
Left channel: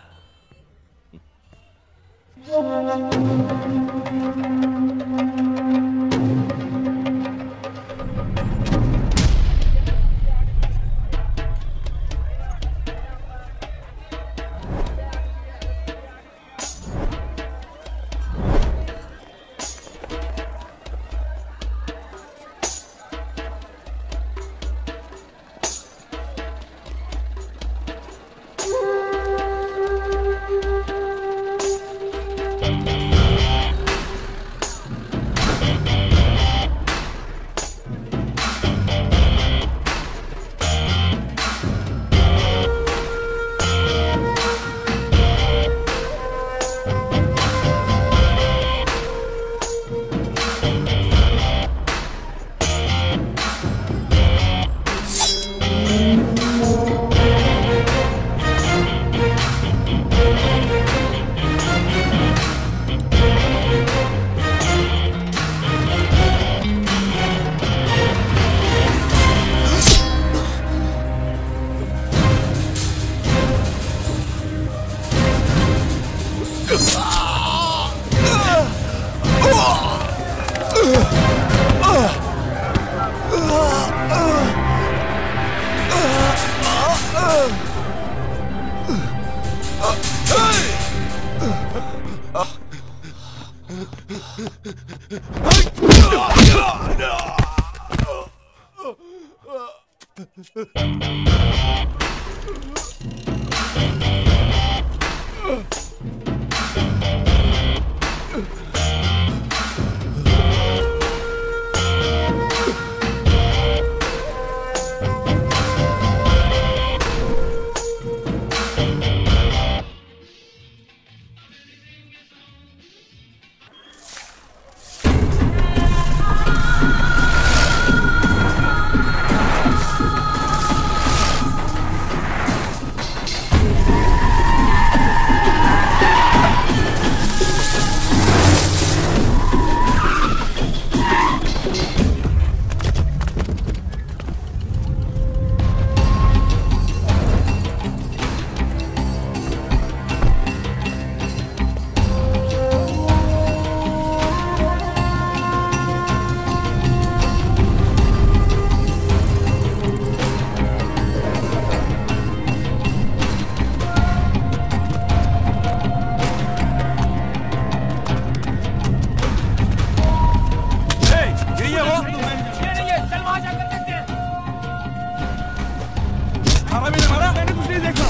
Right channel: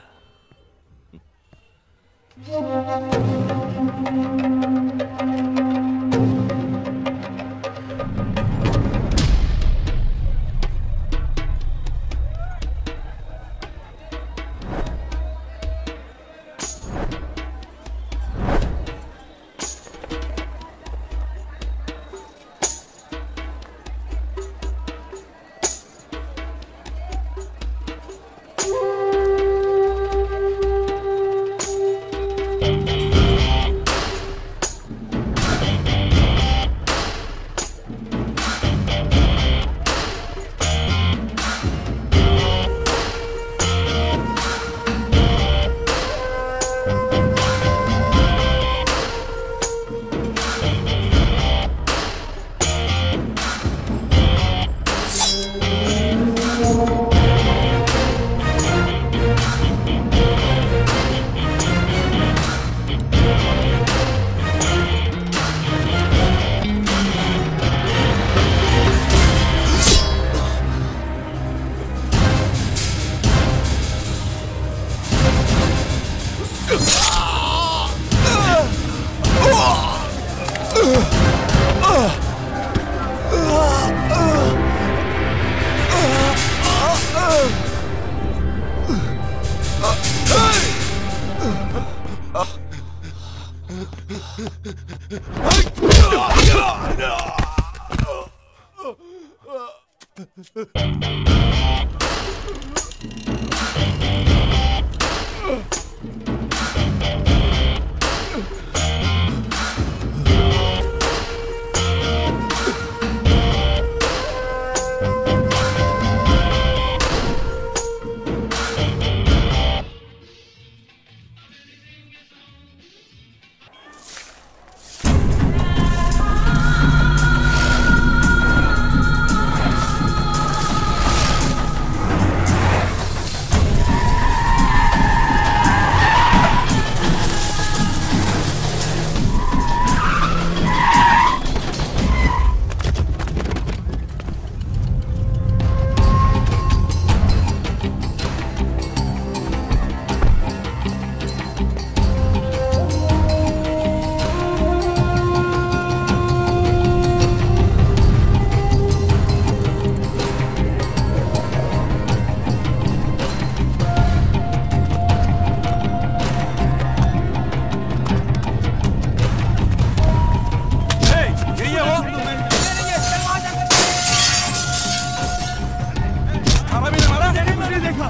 हरामी ने मारा? मैंने कुछ नहीं देखा।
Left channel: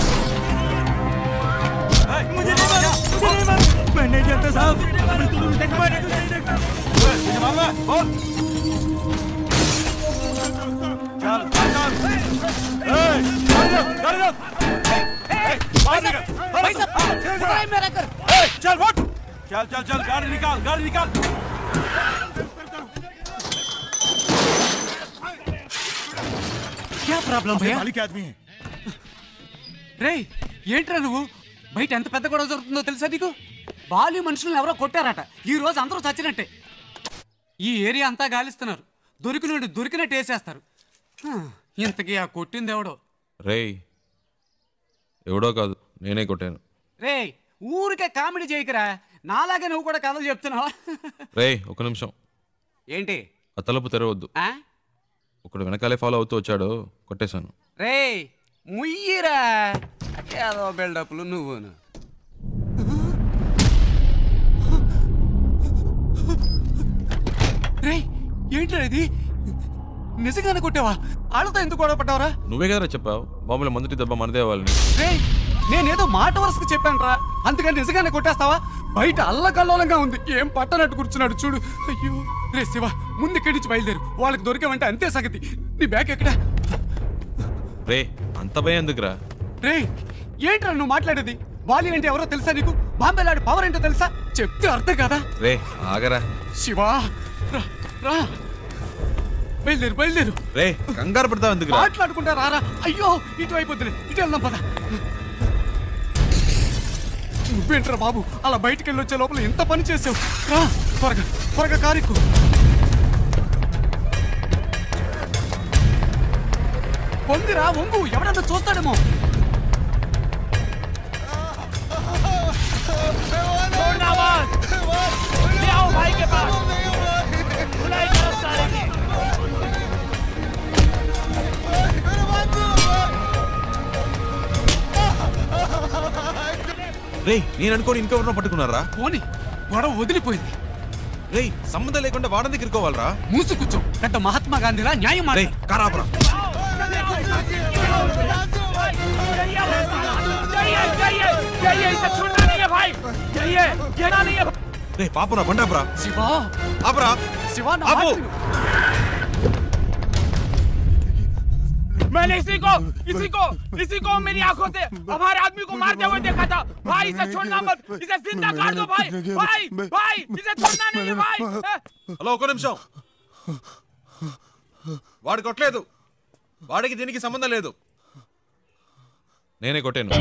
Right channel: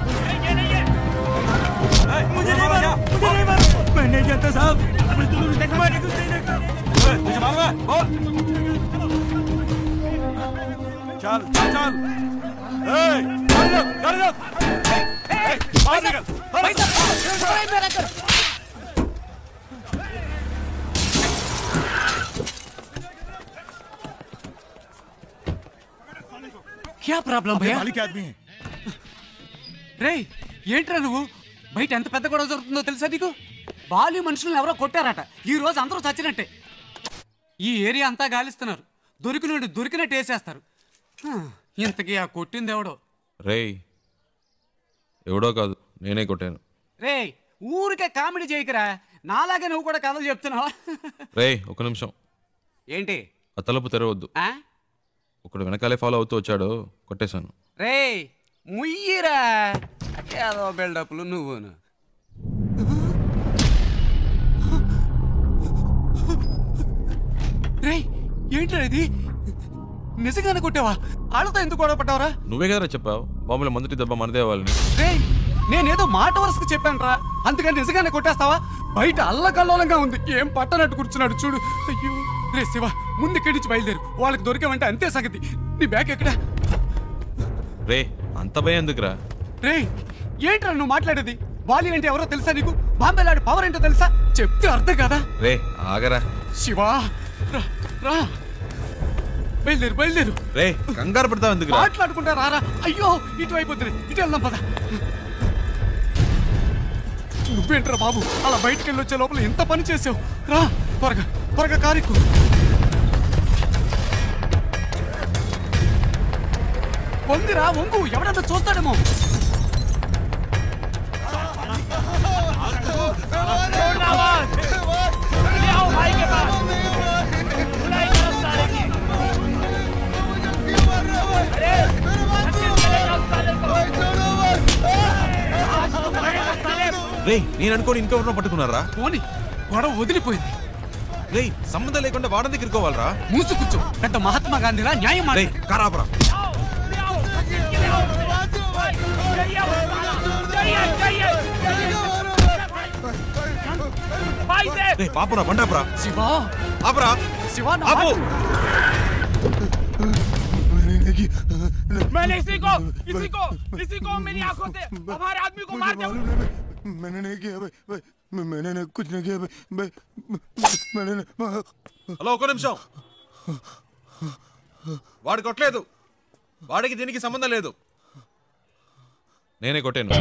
मुझे नहीं मारा, मुझे नहीं मारा। मैं नहीं जानता साहब। मैंने कुछ नहीं देखा। मुझे मालूम है, बोल। चल, चल, चल। गाड़ी रोक। बाहर निकल। भाई साहब, पकड़ाई मेरा कर। चल, वोट। चल, चल, चल, गाड़ी निकाल। क्या प्रॉब्लम भैया? मालिक आदमी है। రే ఏంట్రా నువ్వు బయట ఎంత పెద్ద గొడవ జరుగుతుందో తెలుసా నీకు? బాలి మనుషులను ఎవరో కొట్టారట. ఈ రోజు అందరూ చచ్చినట్టే. ఈ ఏరియా అంతా గాలిస్తున్నారు. దొరికినట్టు వేసేస్తారు. ఇంతకీ ఆ కొట్టింది ఎవడో? రేయ్ ఎవడో కాదు, నేనే కొట్టాను. రే ఊరికే కామెడీ చేయకురా. నాలాగే నువ్వు కూడా కథలు చెప్తున్నావా? రేయ్ ఒక నిమిషం. ఏంటి? ఆ తలుపు తెరవద్దు. ఒకడు వెనకాలే ఫాలో అవుతూ వచ్చాడు, కొట్టేశాను. రే ముయ్యిరా, ఏదో బిల్డప్లు నువ్వును. రే ఏంట్రా ఇది? నిజంగానే కొట్టావా? వాళ్ళతో ఎందుకు గొడవ పడ్డావరా? నువ్వే కదరా చెప్పావు బాంబులో మొదటి దెబ్బ మనదే వాళ్ళని. రే నేనేదో మాట వరుసకు చెప్పాను రా, అందుకని నిజంగానే కొట్టేస్తావా? బయట అల్లకల్లోలంగా ఉంది, ఏం పట్టనట్టు కూర్చున్నాడు చూడు. అయ్యో రే శివ, ముందు ఇక్కడి నుంచి బయలుదేరు. వాళ్ళకి దొరికామంటే అంతే సంగతి. నీ బ్యాగ్ ఎక్కడా? రే అంత భయం ఎందుకురా? రే ఏంట్రా నువ్వు మాట్లాడేది? బాలి అంటే ఎవరో తెలుసా నీకు? బాంబేలాడి పవర్ ఏంటో తెలుసా? చెప్తే అర్థం కదా. రే ఆగరా శివా, రా రా, బయలుదేరు. రే కంగారు పడతావు ఎందుకు? మాట్లాడుకుంటా రారా. అయ్యో ఇటువైపు వద్దులే, ఇటు వెళ్దాం పద. నువ్వేంట్రా బాబు అలా బయటికి వెళ్ళి వచ్చే లోపల ఎంత పని చేసావు? రా త్వరగా కారెక్కు. వంగిరా వంగు, ఎవడన్నా చూస్తాడేమో. రే నేను అనుకోని ఇంకెవరినో పట్టుకున్నారా? పోనీ గొడవ వదిలిపోయింది. రే సంబంధం లేకుండా వాడని తిరుకోవాలరా? మూసు కూర్చో, పెద్ద మహాత్మా గాంధీలా న్యాయం మాట. కారాబరా రే పాపురా బండాపురా. శివా ఆపరా శివా, ఆపు. मैंने इसी को मेरी आंखों से हमारे आदमी को मारते हुए देखा था। भाई इसे छोड़ना मत, इसे जिंदा काट दो भाई, भाई इसे छोड़ना नहीं भाई। హలో ఒక నిమిషం. వాడు కొట్టలేదు, వాడికి దీనికి సంబంధం లేదు. నేనే కొట్టాను.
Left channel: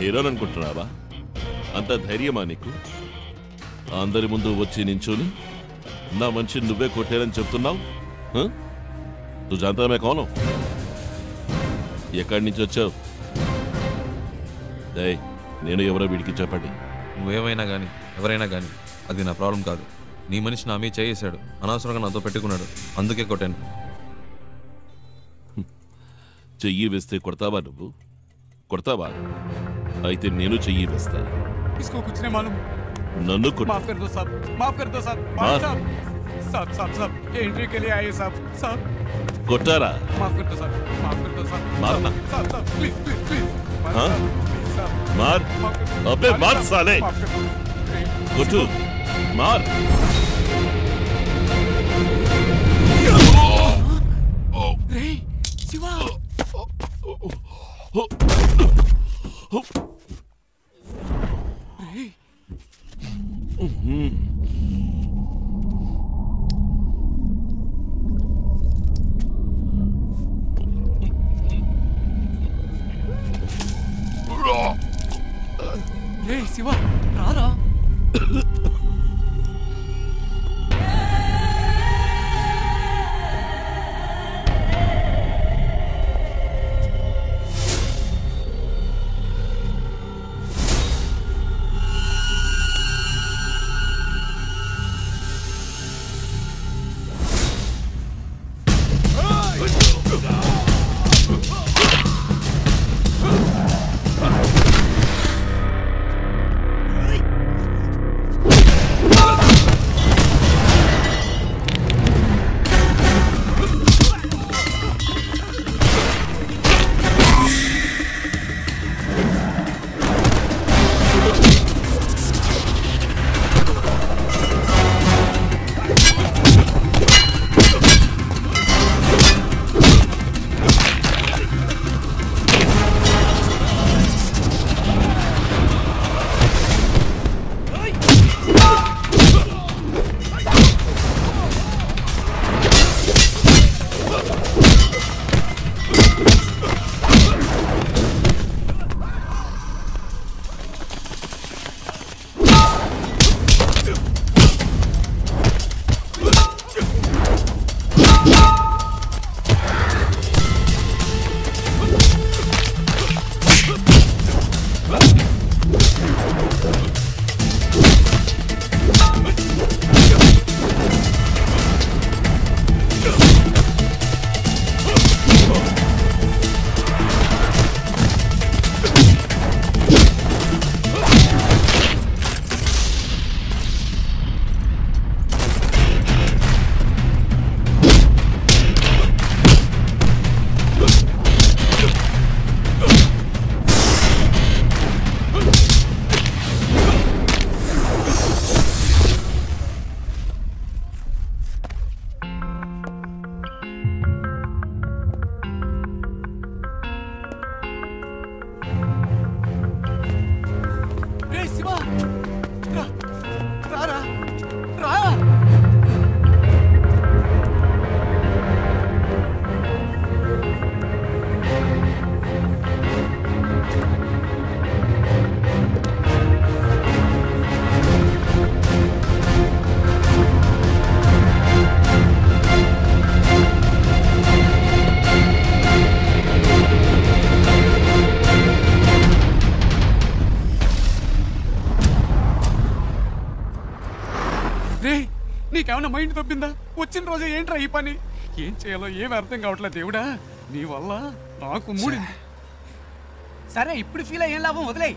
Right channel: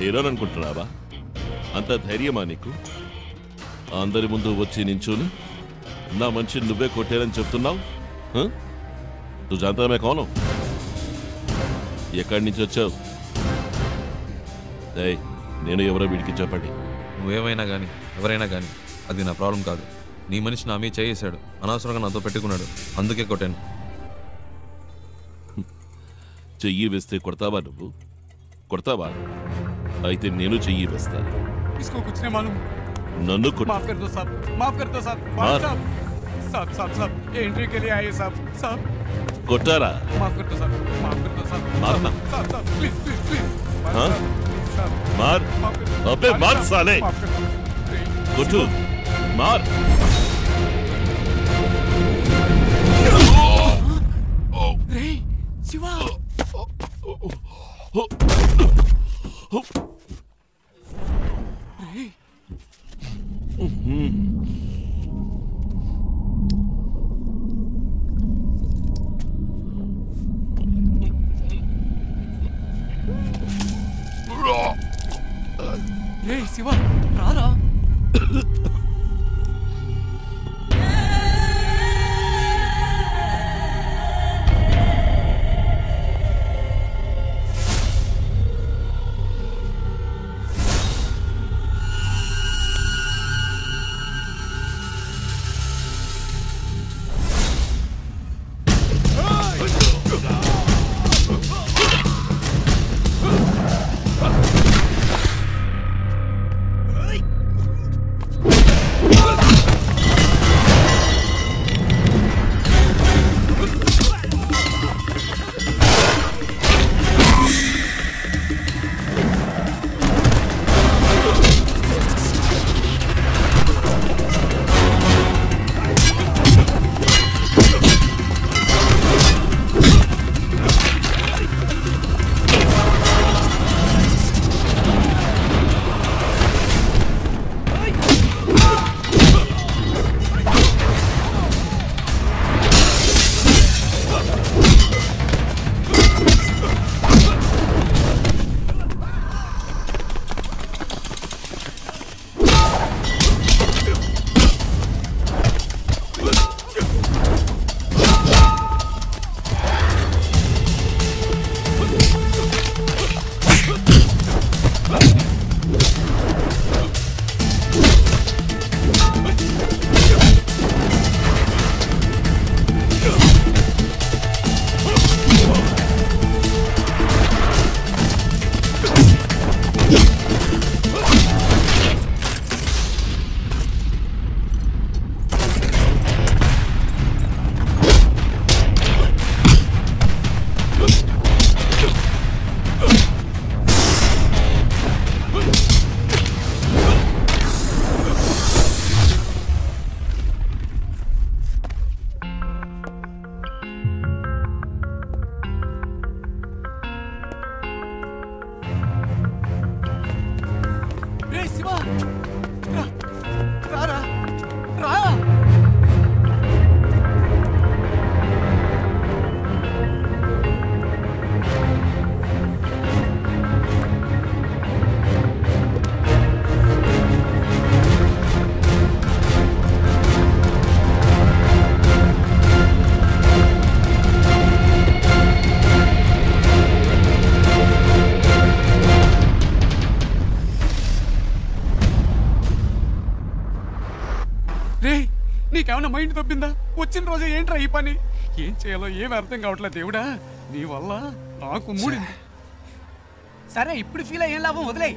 హీరోని అనుకుంటున్నావా? అంత ధైర్యమా నీకు? అందరి ముందు వచ్చి నించుని నా మనిషి నువ్వే కొట్టారని చెప్తున్నావు? నువ్వు జాంతా కౌను? ఎక్కడి నుంచి వచ్చావు? నేను ఎవరో వీడికి చెప్పండి. నువ్వేమైనా కానీ ఎవరైనా కానీ అది నా ప్రాబ్లం కాదు. నీ మనిషి నా మీద చేసాడు, అనవసరంగా నాతో పెట్టుకున్నాడు, అందుకే కొట్టాను. చెయ్యి వేస్తే కొడతావా? నువ్వు కొడతావా? అయితే నేను చెయ్యి వేస్తా. इसको कुछ नहीं मालूम. नन्नू को माफ कर दो साहब, माफ कर दो साहब. साहब एंट्री के लिए आए साहब. कोटारा माफ कर दो साहब, माफ कर दो साहब. मारना साहब प्लीज. हाँ प्लीज साहब मार. अबे मार साले. कोटू मार. रे शिवा రే శివ రారా. నీకేమన్నా మైండ్ తప్పిందా? వచ్చిన రోజే ఏంట్రా ఈ పని? ఏం చేయాలో ఏం అర్థం కావట్లేదు దేవుడా, నీ వల్ల నాకు మూడింది. సరే ఇప్పుడు ఫీల్ అయ్యేం లాభం, వదిలేయి.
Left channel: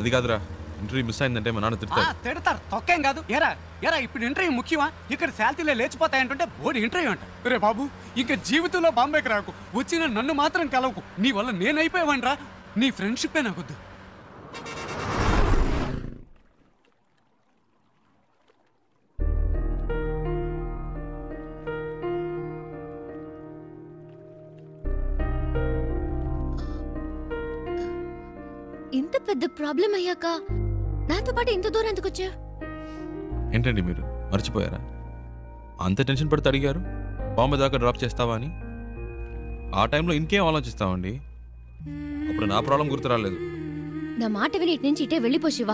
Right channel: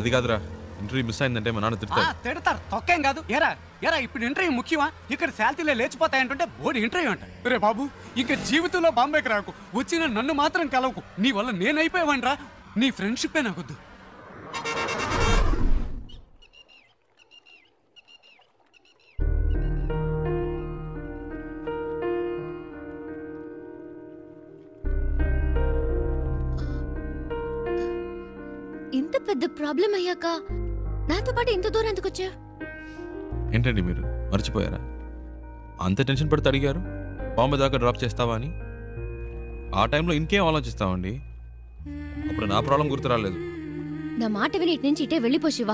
అది కాదురా, ఇంటర్వ్యూ మిస్ అయిందంటే మా నాన్న తిడతారు. తిడతారు, తొక్కేం కాదు. ఎరా ఇప్పుడు ఇంటర్వ్యూ ముఖ్యమా? ఇక్కడ శాలరీలే లేచిపోతాయంటుంటే బోర్డు ఇంటర్వ్యూ అంట. రే బాబు, ఇంకా జీవితంలో బాంబేకి రాకు, వచ్చిన నన్ను మాత్రం కలవకు. నీ వల్ల నేనైపోయావనరా, నీ ఫ్రెండ్షిప్పే నాకొద్దు. ఇంత పెద్ద ప్రాబ్లం అయ్యాక నాతో పాటు ఇంత దూరం ఎందుకు వచ్చా? ఏంటండి మీరు మర్చిపోయారా? అంత టెన్షన్ పడితే అడిగారు బాంబే దాకా డ్రాప్ చేస్తావా అని. ఆ టైంలో ఇంకేం ఆలోచిస్తామండి, అప్పుడు నా ప్రాబ్లం గుర్తు రాలేదు. నా మాట విని ఇటు నుంచి ఇటే వెళ్ళిపో శివ.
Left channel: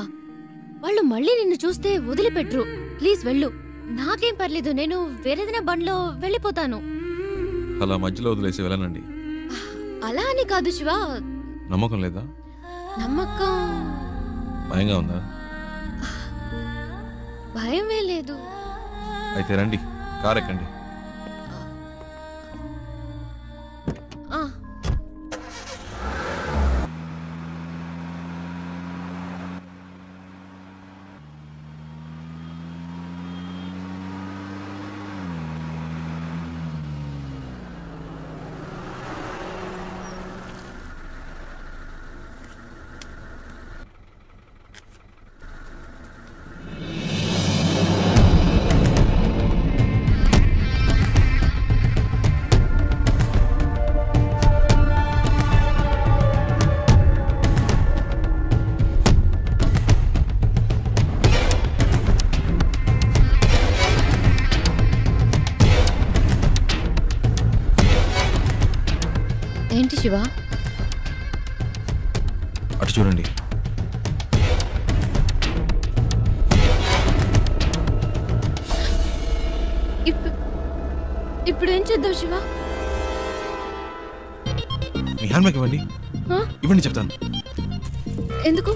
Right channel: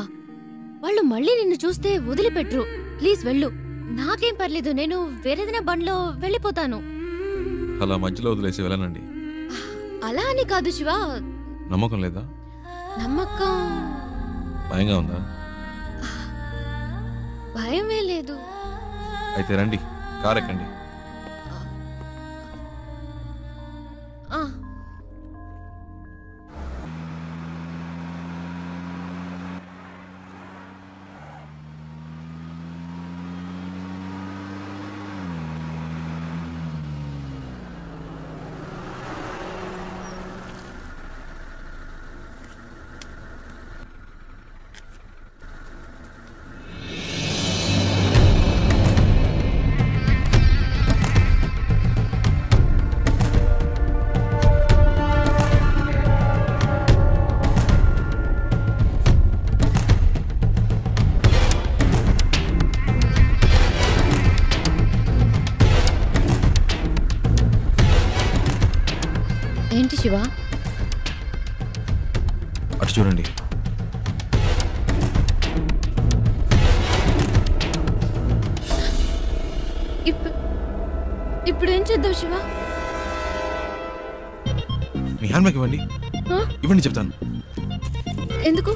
వాళ్ళు మళ్ళీ నిన్ను చూస్తే వదిలిపెట్టరు. ప్లీజ్ వెళ్ళు. నాకేం పర్లేదు, నేను వేరేదైనా బండ్లో వెళ్ళిపోతాను. అలా మధ్యలో వదిలేసి వెళ్ళనండి. అలా అని కాదు శివ. నమ్మకం లేదా? నమ్మకం. భయంగా ఉందా? భయమే లేదు. అయితే రండి, కార్ ఎక్కండి. ఏంటి శివ? అటు చూడండి. ఇప్పుడు ఏం చేద్దాం శివ? మీ హ్యాండ్ బ్యాగ్ ఇవ్వండి. ఇవ్వండి చెప్తాను. ఎందుకు?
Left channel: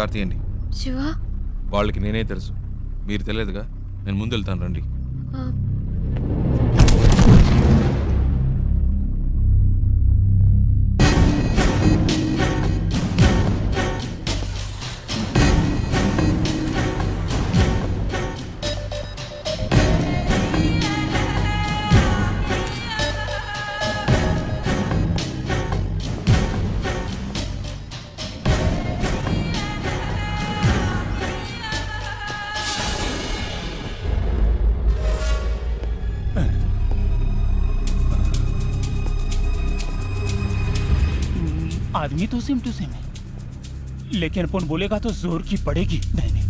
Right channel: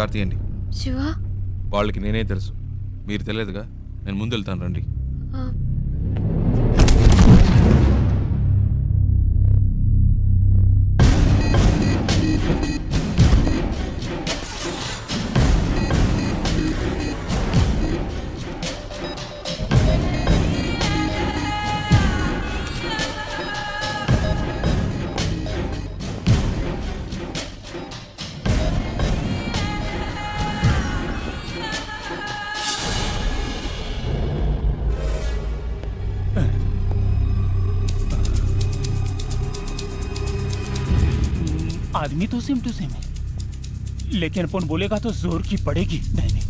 కార్ తీయండి. శివ వాళ్ళకి నేనే తెలుసు, మీరు తెలియదుగా. నేను ముందు వెళ్తాను, రండి. आदमी तो सेम टू सेम है, लेकिन अपन बोलेगा तो जोर की पड़ेगी। नहीं नहीं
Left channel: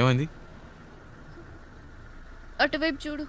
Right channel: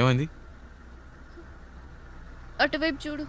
ఏమైంది? అటువైపు చూడు.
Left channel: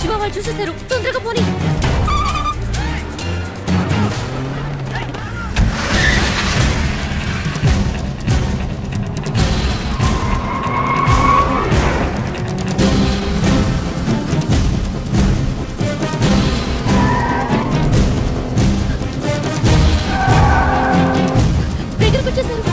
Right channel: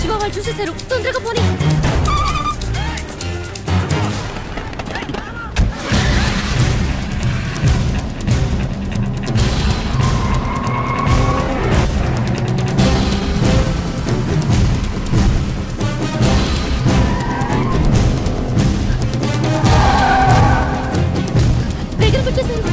శివ వాళ్ళు చూసేశారు, తొందరగా పోనీ. దగ్గరకు వచ్చేసారు.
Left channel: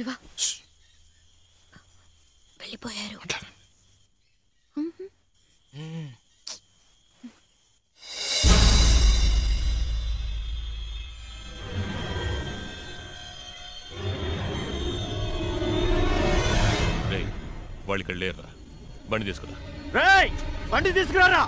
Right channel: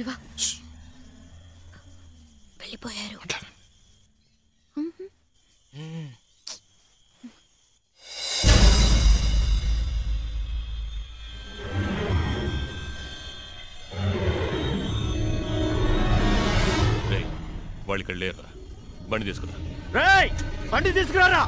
శివ వెళ్ళిపోయారు. రేయ్ వాళ్ళు ఇక్కడ లేరురా. బండి తీసుకురా. రేయ్ బండి తీసుకురారా.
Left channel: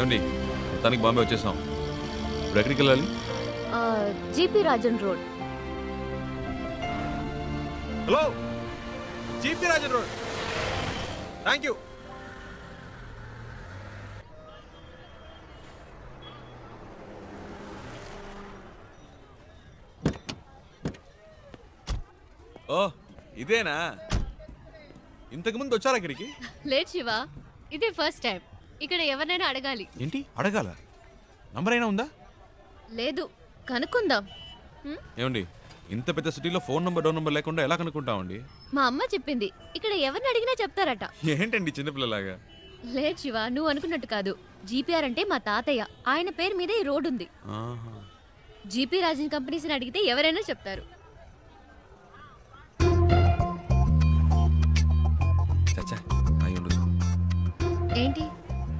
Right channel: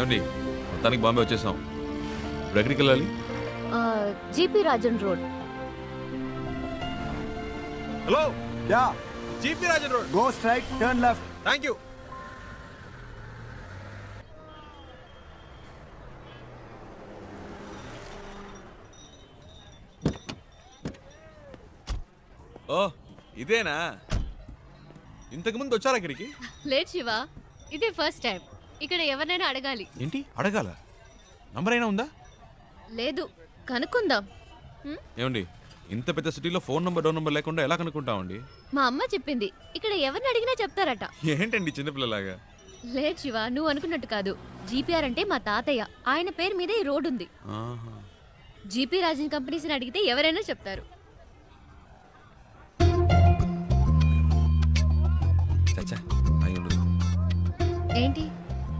ఏమండి మొత్తానికి బాంబే వచ్చేసాం. ఇప్పుడు ఎక్కడికి వెళ్ళాలి? GP Rajan road. Hello yeah GP Rajan road. Go straight turn left. Thank you. ఓ ఇదేనా? ఇంతకు ముందు వచ్చారా ఇక్కడికి? లేదు శివ, ఇదే ఫస్ట్ టైం. ఇక్కడ ఎవరినైనా అడగాలి. ఏంటి అడగాల? నంబర్ అయినా ఉందా? లేదు, కనుక్కుందాం. ఏమండి ఇంత పెద్ద సిటీలో ఫోన్ నంబర్ డోర్ నంబర్ లేకుండా ఎలా కనుక్కుంటామండి? మా అమ్మ చెప్పింది ఇక్కడ ఎవరిని అడిగినా చెప్తారట. ఏంటండి చిన్నపిల్లలాగా? లేదు శివ, నువ్వు అనుకున్నట్టు కాదు. జీపీఆర్ అంటే మా తాతయ్య, ఆయన పేరు మీద ఈ రోడ్ ఉంది. జీపీ రాజన్ కంపెనీస్ని అడిగితే ఎవరైనా చెప్తారు. చచ్చా అయి ఉండదు. ఏంటి?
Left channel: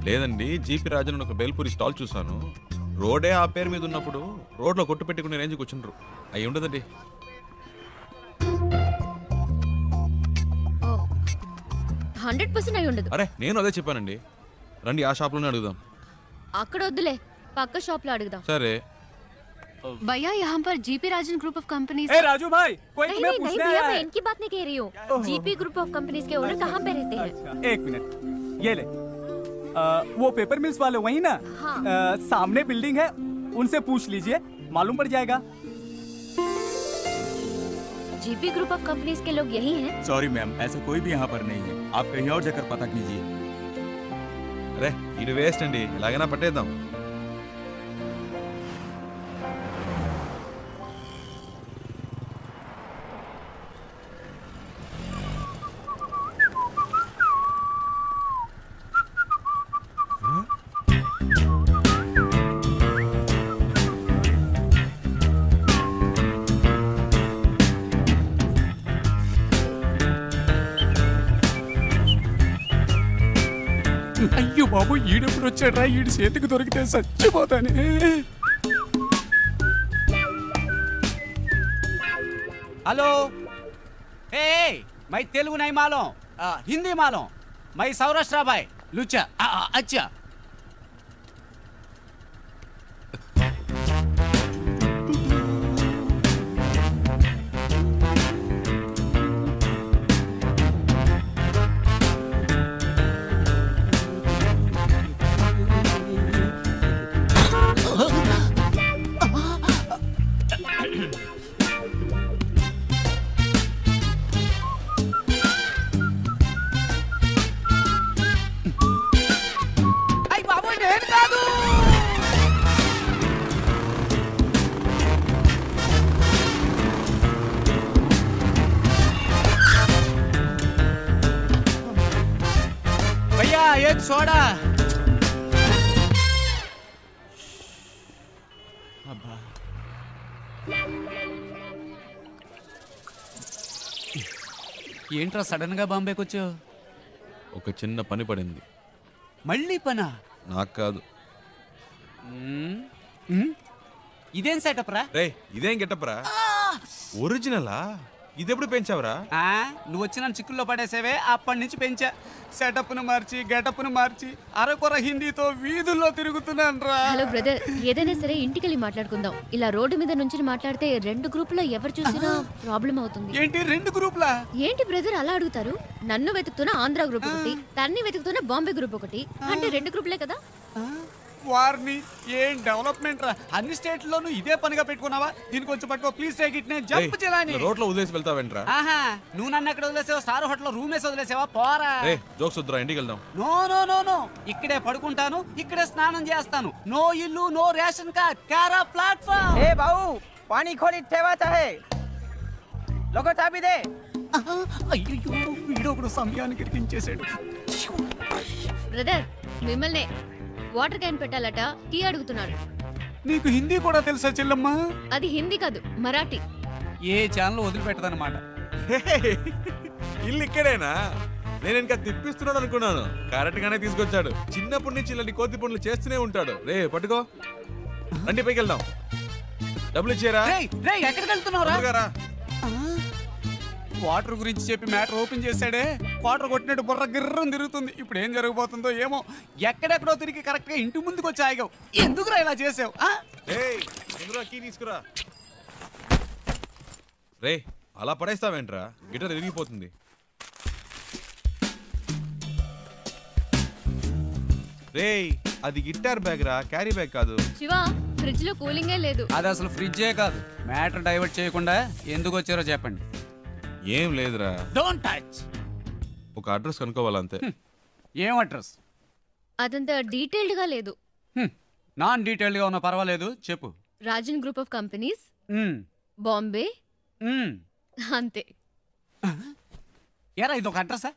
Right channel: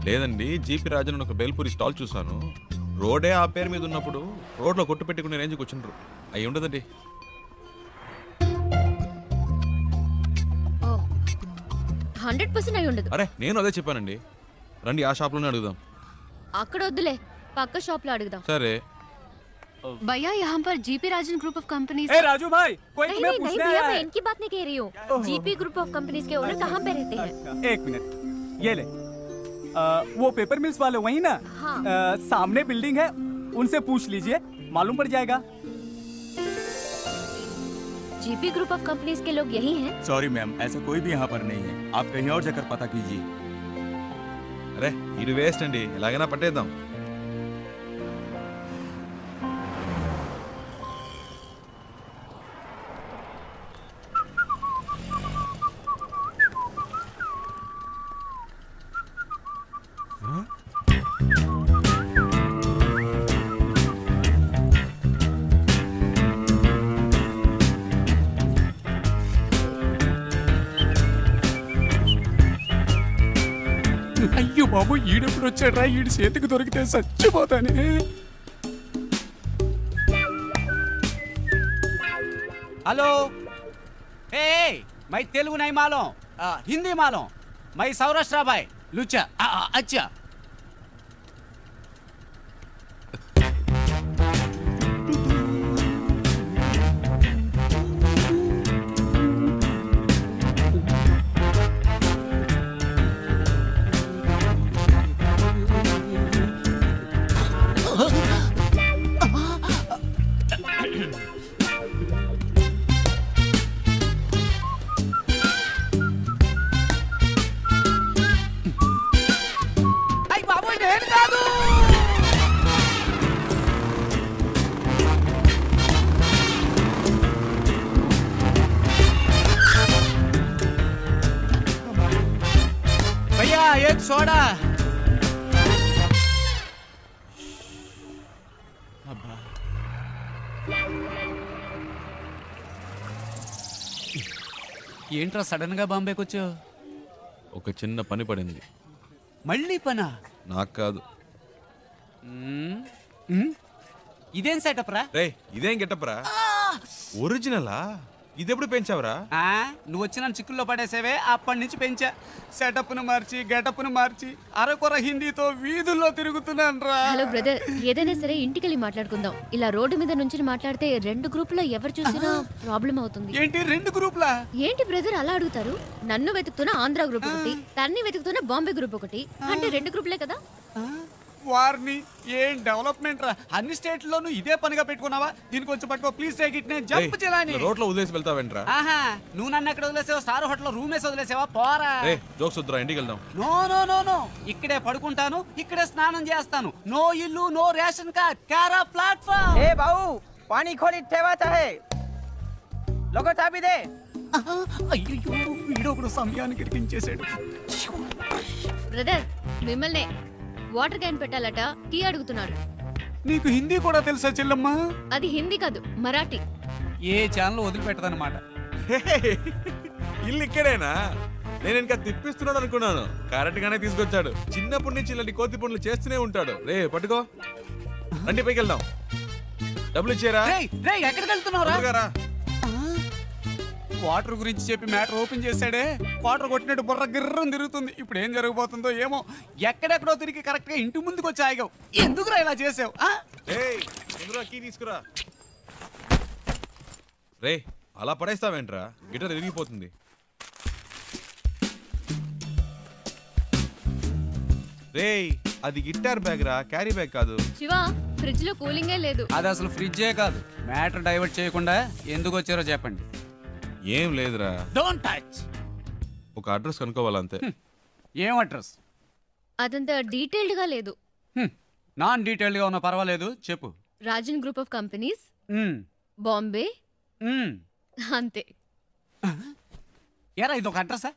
లేదండి, జీపీ రాజన్ ఒక బేల్పూరి స్టాల్ చూసాను. రోడే ఆ పేరు మీద ఉన్నప్పుడు రోడ్లో కొట్టు పెట్టుకునే రేంజ్కి వచ్చిండ్రు. అయి ఉండదండి. 100% అయి ఉండదు. అరే నేను అదే చెప్పానండి. రండి ఆ షాప్లోనే అడుగుదాం. అక్కడ వద్దులే, పక్క షాప్ లో అడుగుదాం. సరే. भैया यहाँ पर GP Rajan group of companies. Raju भाई कोई तुम्हें पूछने भैया आया मैं है। इनकी बात नहीं कह रही हूँ। जीपी ग्रुप ऑफ कंपनीज के ओनर कहाँ पे रहते हैं? एक मिनट ये ले। वो पेपर मिल्स वाले वही ना? हाँ। सामने बिल्डिंग है, उनसे पूछ लीजिए, मालूम पड़ जाएगा। जीपी ग्रुप ऑफ कंपनीज के लोग यही हैं? सॉरी मैम, ऐसा कोई भी यहाँ पर नहीं है। आप कहीं और जाकर पता कीजिए। అరే ఇది వేస్ట్ అండి, ఎలాగైనా పట్టేద్దాం. అయ్యో బాబు ఈడెప్పుడు వచ్చాడ్రా, ఈడి చేతికి దొరికితే చచ్చిపోతానే. हेलो ए मैं तेलुगु नहीं मालूम, हिंदी मालूम। मैं सौराष्ट्र भाई लुच्चा। अच्छा भैया एक सोडा। ఏంట్రా సడన్ గా బాంబేకి వచ్చావు? ఒక చిన్న పని పడింది. మళ్ళీ పనా? నాకు కాదు. ఇదేం సెటప్ రా? రే ఇదేం గెటప్ రా? ఒరిజినలా? ఇదెప్పుడు పెంచావురా? నువ్వు వచ్చి నన్ను చిక్కుల్లో పడేసేవే, అప్పటి నుంచి పెంచా. సెటప్ను మార్చి గెటప్ను మార్చి అరకొర హిందీతో వీధుల్లో తిరుగుతున్నాను రా. హలో బ్రదర్, ఏదైనా సరే ఇంటికెళ్ళి మాట్లాడుకుందాం. ఇలా రోడ్డు మీద నుంచి మాట్లాడితే రెండు గ్రూపులో ఎవరు చూసినా ప్రాబ్లం అవుతుంది. ఏంటి రెండు గ్రూపులా? ఏంటి బ్రదర్ అలా అడుగుతారు? నన్ను వెతుకుతున్న ఆంధ్ర గ్రూప్ ఒకటి, తన్ని వెతుకుతున్న బాంబే గ్రూప్ ఒకటి, అంటే రెండు గ్రూపులే కదా. వారిని ఏం డెవలప్మెంట్ రా, అన్ని స్టేట్లోనూ ఇదే పనిగా పెట్టుకున్నావా? దీనికి కొంచెం పట్టుకో ప్లీజ్ టేక్ ఇట్. నేను జంప్ చేయాలని రోడ్లో వదిలేసి వెళ్తావేంట్రా? ఆహా, నువ్వు నన్ను ఎక్కడ వదిలేసావా? స్టార్ హోటల్ రూమ్ వేసి వదిలేసావా? పోరా. జోక్స్ వద్దురా, ఇంటికి వెళ్దాం. నో నో నో నో, ఇక్కడే పడుకుంటాను, ఇక్కడే స్నానం చేస్తాను. నో ఇల్లు, నో రేషన్ కార్డ్, కారా ప్లాట్ఫామ్. ఏ బావు, పానీ ఖోలి ठेवायचा है. लोगो चाबी दे. అయ్యో, వీడొకడు సమయానికి ఇరికించేశాడు. బ్రదర్, మిమ్మల్నే వాటర్ క్యాన్ పెట్టాలట, టీ అడుగుతున్నాడు. నీకు హిందీ కూడా తెలుసా చెల్లమ్మ? అది హిందీ కాదు, మరాఠీ. ఏ ఛానల్ వదిలిపెట్టదన్నమాట. ఇల్లు ఇక్కడేనా? నేను ఇంకా తిప్పిస్తున్నాడు అనుకున్నాను. కరెక్ట్ గానే తీసుకొచ్చాడు. చిన్నప్పటి నుంచి ఇలాంటి కోతి పనులు చేస్తూనే ఉంటాడు. రే పట్టుకో, రండి పైకి వెళ్దాం. డబ్బులు ఇచ్చారా? ఎక్కడికి వెళ్తున్నావురా? వాటర్ గురించి చెప్పి మ్యాటర్ ఓపెన్ చేశాడే, వాటర్ కొట్టినట్టు బుర్ర గిర్రం తిరుగుతుంది. ఇప్పుడు ఏం జరగబోతుందో ఏమో. ఎక్కడెక్కడో తిరిగి కరెక్ట్ గా ఇంటి ముందుకు వచ్చి ఆగావు. ఎందుకురా ఇలా చేసావు? తీసుకురా. రే అలా పడేస్తావేంట్రా? గిటార్ విరిగిపోతుంది. రే అది గిటార్ బ్యాగ్ రా, క్యారీ బ్యాగ్ కాదు. శివ, ఫ్రిడ్జ్ లో కూలింగే లేదు. అది అసలు ఫ్రిడ్జే కాదు. మ్యాటర్ డైవర్ట్ చేయకుండా ఎందుకు వచ్చారో చెప్పండి. ఏం లేదురా. Don't touch. ఒక అడ్రస్ కనుక్కోవాలంతే. ఏం అడ్రస్? అదంతా డీటెయిల్డ్ గా లేదు. నాన్ డీటెయిల్డ్ గా ఉన్నా పర్వాలేదు, చెప్పు. Rajan group of companies, Bombay, అంతే. ఎరా ఇది ఒక అడ్రసా?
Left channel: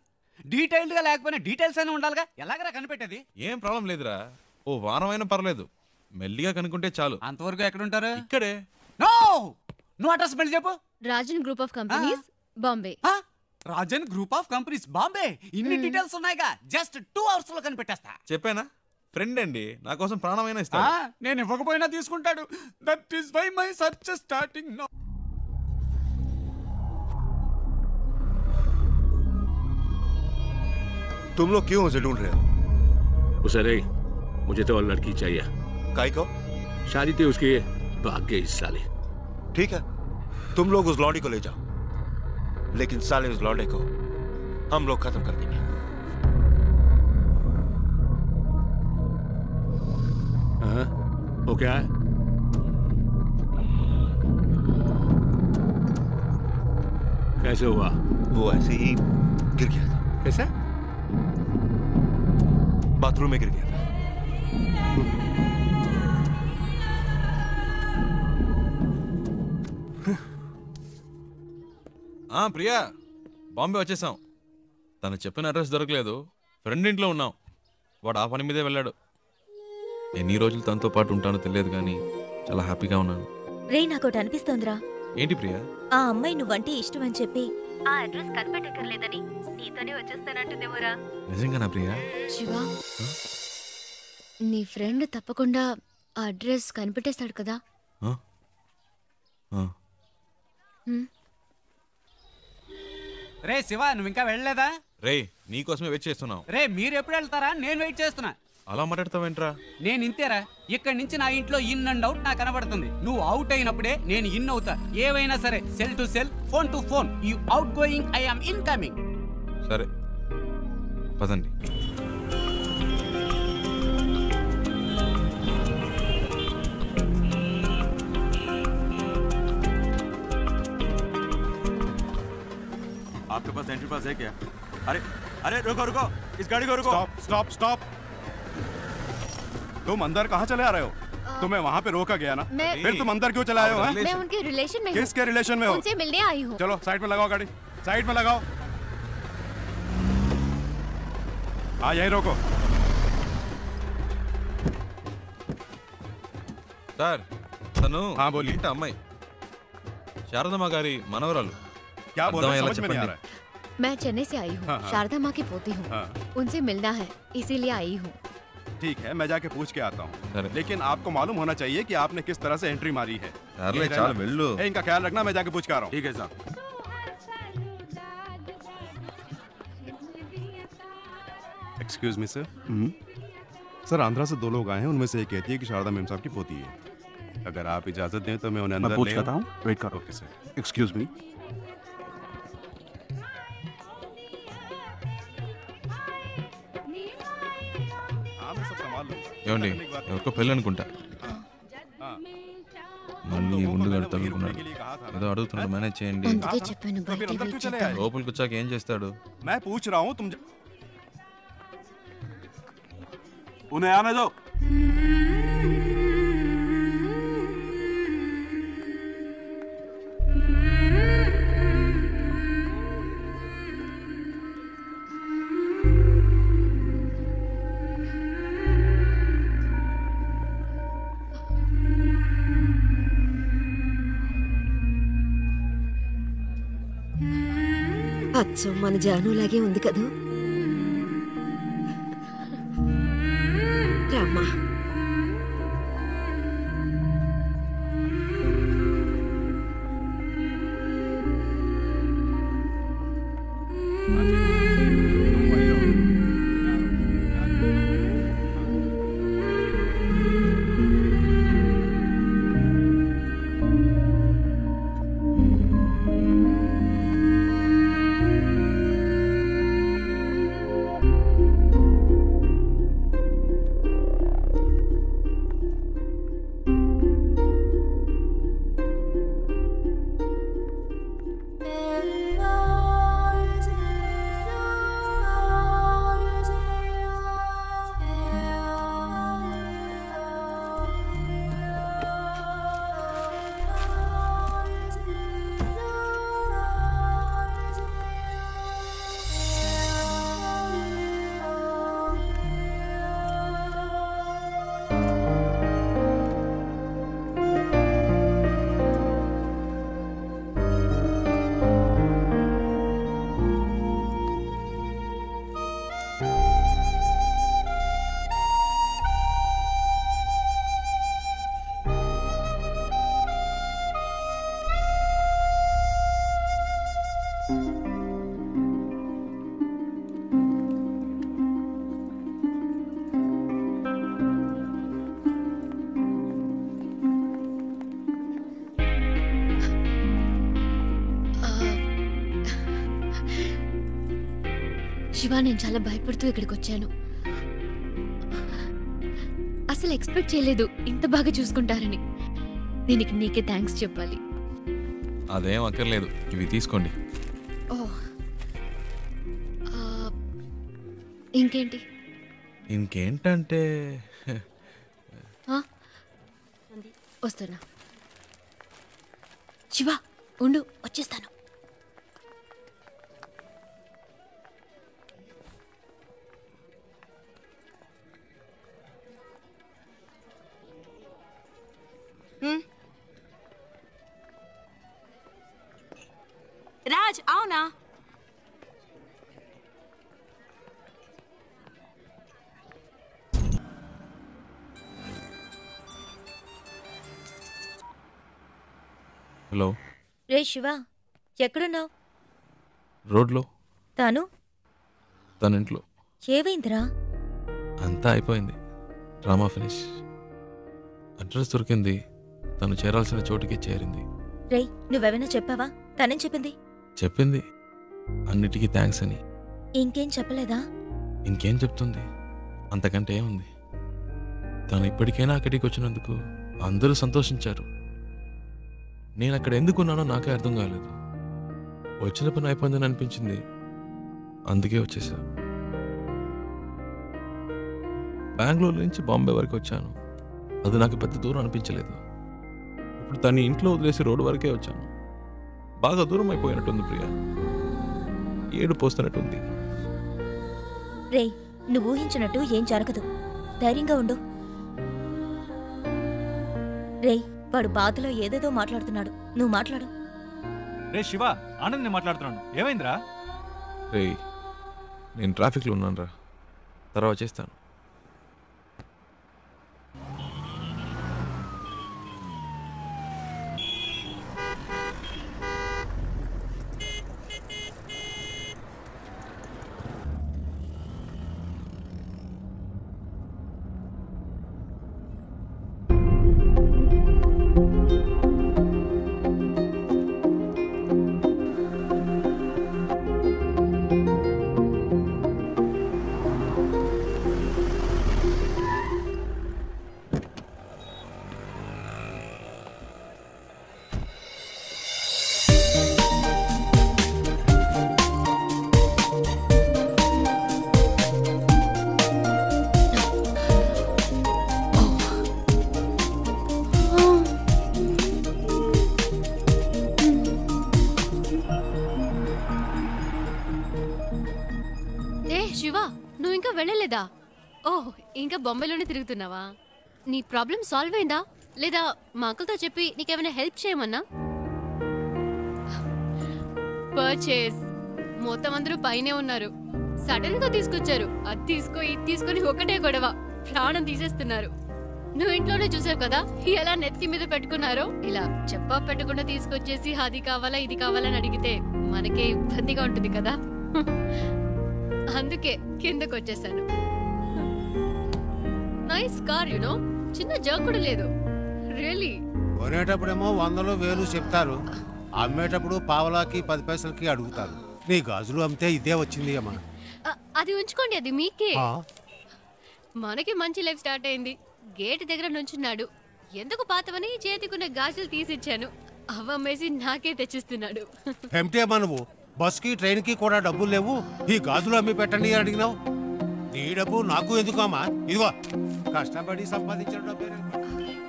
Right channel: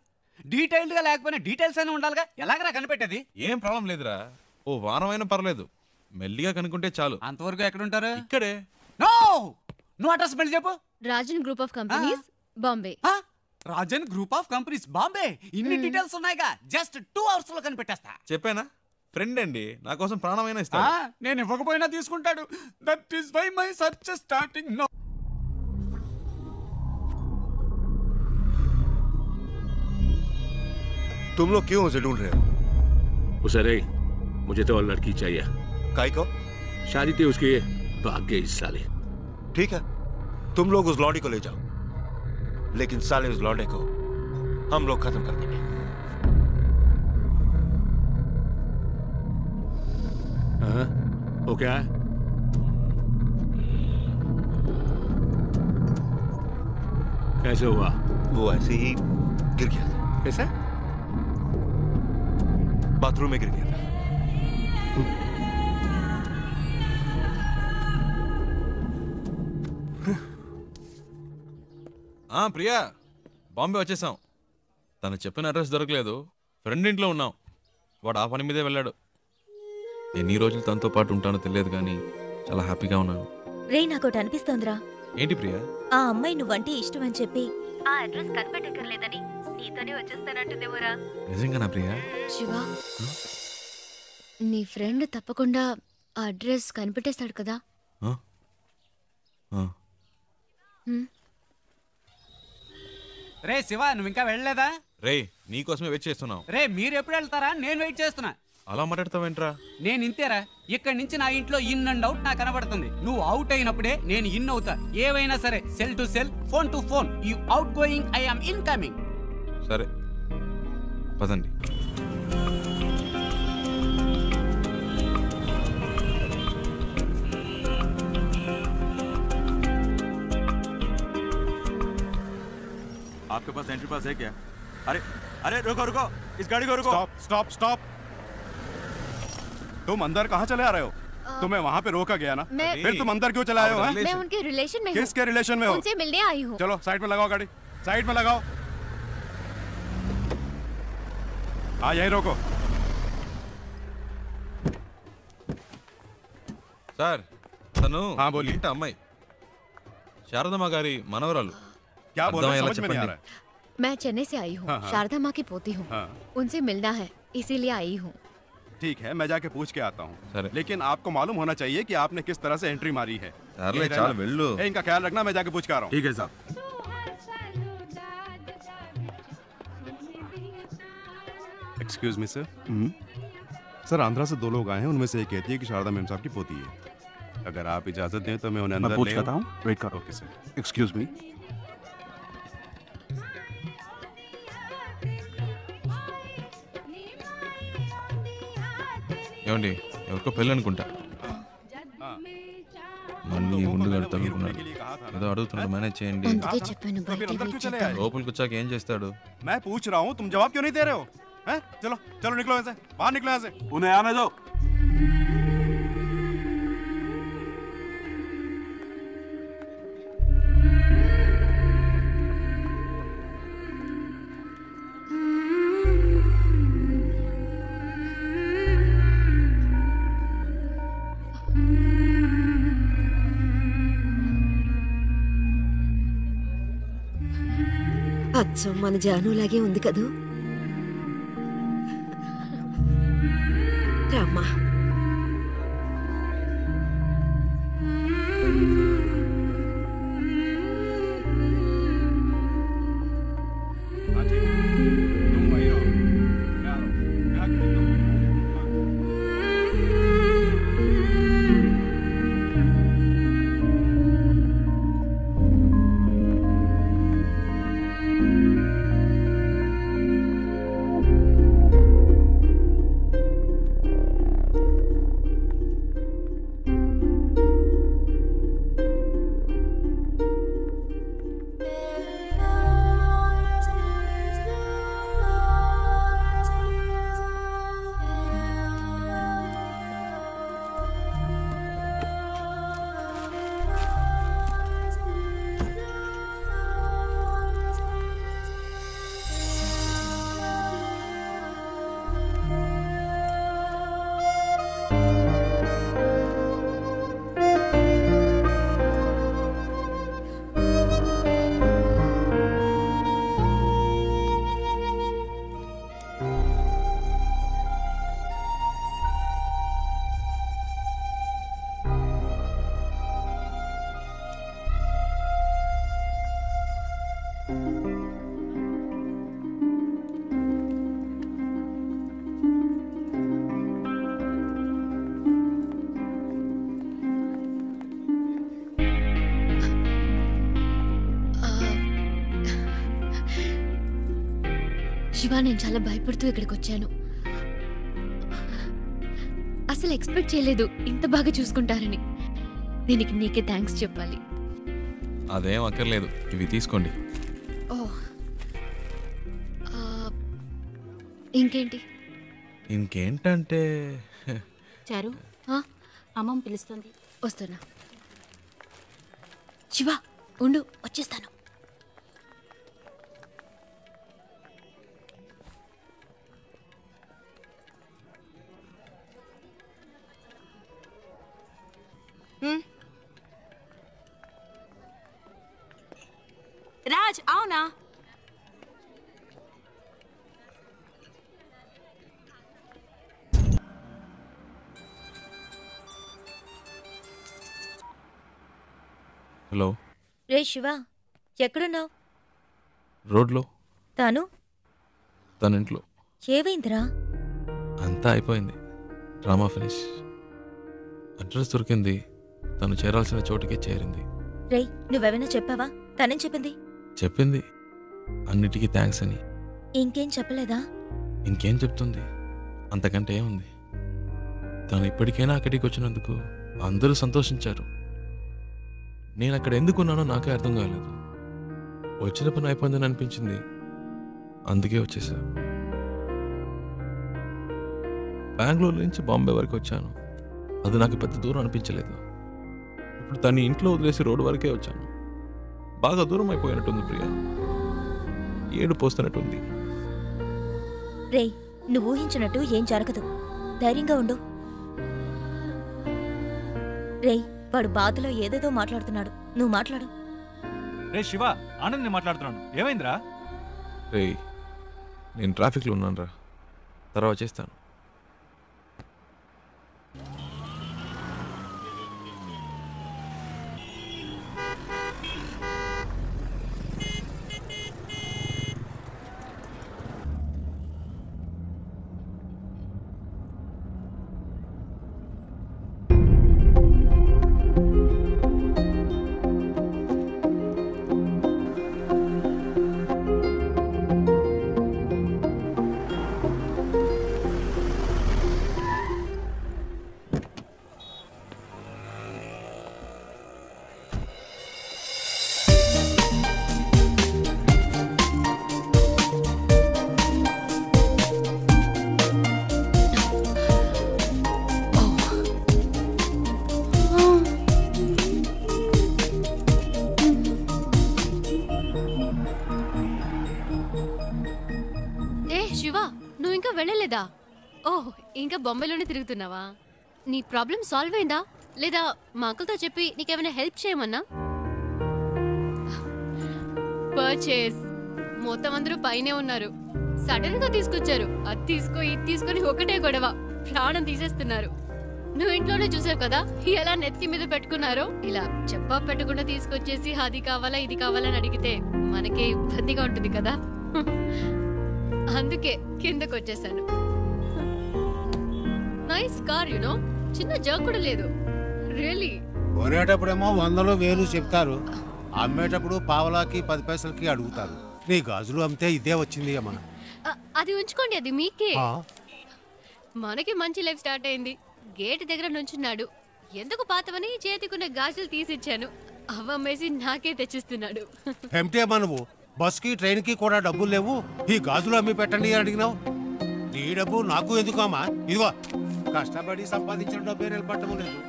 డీటెయిల్డ్ గా లేకపోయినా డీటెయిల్స్ అయినా ఉండాలిగా. ఎలాగైనా కనిపెట్టేది? ఏం ప్రాబ్లం లేదురా. ఓ వారం అయినా పర్లేదు, మెల్లిగా కనుక్కుంటే చాలు. అంతవరకు ఎక్కడుంటారు? ఇక్కడే. నో, నువ్వు అడ్రస్ మళ్ళీ చెప్పు. Rajan group of companies, Bombay. Rajan group of companies, Bombay. ఇన్ని డీటెయిల్స్ ఉన్నాయిగా, జస్ట్ 2 hours లో కనిపెట్టేస్తా. చెప్పానా? ఫ్రెండ్ అండి, నా కోసం ప్రాణమైనా ఇస్తాడు. నేను ఇవ్వకపోయినా తీసుకుంటాడు. That is why my search starting now. तुम लोग क्यों उसे ढूंढ रहे हो? उसे नहीं, मुझे तो और लड़की चाहिए. काय को? शादी थी उसकी, भाग गई इस साले. ठीक है, तुम लोग उस लौंडे को ले जाओ, लेकिन साले उस लौंडे को हम लोग खत्म कर देंगे. हाँ, वो क्या है? कैसे हुआ? वो ऐसे ही गिर गया था. कैसे? बाथरूम में गिर गया था. ప్రియా, బాంబే వచ్చేసాం. తను చెప్పిన అడ్రస్ దొరకలేదు. ఫ్రెండ్ ఇంట్లో ఉన్నాం. వాడు ఆ పని మీదే వెళ్ళాడు. ఎన్ని రోజులు తనతో పాటు ఉంటానో తెలియదు కానీ చాలా హ్యాపీగా ఉన్నాను. రే, నాకోటి అనిపిస్తోందిరా. ఏంటి ప్రియా? ఆ అమ్మాయి నువ్వంటే ఇష్టం అని చెప్పి ఆ అడ్రస్ కనిపెట్టక్కర్లేదని నీతోనే వచ్చేస్తానంటుందేమోరా. నిజంగానా ప్రియా? శివ, నీ ఫ్రెండ్ తప్పకుండా ఆ అడ్రస్ కనిపెట్టేస్తాడు కదా. రే శివ, నువ్వు ఇంకా వెళ్ళలేదా? రే నీకోసమే వెయిట్ చేస్తున్నాం. రే మీరు ఎప్పుడు వెళ్తారా? నేను వెయిట్ చేస్తున్నా. అలా మాట్లాడతావేంట్రా? నేను ఇంతేరా. ఇక్కడి నుంచి నా ఇంట్లో ఇన్ అండ్ అవుట్ నాకు కనబడుతుంది. నువ్వు అవుట్ అయినప్పుడే నేను ఇన్ అవుతా. ఏవైనా సరే, cell to cell, phone to phone. You out going, I am incoming. సరే పదండి. आपके पास एंट्री पास है क्या? अरे अरे रुको रुको, इस गाड़ी को रुको. Stop stop stop. तुम अंदर कहाँ चले आ रहे हो? तुम्हें वहाँ पे रोका गया ना, फिर तुम अंदर क्यों चले आए हो? मैं उनके रिलेशन में हूँ. किसके रिलेशन में हो? उनसे मिलने आई हूँ. चलो साइड में लगाओ गाड़ी, साइड में लगाओ. हाँ यही रोको. సార్, తను ఇంటి అమ్మాయి, శారదమ్మ గారి మనవరాలు. क्या बोल रहे हो? समझ में नहीं आ रहा है. मैं चेन्नई से आई हूँ. शारदा माँ की पोती हूँ. उनसे मिलना है, इसीलिए आई हूँ. ठीक है, मैं जाके पूछ के आता हूँ. लेकिन आपको मालूम होना चाहिए कि आपने किस तरह से एंट्री मारी है. इनका ख्याल रखना, मैं जाके पूछ के आ रहा हूँ. ठीक है साहब. Excuse me sir. Sir, Andhra से 2 लोग आए हैं. उनमें से एक कहती है कि शारदा मेम साहब की पोती है. अगर आप इजाजत दें तो मैं उन्हें अंदर ले पूछ करता हूँ. वेट करो. Okay sir. Excuse me. ఏమండి ఎవరికో పెళ్ళి అనుకుంటా. మళ్ళీ ఉండు తగులుకున్నాడు. ఏదో అడుగుతున్నాడు, మేనేజ్ చేయండి. అందుకే చెప్పాను బయట వెయిట్ చేద్దామని. లోపలికి వచ్చాక ఏం చేస్తాడు? मैं पूछ रहा हूँ तुम जवाब क्यों नहीं दे रहे हो? हैं? चलो चलो निकलो ऐसे, बाहर निकलो ऐसे। उन्हें आने दो। అచ్చం మన జానులాగే ఉంది కదూ. రామ్మా. శివ, నేను చాలా భయపడుతూ ఇక్కడికి వచ్చాను. అసలు ఎక్స్పెక్ట్ చేయలేదు ఇంత బాగా చూసుకుంటారని. దీనికి నీకే థ్యాంక్స్ చెప్పాలి. అదేం అక్కర్లేదు, ఇవి తీసుకోండి. ఓ, ఇంకేంటి? ఇంకేంటంటే చారు, అమ్మమ్మ పిలుస్తుంది. వస్తున్నా. శివ ఉండు, వచ్చేస్తాను. రాజ్, అవునా? హలో. రే శివ, ఎక్కడున్నావు? రోడ్లో. తాను తన ఇంట్లో. ఏవైందిరా? అంతా అయిపోయింది, డ్రామా ఫినిష్. అడ్రస్ దొరికింది, తను చేరాల్సిన చోటుకే చేరింది. రే, నువ్వెవైనా చెప్పావా? తనేం చెప్పింది? చెప్పింది అన్నిటికీ థ్యాంక్స్ అని. ఇంకేం చెప్పలేదా? ఇంకేం చెప్తుంది, అంతకంటే ఏముంది. తను ఇప్పటికైనా అక్కడికి వచ్చినందుకు అందరూ సంతోషించారు. నేను అక్కడ ఎందుకున్నానో నాకే అర్థం కాలేదు. వచ్చిన పని అయిపోయిందని అనిపించింది, అందుకే వచ్చేసా. బెంగళూరు నుంచి బాంబే వరకు వచ్చాను. అది నాకు పెద్ద దూరం అనిపించలేదు. ఇప్పుడు తను ఇంట్లో వదిలేసి రోడ్డు వరకే వచ్చాను. బాగా దూరం అయిపోయినట్టుంది ప్రియా. ఏడు పోస్తున్నట్టుంది. రే, నువ్వు ఊహించినట్టు ఏం జరగదు. ధైర్యంగా ఉండు. రే, వాడు బాధలో ఏదేదో మాట్లాడుతున్నాడు. నువ్వు మాట్లాడు. రే శివ, ఆనంద్ నేను మాట్లాడుతున్నాను. ఏమైందిరా? రే, నేను ట్రాఫిక్లో ఉన్నాను రా, తర్వాత చేస్తాను. ఏ శివ, నువ్వు ఇంకా వెళ్ళలేదా? ఓహ్, ఇంకా బొంబాయిలోనే తిరుగుతున్నావా? నీ ప్రాబ్లం సాల్వ్ అయిందా లేదా మా అంకుల్తో చెప్పి నీకేమైనా హెల్ప్ చేయమన్నా? పర్చేస్ మొత్తం అందరూ పైనే ఉన్నారు. సడన్ గా తీసుకొచ్చారు. అది తీసుకో ఇది తీసుకొని ఒకటే గొడవ, ప్రాణం తీసేస్తున్నారు. నువ్వు ఇంట్లోనే చూసావు కదా ఎలా నెత్తి మీద పెట్టుకున్నారో. ఇలా చెప్పా పెట్టకుండా తీసుకొచ్చేసి అది కావాలా ఇది కావాలని అడిగితే మనకే ఇబ్బందిగా ఉంటుంది కదా. అందుకే కిందకు వచ్చేసాను. నైస్ కార్ యునో, చిన్న జర్క్ కూడా లేదు. రియలీ కొనేటప్పుడేమో 100 1000 చెప్తారు, అమ్మేటప్పుడు పావలాకి 10 పైసలకి అడుగుతారు. నీ గాజులు అమ్మితే ఇదే వచ్చింది అమ్మా. అది ఉంచుకోండి, అది మీకే. మనకి మంచి లైఫ్ స్టార్ట్ అయింది. గేట్ దగ్గర నుంచున్నాడు. ఎందుకు పాతవని చేతికున్న గాజులు తీసిచ్చాను. అవమ్మేసి నాకే తెచ్చిస్తున్నాడు. ఏమిటి అమ్మా నువ్వు? బస్కి ట్రైన్కి కూడా డబ్బులు లేవు, ఈ గాజులు అమ్మి పెట్టండి అని అడిగినావు. నీ డబ్బు నాకు ఎందుకు అమ్మా? ఇదిగో కష్టపడి సంపాదించిన డబ్బే నిలబట్టము లేదు.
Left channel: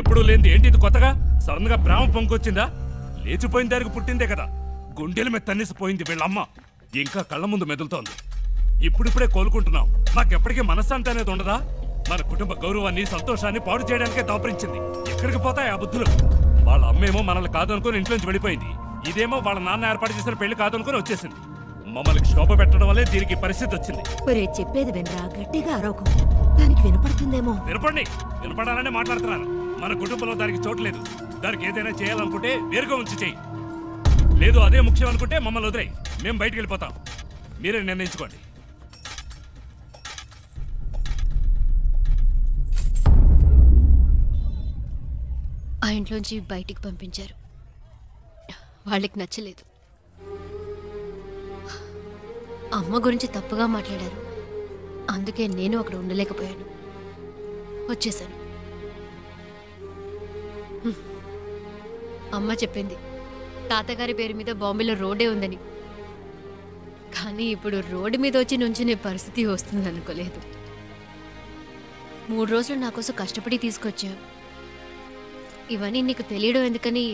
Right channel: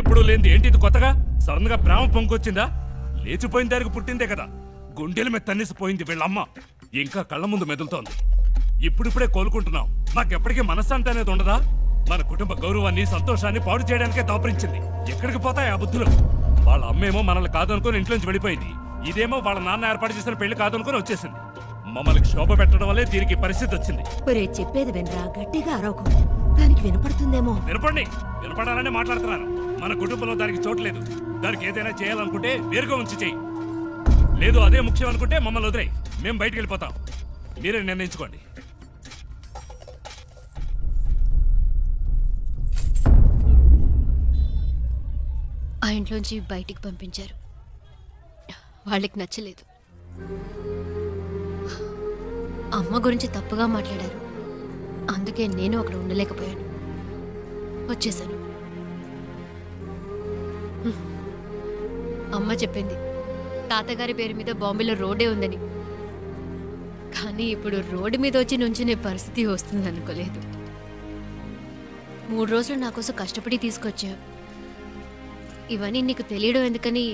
ఎప్పుడు లేనిది ఏంటి ఇది కొత్తగా? సడన్ గా ప్రేమ పొంగొచ్చిందా? లేచిపోయిన దానికి పుట్టిందే కదా. గుండెల మీద తన్నిసిపోయింది వీళ్ళమ్మ. ఇంకా కళ్ళ ముందు మెదులుతోంది. ఇప్పుడిప్పుడే కోలుకుంటున్నాం. మాకెప్పటికీ మనశ్శాంతి అనేది ఉండదా? మన కుటుంబ గౌరవాన్ని సంతోషాన్ని పాడు చేయడానికే దాపరించింది. ఎక్కడికి పోతాయి ఆ బుద్ధులు? వాళ్ళ అమ్మేమో మనల్ని కాదనుకుని ఇంట్లోంచి వెళ్ళిపోయింది. ఇదేమో వాళ్ళ నాన్న ఏర్పాటు చేసిన పెళ్లి కాదనుకుని వచ్చేసింది. మమ్మల్ని శోభ పెట్టడం వల్లే దీనికి పరిస్థితి వచ్చింది. ఒరే చెప్పేది వినరా, గట్టిగా అరవకు. దానికి వినపడుతుందేమో. వినపండి, వినపడాలనే మాట్లాడుతున్నాను. మన కుటుంబంలో దానికి చోట్లేదు. దానికి ఏదైనా చేయాలనుకుంటే వేరుగా ఉంచి చెయ్యి. లేదు అదే ముఖ్యం అనుకుంటే మమ్మల్ని వదిలేయి. మేము బయటికి వెళ్ళిపోతాం. మీరే నిర్ణయించుకోండి. ఆ ఇంట్లోంచి బయటికి పంపించారు. వాళ్ళకి నచ్చలేదు. అమ్మ గురించి తప్పుగా మాట్లాడారు. అందుకే నేను అక్కడ ఉండలేకపోయాను, వచ్చేసాను. అమ్మ చెప్పింది తాతగారి పేరు మీద బాంబేలో రోడ్డే ఉందని. కానీ ఇప్పుడు రోడ్డు మీద వచ్చి నుంచునే పరిస్థితి వస్తుంది అనుకోలేదు. 3 రోజులు నా కోసం కష్టపడి తీసుకొచ్చా. ఇవన్నీ నీకు తెలియడం ఎందుకని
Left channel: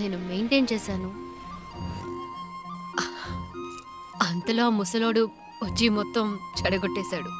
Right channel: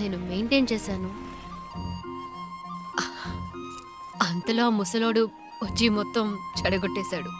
నేను మెయింటైన్ చేశాను. అంతలో ఆ ముసలోడు వచ్చి మొత్తం చెడగొట్టేశాడు.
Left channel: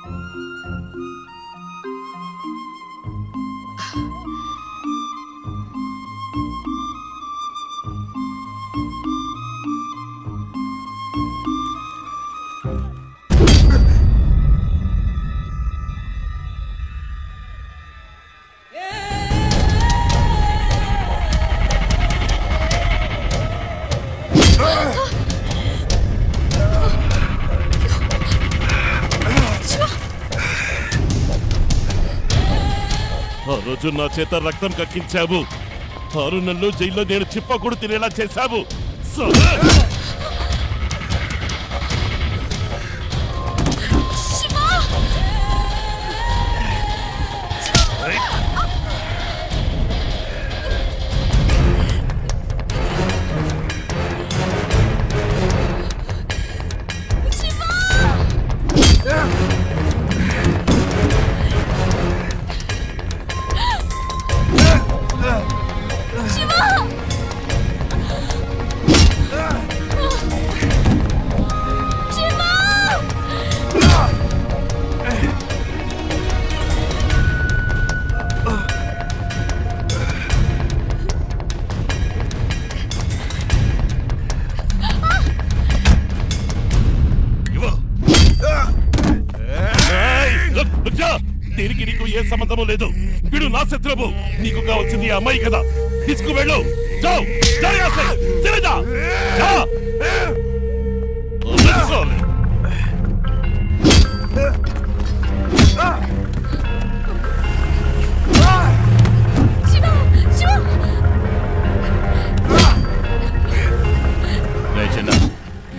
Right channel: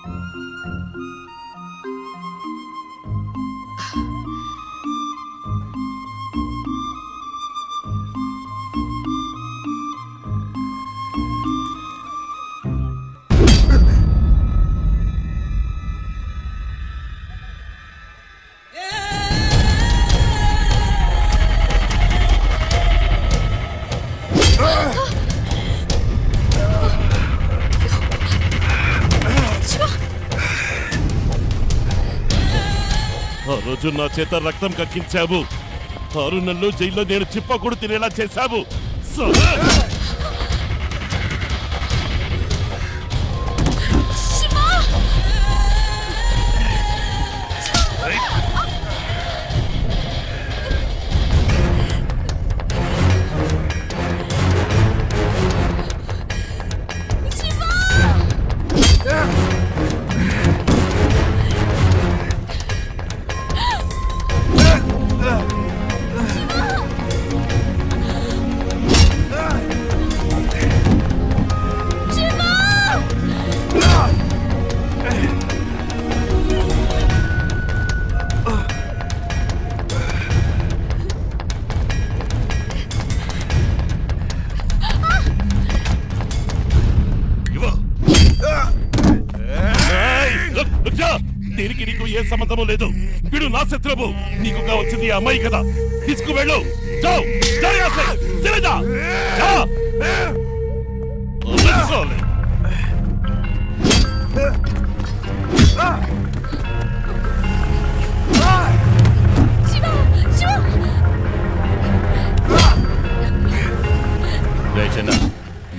ఆ రోజు నా చేత రక్తం కక్కించావు. 6 నెలలు జైల్లో నేను చిప్పకూడు తినేలా చేశావు. దీనికి నీకు ఏ సంబంధము లేదు. వీడు నా శత్రువు. నీకు కావాల్సింది ఈ అమ్మాయి కదా. తీసుకువెళ్ళు. చిన్న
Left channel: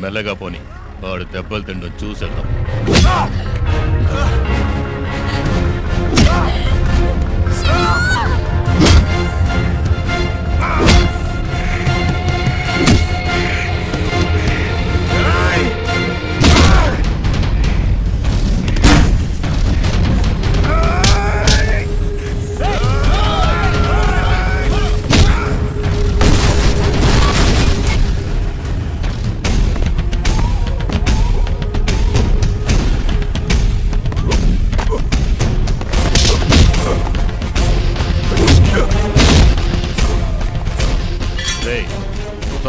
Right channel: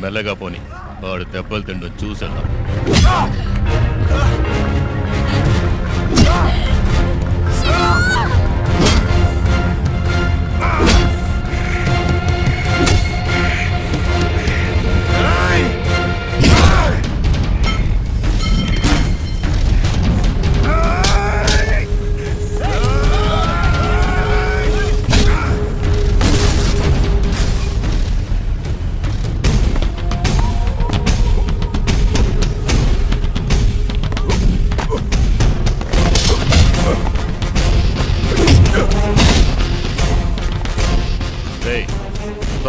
మెల్లగా పోని, వాడు దెబ్బలు తిండం చూసేద్దాం.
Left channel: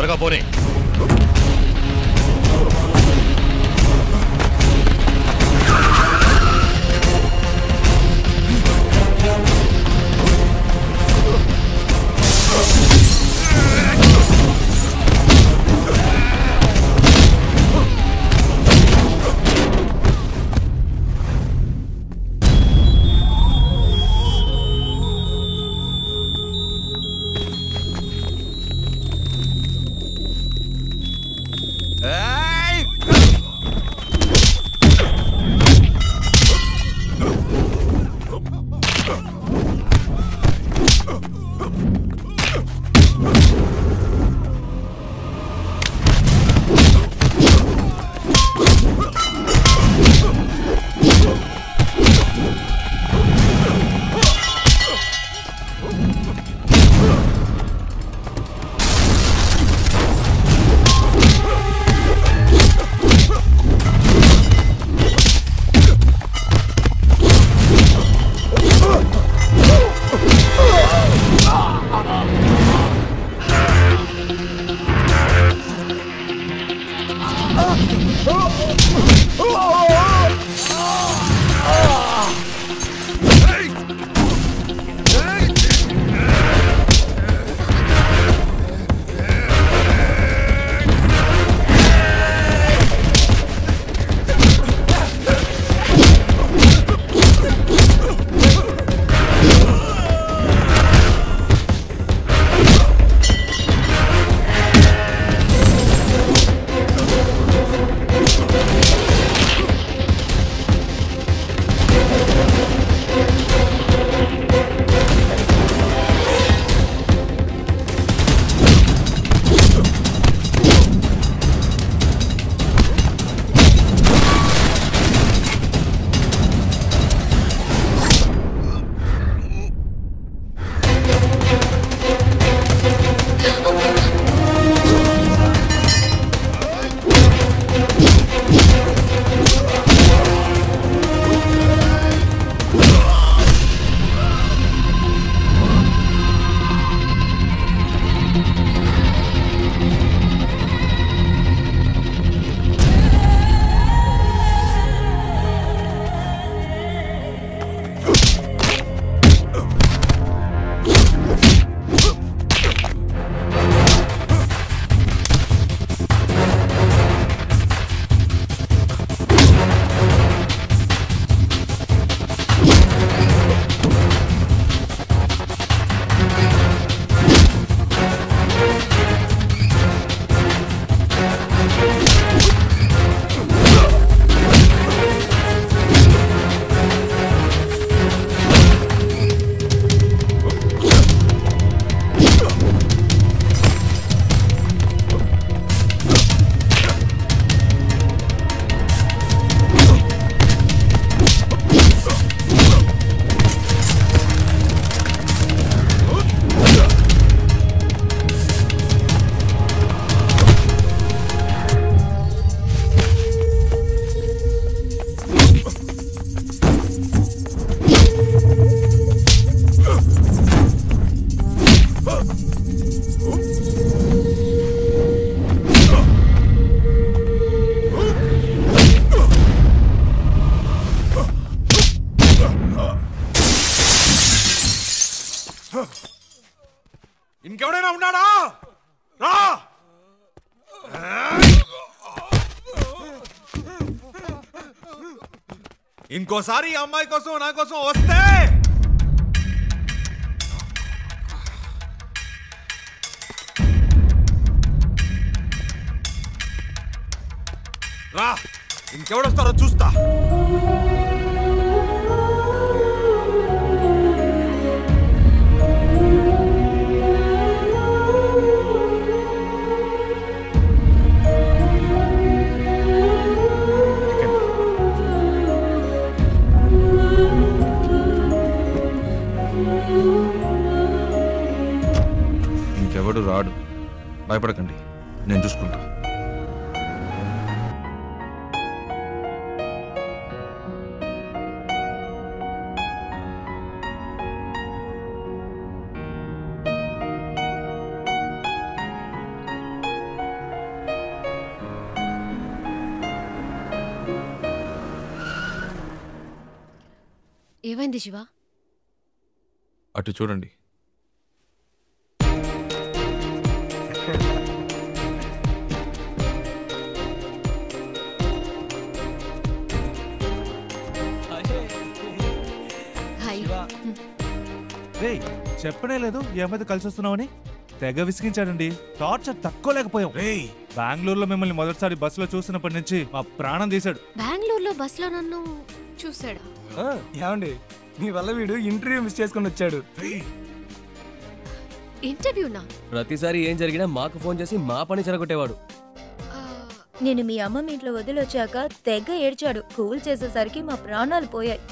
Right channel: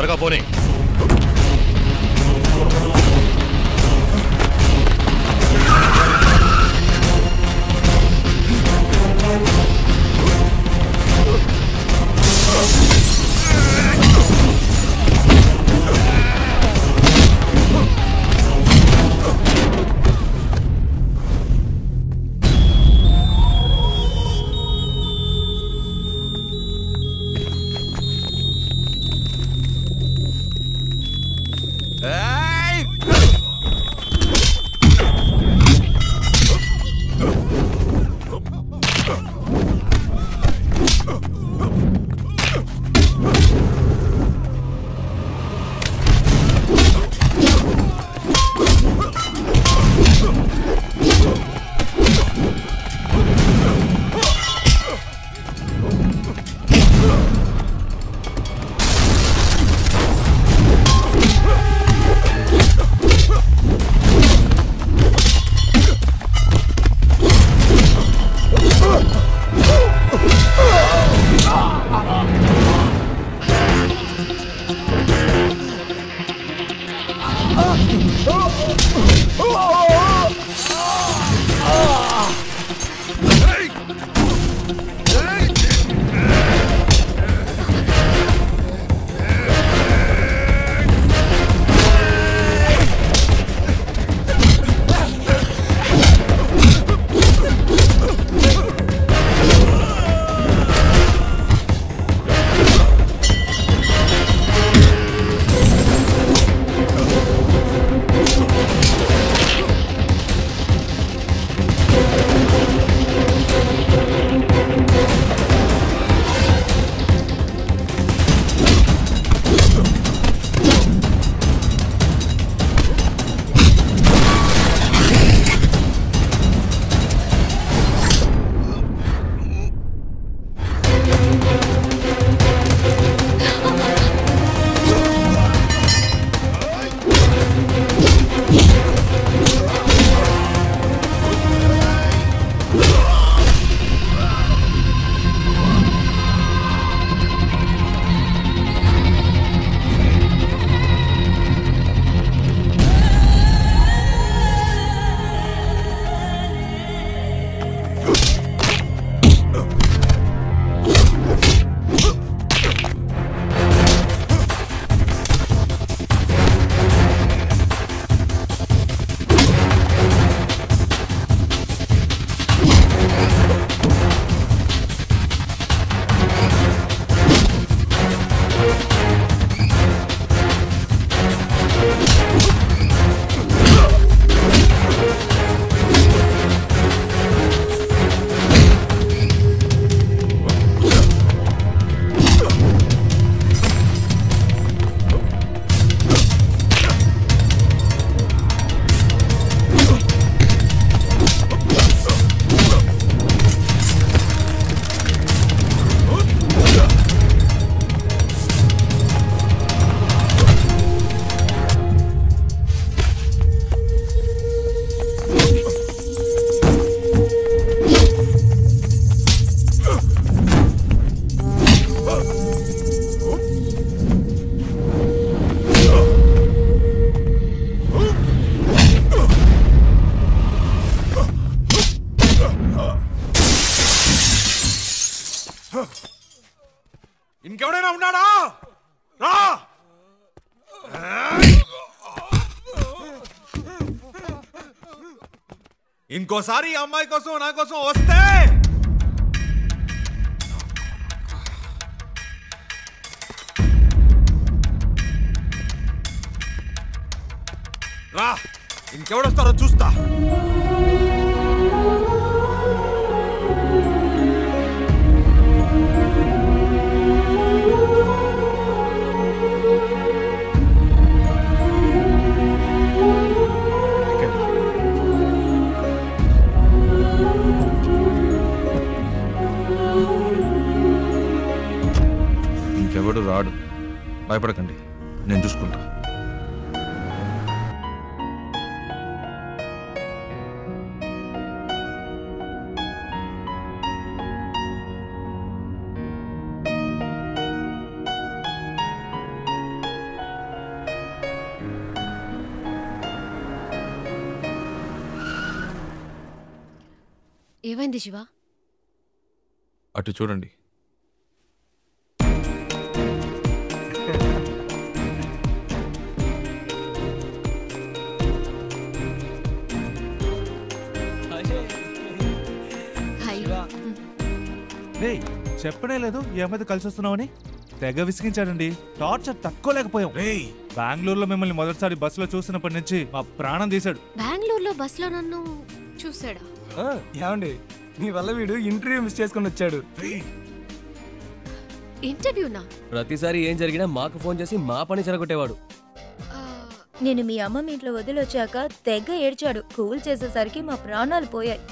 త్వరగా పోనీ. ఇంకెవడైనా ఉన్నాడా? రా! ఇంకోసారి ఈ అమ్మాయి కోసం నా కోసం వస్తే రా, ఇంకెవడొస్తారో చూస్తా. ఇంకెవడు రాడు, భయపడకండి, నేను చూసుకుంటా. ఏమైంది శివ? అటు చూడండి. హాయ్. రే చెప్పనే లేదు ఈ అమ్మాయితో కలిసి వస్తున్నావని. తెగ విసిగించాడండి. టార్చర్ తక్కువలేకపోయాం. బెంగళూరులో మిమ్మల్ని మొదటిసారి బస్సులో చూసినప్పటి నుంచి మా ప్రాణం తీశాడు. బెంగళూరులో బస్సులో నన్ను చూసాడా? ఏమండి మీ వల్ల వీడు ఇంటర్వ్యూ మిస్ చేసుకుని వచ్చాడు. ఇంటర్వ్యూనా? ప్రతిసారి ఏం జరిగినా మాకు ఫోన్ చేసి మా పని చెరగొట్టేవాడు. నేను మీ అమ్మమ్మ ఇంట్లో వదిలొచ్చాక తెగ ఏడ్చాడు. కూల్ చేసేసరికి మా ప్రాణాలు పోయాయి.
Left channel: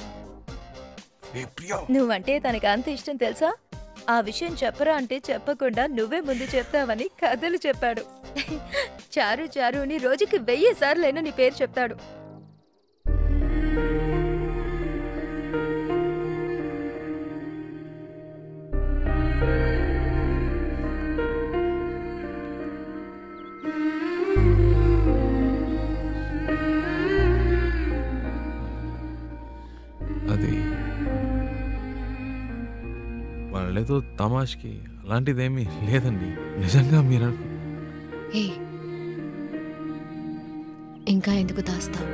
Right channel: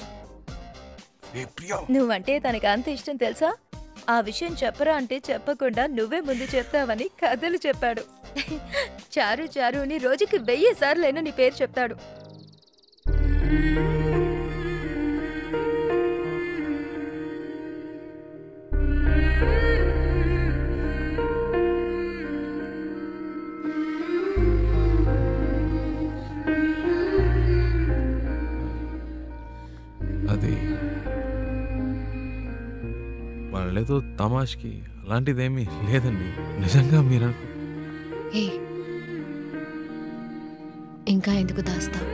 నువ్వంటే తనకి అంత ఇష్టం తెలుసా? ఆ విషయం చెప్పరా అంటే చెప్పకుండా నువ్వే ముందు చెప్తావని కథలు చెప్పాడు. చారు చారు అని రోజుకి 1000 సార్లైనా నీ పేరు చెప్తాడు. అది వాళ్ళేదో తమాష్కి అలాంటిదేమీ లేదండి. నిజంగా మీరు ఇంకా ఎందుకు దాస్తావు?